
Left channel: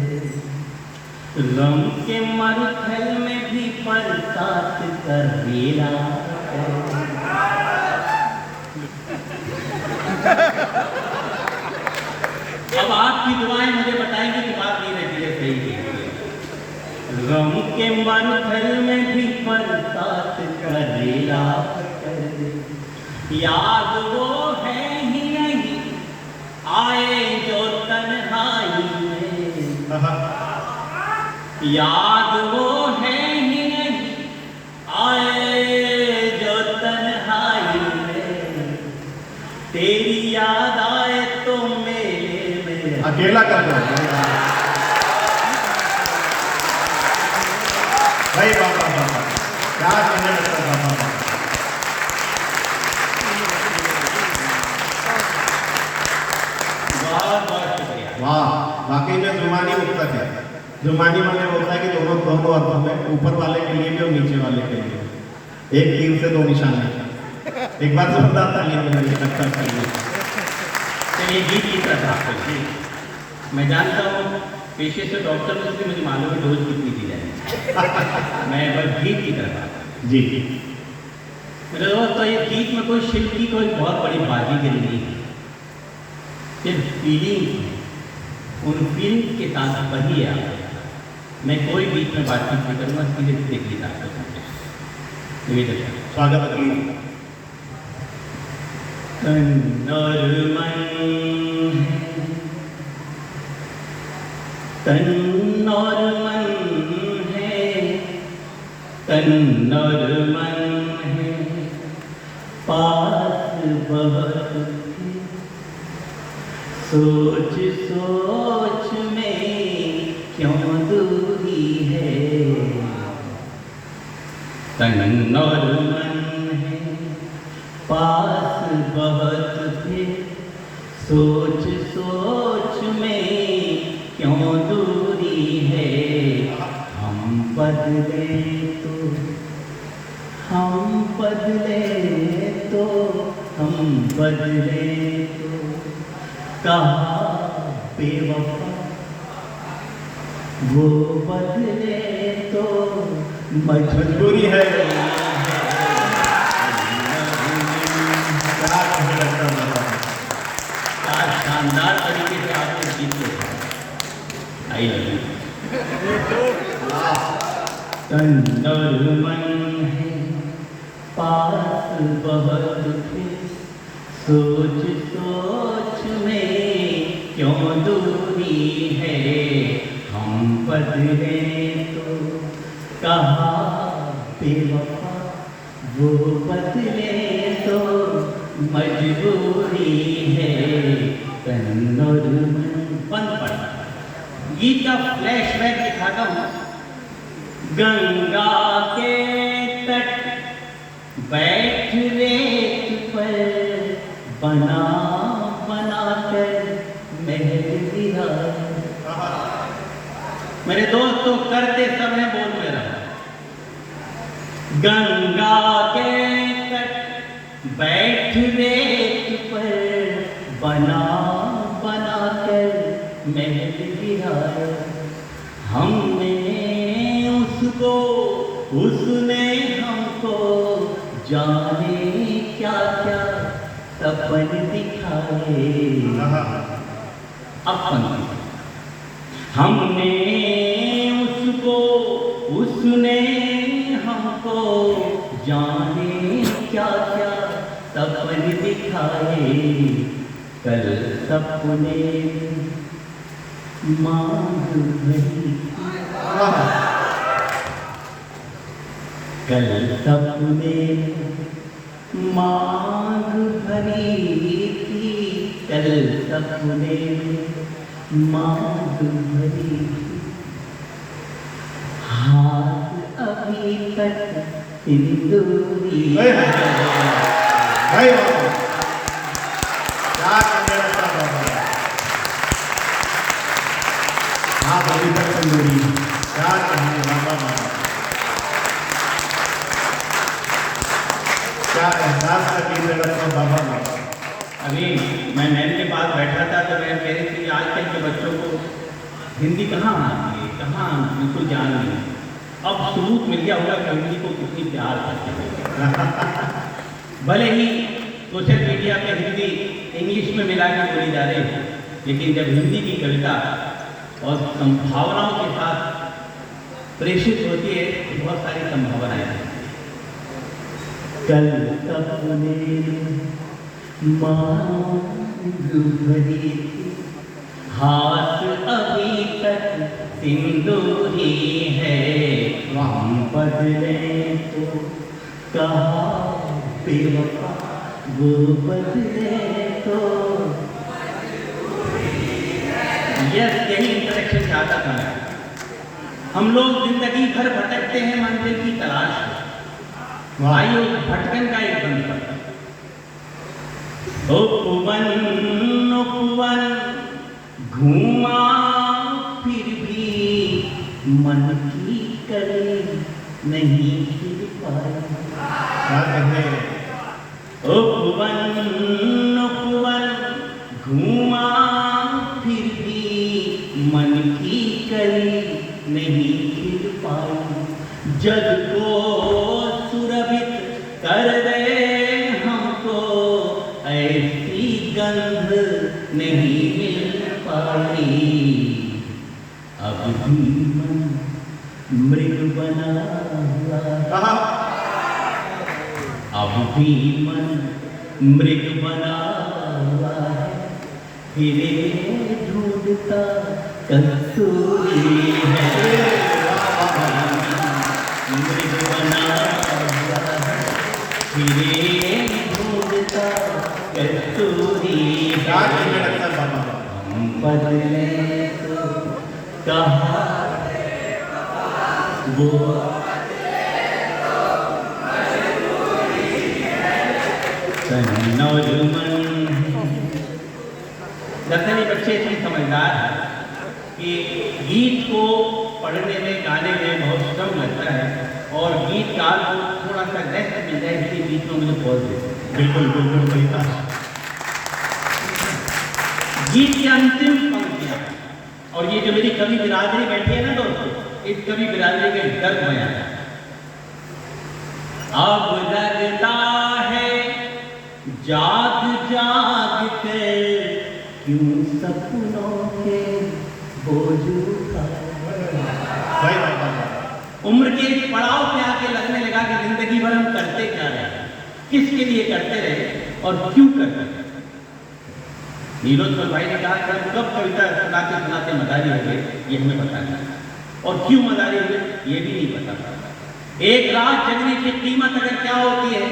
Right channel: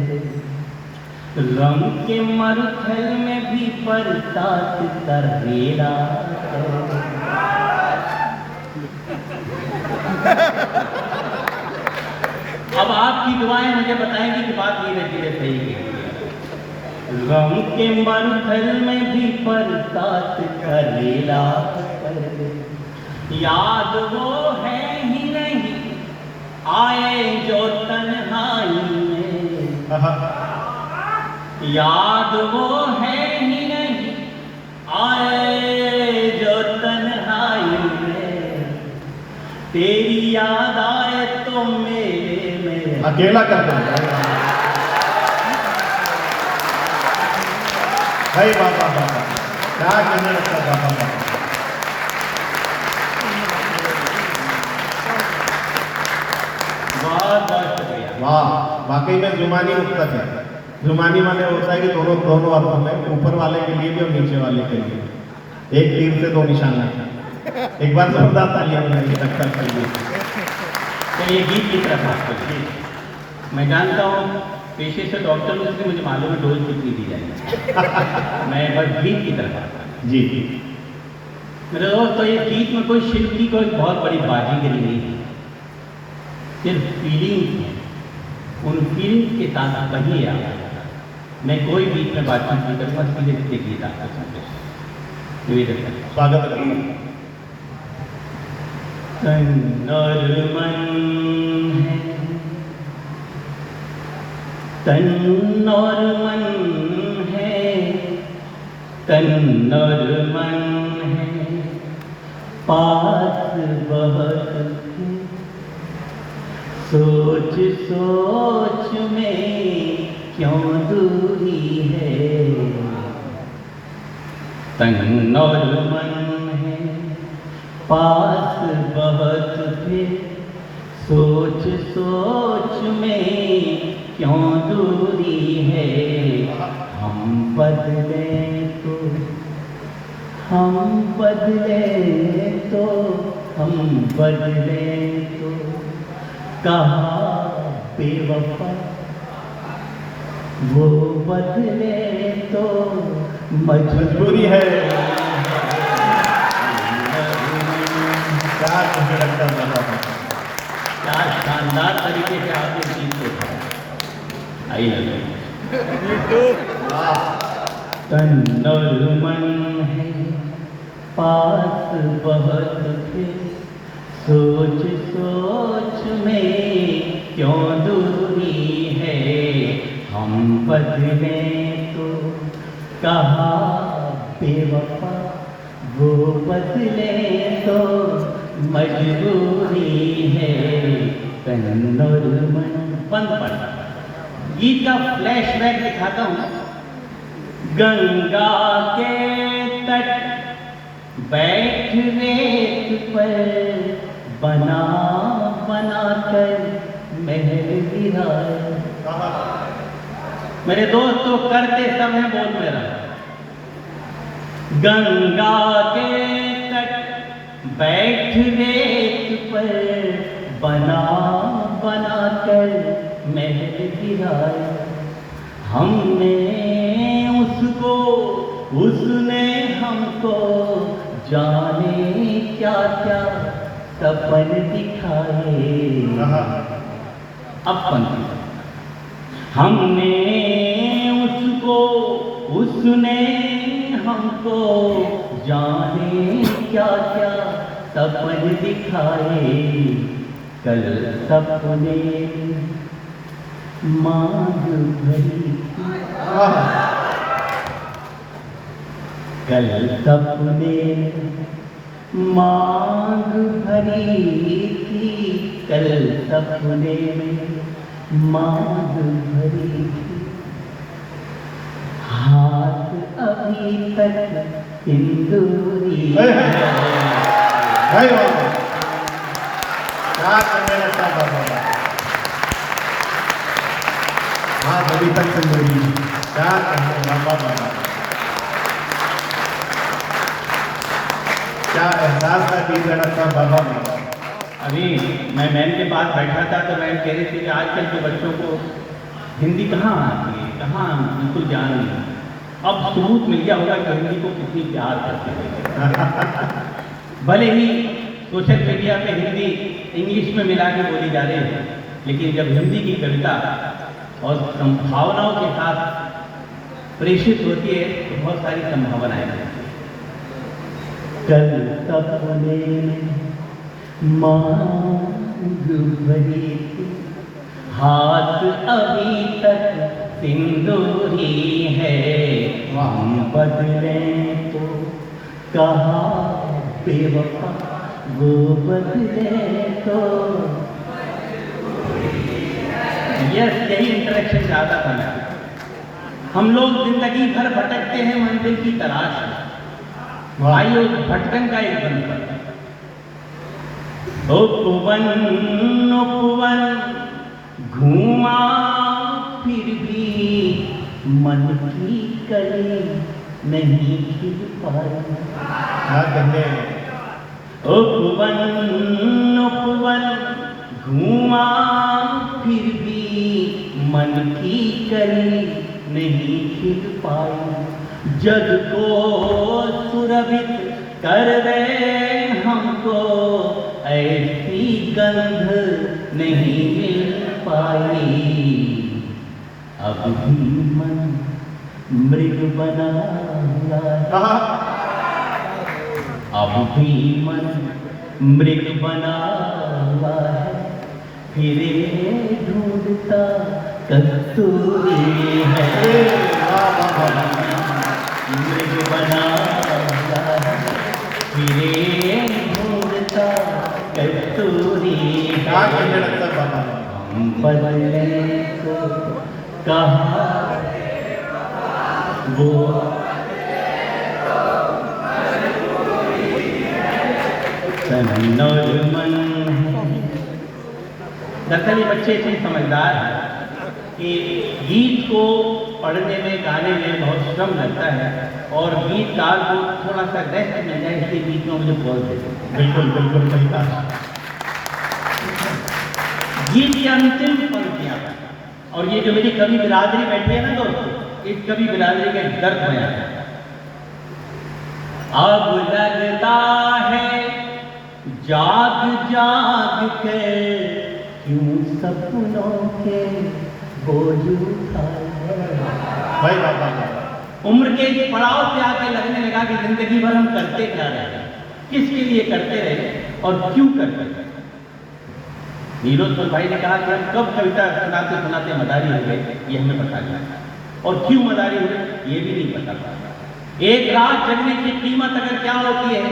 गम के मरुथल में भी बरसात कर मेरा कर। अब आपकी दुआएं मुझे बताएंगी कि बात नहीं रहती है सही है। गम के मरुथल में भी बरसात करेला कर, याद वो है ही नहीं आए जो तन्हाई में, याद वो है ही नहीं आए जो तन्हाई में, तेरी याद आए तो मेरे में अकेला कर दो भाई। बाबा बाबा क्या कहने लगता बाबा। वाह, वाकई में जुमानी मुक्तक है। जुमानी माने होता है कि दोनों अर्थों में, ऊपर वाले के लिए भी और नीचे वाले के लिए, एक तीर से दो निशाने। एक बार जोरदार तालियां बजाइए अच्छा करिए। चलिए गीत की तरफ बात करिए। मैं जानता हूँ पेशे से डॉक्टर में, इसलिए मुझे मालूम है डोज कितनी दी जाएगी। मैं बस गीत की तरफ आता हूँ। जी मेरे दोस्त, तो ये गीत में कोई शिल्प की कोई बहुत बड़ी बाजीगरी नहीं है, सिर्फ फीलिंग्स हैं। उन फीलिंग्स के साथ कही आ, मैं कोई गीत में बातचीत नहीं करूँगा, सीधे सीधे गीत आपको सुनते हैं। तो ये देखो, स्वागत है। तन और मन है, तन और मन है, तन और मन है, पास बहुत थे, सोच सोच में क्यों दूरी है, तन और मन है, पास बहुत थे, सोच सोच में क्यों दूरी है, हम बदले तो हम बदले तो हम बदले तो कहा बेवफा, वो बदले तो मजबूरी है। क्या कहने लगता बाबा। क्या शानदार तरीके से आपने गीत देखा। आइए तन और मन है, पास बहुत थे, सोच सोच में क्यों दूरी है, हम बदले तो कहा बेवफा, वो बदले तो मजबूरी है, तन और मन। बंद पड़ना गीत का फ्लैशबैक दिखाता हूँ। गंगा के तट बैठ रेत पर, बना बना कर महल गिराए। मेरे दोस्त तो करते सब हैं, बोल मेरा। गंगा के तट बैठ रेत पर, बना बना कर महल गिराए। हमने उसको, उसने हमको, जाने क्या क्या सपन दिखाए। अपन हमने उसको, उसने हमको, जाने क्या क्या सपन दिखाए। कल सपने मांग भरी, कल सपने मांग भरी थी, कल सपने मांग भरी थी, हाथ अभी तक सिंदूरी। कस्तूरी। क्या कहने बाबा बाबा, क्या एहसास का गीत है डॉक्टर बाबा बाबा। अभी मैं मैम के पास बैठा था तो मैम कह रही थी कि आजकल के बच्चों को हिंदी कहाँ आती है, कहाँ बिल्कुल जान नहीं। अब सबूत मिल गया होगा कि हिंदी को कितनी प्यार करते हैं। भले ही सोशल मीडिया पे हिंदी इंग्लिश में मिला के बोली जा रही है, लेकिन जब हिंदी की कविता और संभावनाओं के साथ प्रेषित होती है तो बहुत सारी संभावनाएं हैं। कल सपने मांग भरी थी, हाथ अभी तक सिंदूरी है। हम बदले तो कहा बेवफा, वो बदले तो। यही इंटरेक्शन चाहता था मैं। हम लोग जिंदगी भर भटकते हैं मंजिल की तलाश में। आइए भटकन का एक बन पर उपवन घुमा फिर भी मन की कली नहीं खिल पाई। क्या कहने उपवन घुमा फिर भी मन की कली नहीं खिल पाई। जग को सुरभित कर दे हमको ऐसी गंध नहीं मिल पाई। अब भी मन मृग बना कहा, अब भी मन मृग बना है, फिरे ढूंढता कस्तूरी है। मृग बना है, फिरे ढूंढता कस्तूरी क्या है। कहने डॉक्टर बाबा बाबा। हम बदले तो कहा वो दरअसल ये बच्चे इतने समझदार हैं कि गीत को पढ़ने में गाने में बहुत श्रम लगता है और गीतकार को थोड़ा सा रेस्ट मिल जाए इसलिए गीत में मुझे बोल देते हैं। बिल्कुल बिल्कुल सही कहा। गीत की अंतिम पंक्तियां और ये जो मेरी कवि बिरादरी बैठी है ना दोस्तों, इस कवि बिरादरी के गर्व बयान है। अब लगता है जाग जाग कर क्यों सपनों के बोझ उठाए। भाई बाबा, उम्र के इस पड़ाव पे आके लगने लगा कि जिंदगी भर हम करते क्या रहे, किसके लिए करते रहे और क्यों करते रहे। नीलोत्पल भाई ने कहा कि हम कब कविता सुनाते सुनाते मदारी हो गए ये हमें पता नहीं, और क्यों मदारी हुए ये भी नहीं पता था। एक रात जगने की कीमत अगर क्या होती है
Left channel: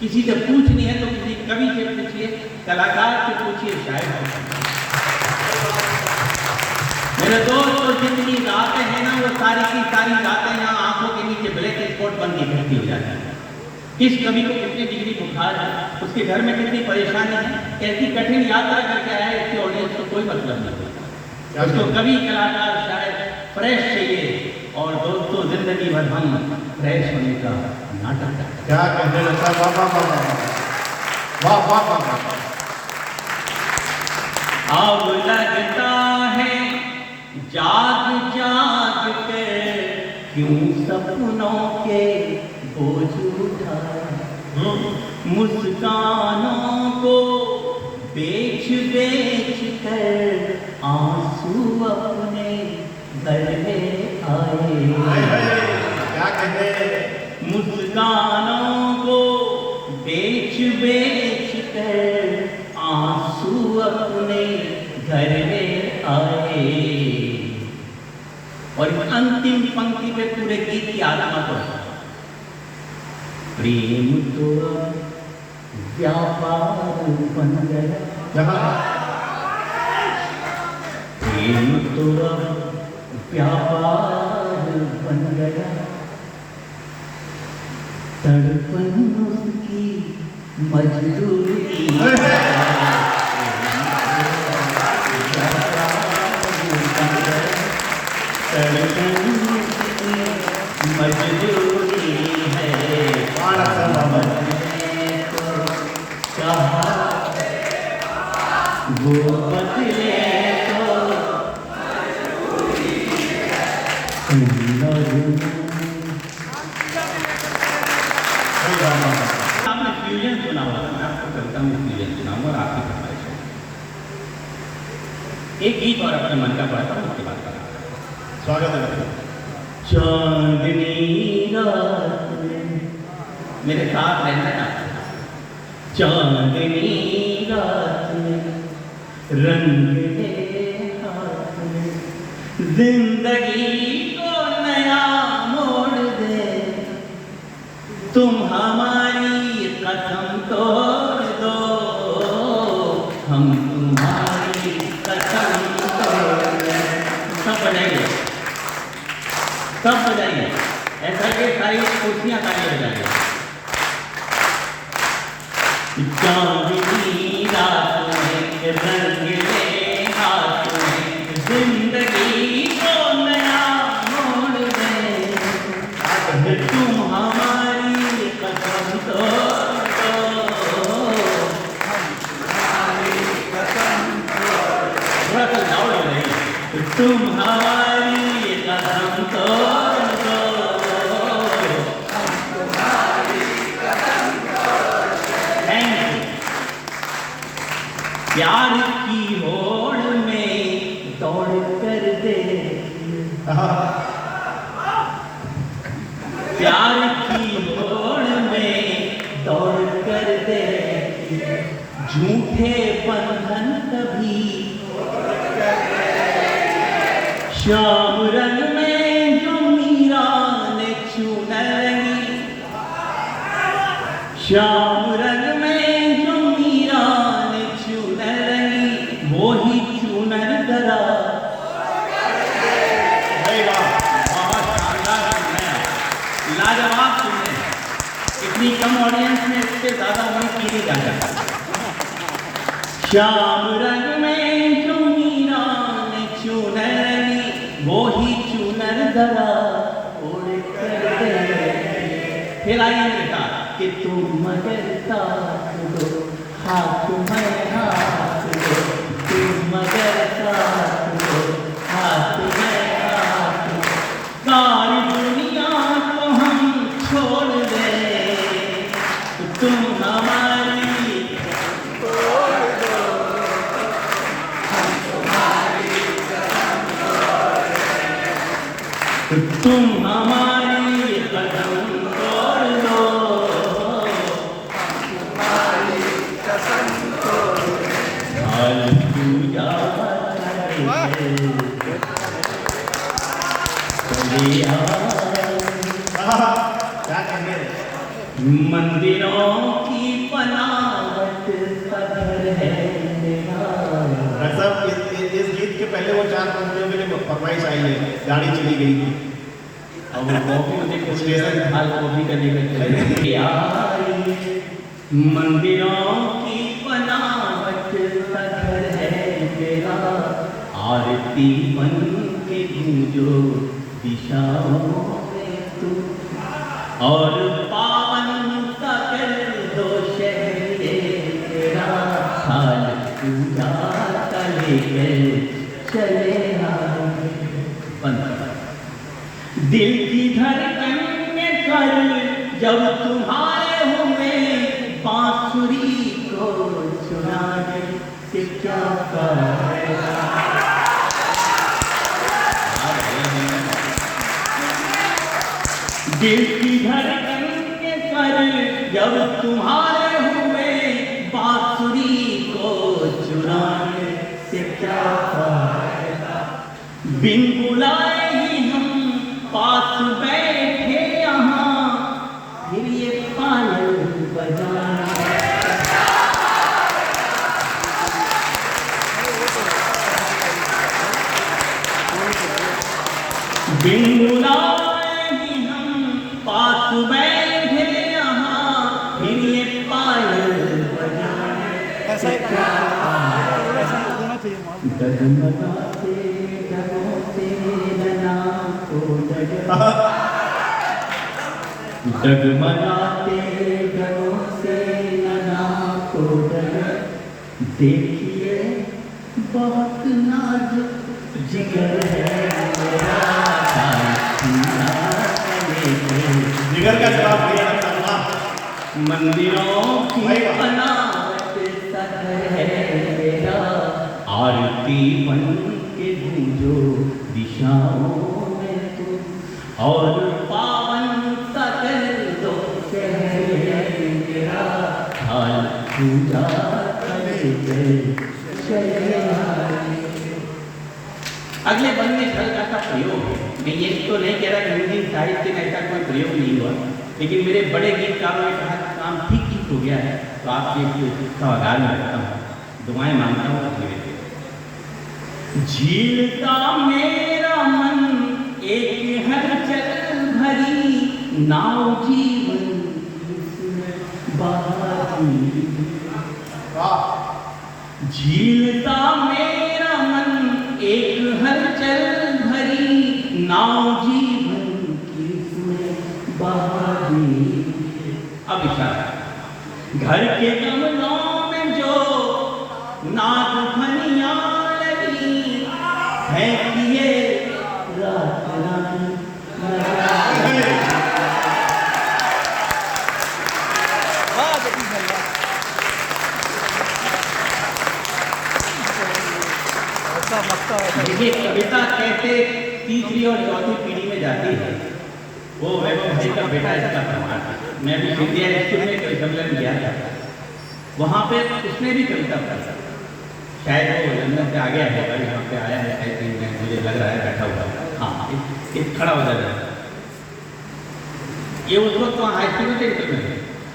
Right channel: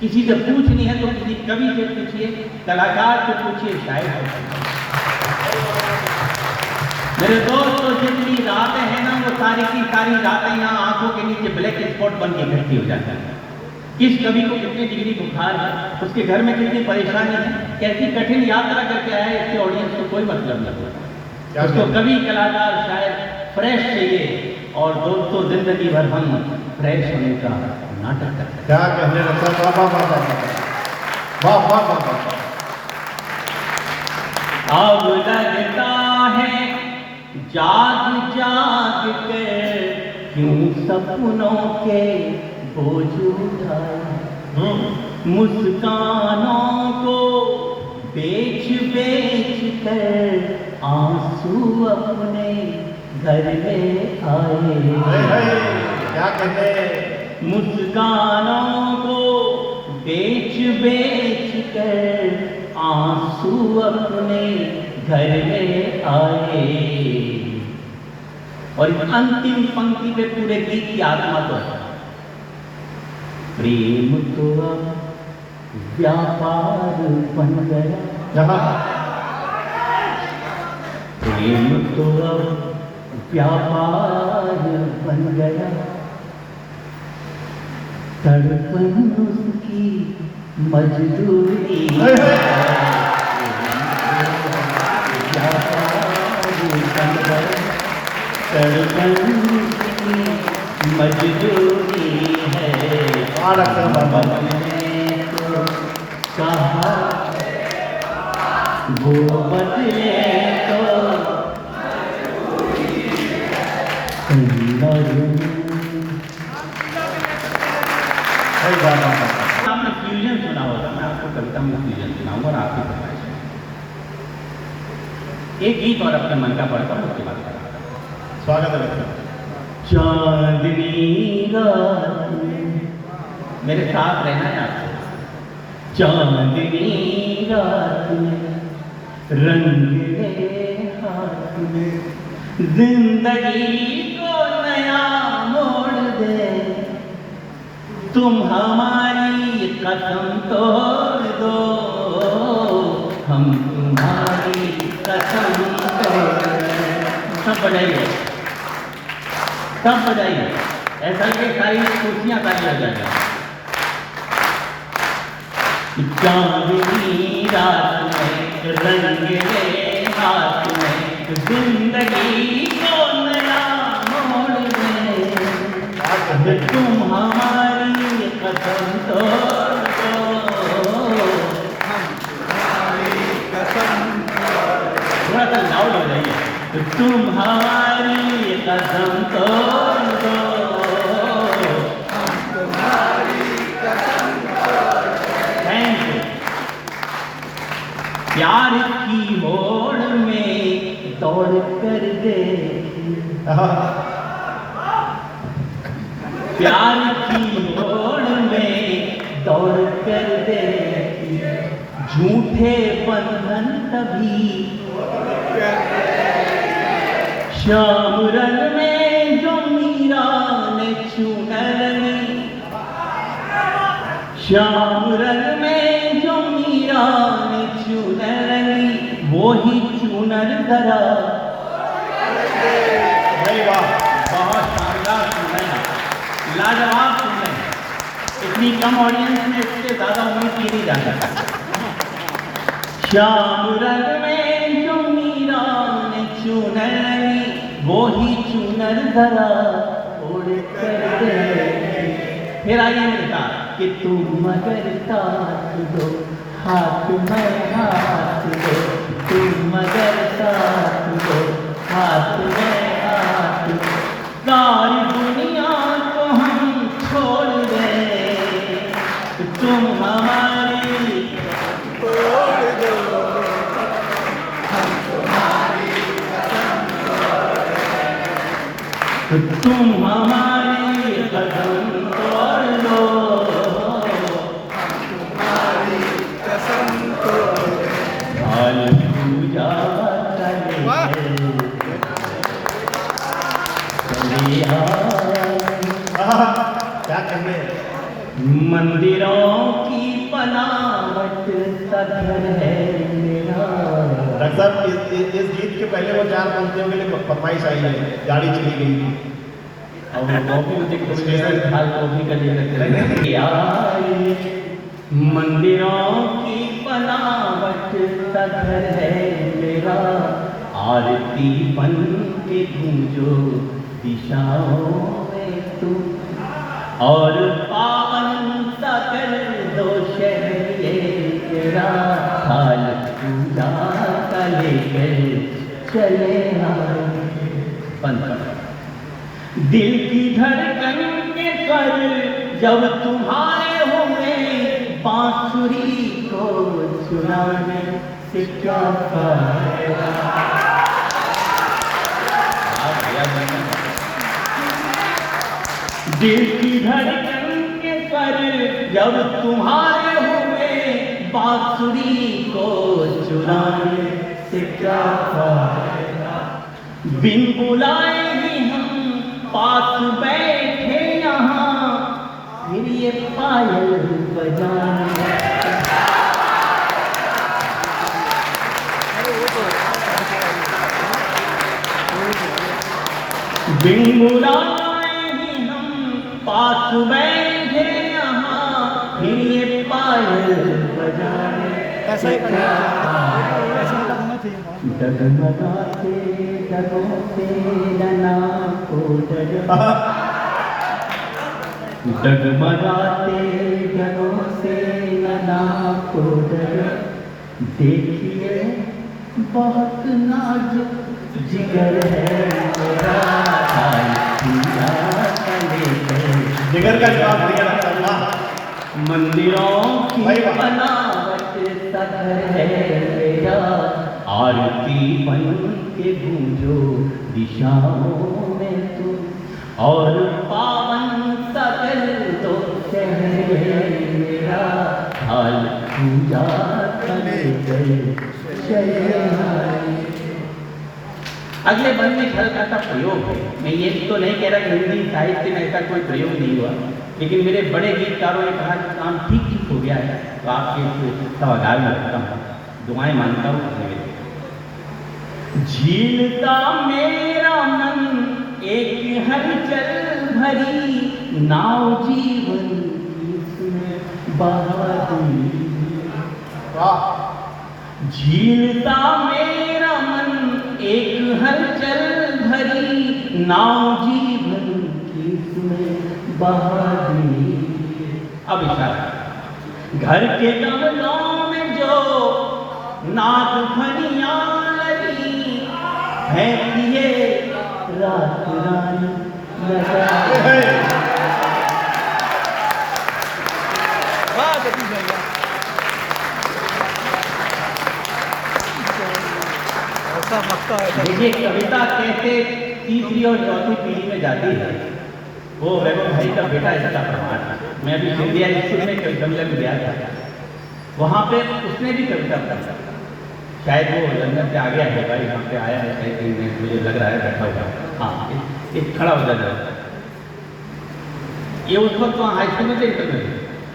किसी से पूछनी है तो किसी कवि से पूछिए, कलाकार से पूछिए, शायर से पूछिए। मेरे दोस्तों जितनी रातें हैं ना वो सारी की सारी रातें यहाँ आंखों के नीचे ब्लैक स्पॉट बन के इकट्ठी हो जाती है। किस कवि को कितनी डिग्री बुखार है, उसके घर में कितनी परेशानी है, कैसी कठिन यात्रा करके आया है, इसके ऑडियंस को कोई मतलब नहीं होता। उसको कवि, कलाकार, शायर फ्रेश चाहिए और दोस्तों जिंदगी भर हम फ्रेश होने का नाटक करते हैं। क्या कहने लगता बाबा बाबा वाह वाह बाबा। अब लगता है जाग जाग कर क्यों सपनों के बोझ उठाए। मुस्कानों को बेच बेच कर आंसू अपने घर में आए। क्या कहने, मुस्कानों को बेच बेच कर आंसू अपने घर में आए। और इस अंतिम पंक्ति पे पूरे गीत की आत्मा तो है। प्रेम तो व्यापार बन गया, प्रेम तो व्यापार बन गया। तड़पन उसकी मजदूरी धड़कन की मजबूरी है। और अक्सर बाबा मैंने तो कहा वो बदले तो सही बाबा आपने फ्यूजन सुना होगा, मैं आपको कविता में फ्यूजन सुनाऊंगा और आपकी फरमाइश है। एक गीत और अपने मन का पढ़ता हूँ, उसके बाद करेंगे। स्वागत है। चांदनी रात में, मेरे साथ रहना है आपको। चांदनी रात में रंगीले हाथ में जिंदगी को नया मोड़ दे, तुम हमारी कसम तोड़ दो, हम तुम्हारी कसम तोड़ दे। सब बजाइए, सब बजाइए, ऐसा कि सारी कुर्सियां ताली बजाइए। चांदनी रात में रंगीले हाथ में जिंदगी को नया मोड़ दे, तुम हमारी कसम तोड़ दो, हम तुम्हारी कसम थोड़ा सा लाउड हो रही है। तुम हमारी कसम तोड़ दो, हम तुम्हारी कसम तोड़ दो। Thank you. प्यार की होड़ में दौड़ कर दे, प्यार की होड़ में दौड़ कर दे, झूठे बंधन कभी श्याम रंग में जो मीरा ने चुनरी, श्याम रंग में जो मीरा ने चुनरी, वो ही चुनर करा। लाजवाब सुनने, इतनी कम ऑडियंस में इससे ज्यादा उम्मीद की नहीं जा सकती। श्याम रंग में जो मीरा ने चुनरी, वो ही चुनर धरा उड़ कर दे। फिर आइए मेरे साथ कि तुम मगर साथ दो, हाथ में हाथ दो, तुम मगर साथ दो, हाथ में हाथ दो, सारी दुनिया को हम छोड़ दे, तुम हमारी तोड़ दो, हम तुम्हारी कसम तोड़ दे, तुम हमारी कसम तोड़ दो, हम तुम्हारी कसम तोड़ दो। हाल पूजा क्या कहेंगे? मंदिरों की बनावट सफर है मेरा। डॉक्टर साहब इस गीत के पहले वो 4 पंक्तियों के लिए फरमाइश आई है, गाड़ी चली गई थी। और वो भी मुझे कुछ हाल वो भी कर लेकर मंदिरों की बनावट सफर है मेरा, आरती बन के गूंजो दिशाओं में तू, और पावन सा कर दो शहर ये तेरा, हाल पूजा का लेकर चले आए। बंद कर। दिल की धड़कन के स्वर जब तुम्हारे होंगे, बांसुरी को सुनाने से क्या फायदा। दिल की धड़कन के स्वर जब तुम्हारे हुए, बांसुरी को चुराने से क्या फायदा। बिन बुलाए ही हम पास बैठे यहाँ, फिर ये पायल बजाने। बिन बुलाए ही हम पास बैठे यहाँ, फिर ये पायल बजाने। डगमगाते डगमगाते नैना को डगमगाते डगमगाते नैना को देखिए बहुत नाजुक जिगर है मेरा, जिगर का जवाब दिया चलना। मंदिरों की बनावट सा है मेरा, आरती बन के गूंजो दिशाओं में तुम, और पावन सा कर दो शहर मेरा, हाल पूजा करे अगले बंद में हल्का सा प्रयोग है। मैं ये तो नहीं कह रहा कि हिंदी साहित्य में ऐसा कोई प्रयोग नहीं हुआ, लेकिन मेरे बड़े गीतकारों ने कहा कि काम ठीक ठीक हो गया है, तो आपके सवाल में रखता हूँ, दुआएं मांगता हूँ। झीलता मेरा मन एक हलचल भरी नाव जीवन बहारी, झीलता मेरा मन एक हलचल भरी नाव जीवन की बहारी। अब इशारा, घर के गमलों में जो नाग फनियां लगी है किए रात रानी देखिए, कविता कैसे तीसरी और चौथी पीढ़ी में जाती है। वो वैभव भाई का बेटा इसका प्रमाण है। मैं भी इंडिया स्कूल में कविता में गया था, वहाँ पे उसने भी कविता पढ़ा, शायद वो लंदन से आ गया है, भाई यहाँ पे आया है, मुझे लग रहा है बैठा हुआ है। हाँ, एक खड़ा हो जाता है। ये उस वक्त वहाँ हाई स्कूल में थे,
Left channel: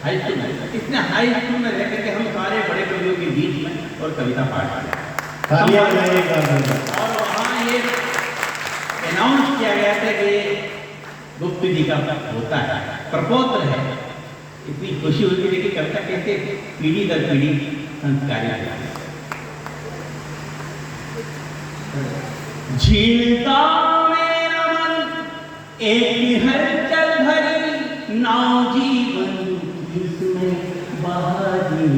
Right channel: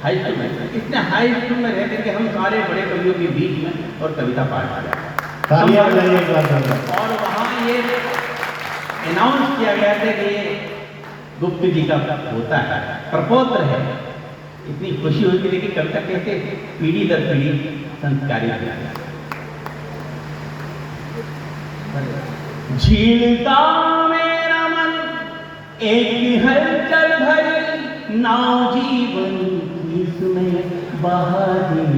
हाई स्कूल में, इतने हाई स्कूल में रह करके हम सारे बड़े कवियों के बीच में और कविता पाठ किया। और वहाँ ये अनाउंस किया गया था कि गुप्त जी का होता है, प्रपोत्र है। इतनी खुशी हुई थी कि कविता कैसे पीढ़ी दर पीढ़ी संस्कारित है। झीलता मेरा मन एक हलचल भरी नाव जीवन जिसमें बहारी,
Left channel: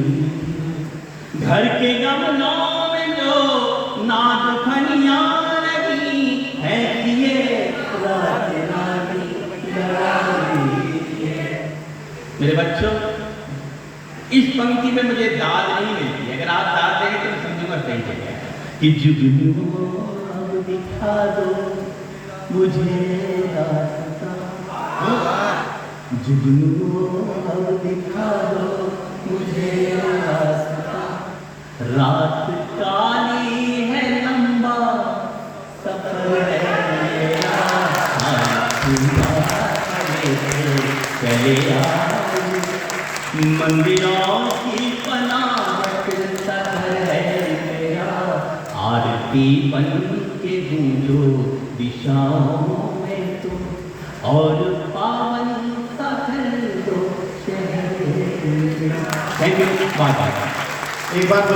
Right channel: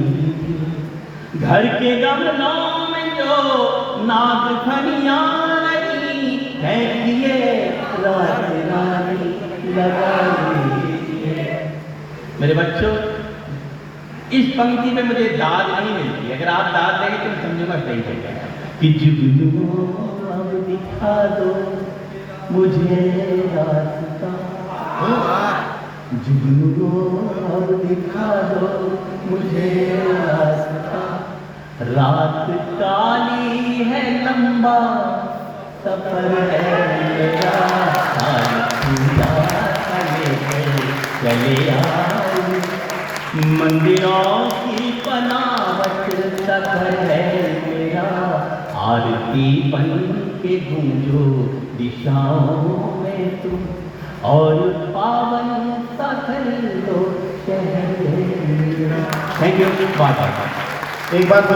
घर के गमलों में जो नाग फनियां लगी है किए रात रानी लगाई। मेरे बच्चों, इस पंक्ति में मुझे दाद नहीं मिलती, अगर आप दाद देंगे तो समझूंगा सही चलेगा कि जुगनू दिखा दो मुझे रास्ता, जुगनू दिखा दो मुझे रास्ता, रात काली है लंबा सफर है मेरा, चले आओ मंदिरों की बनावट सफर है मेरा, आरती बन के गूंजो दिशाओं में तुम, और पावन सा कर दो शहर मेरा। Thank you. एक बात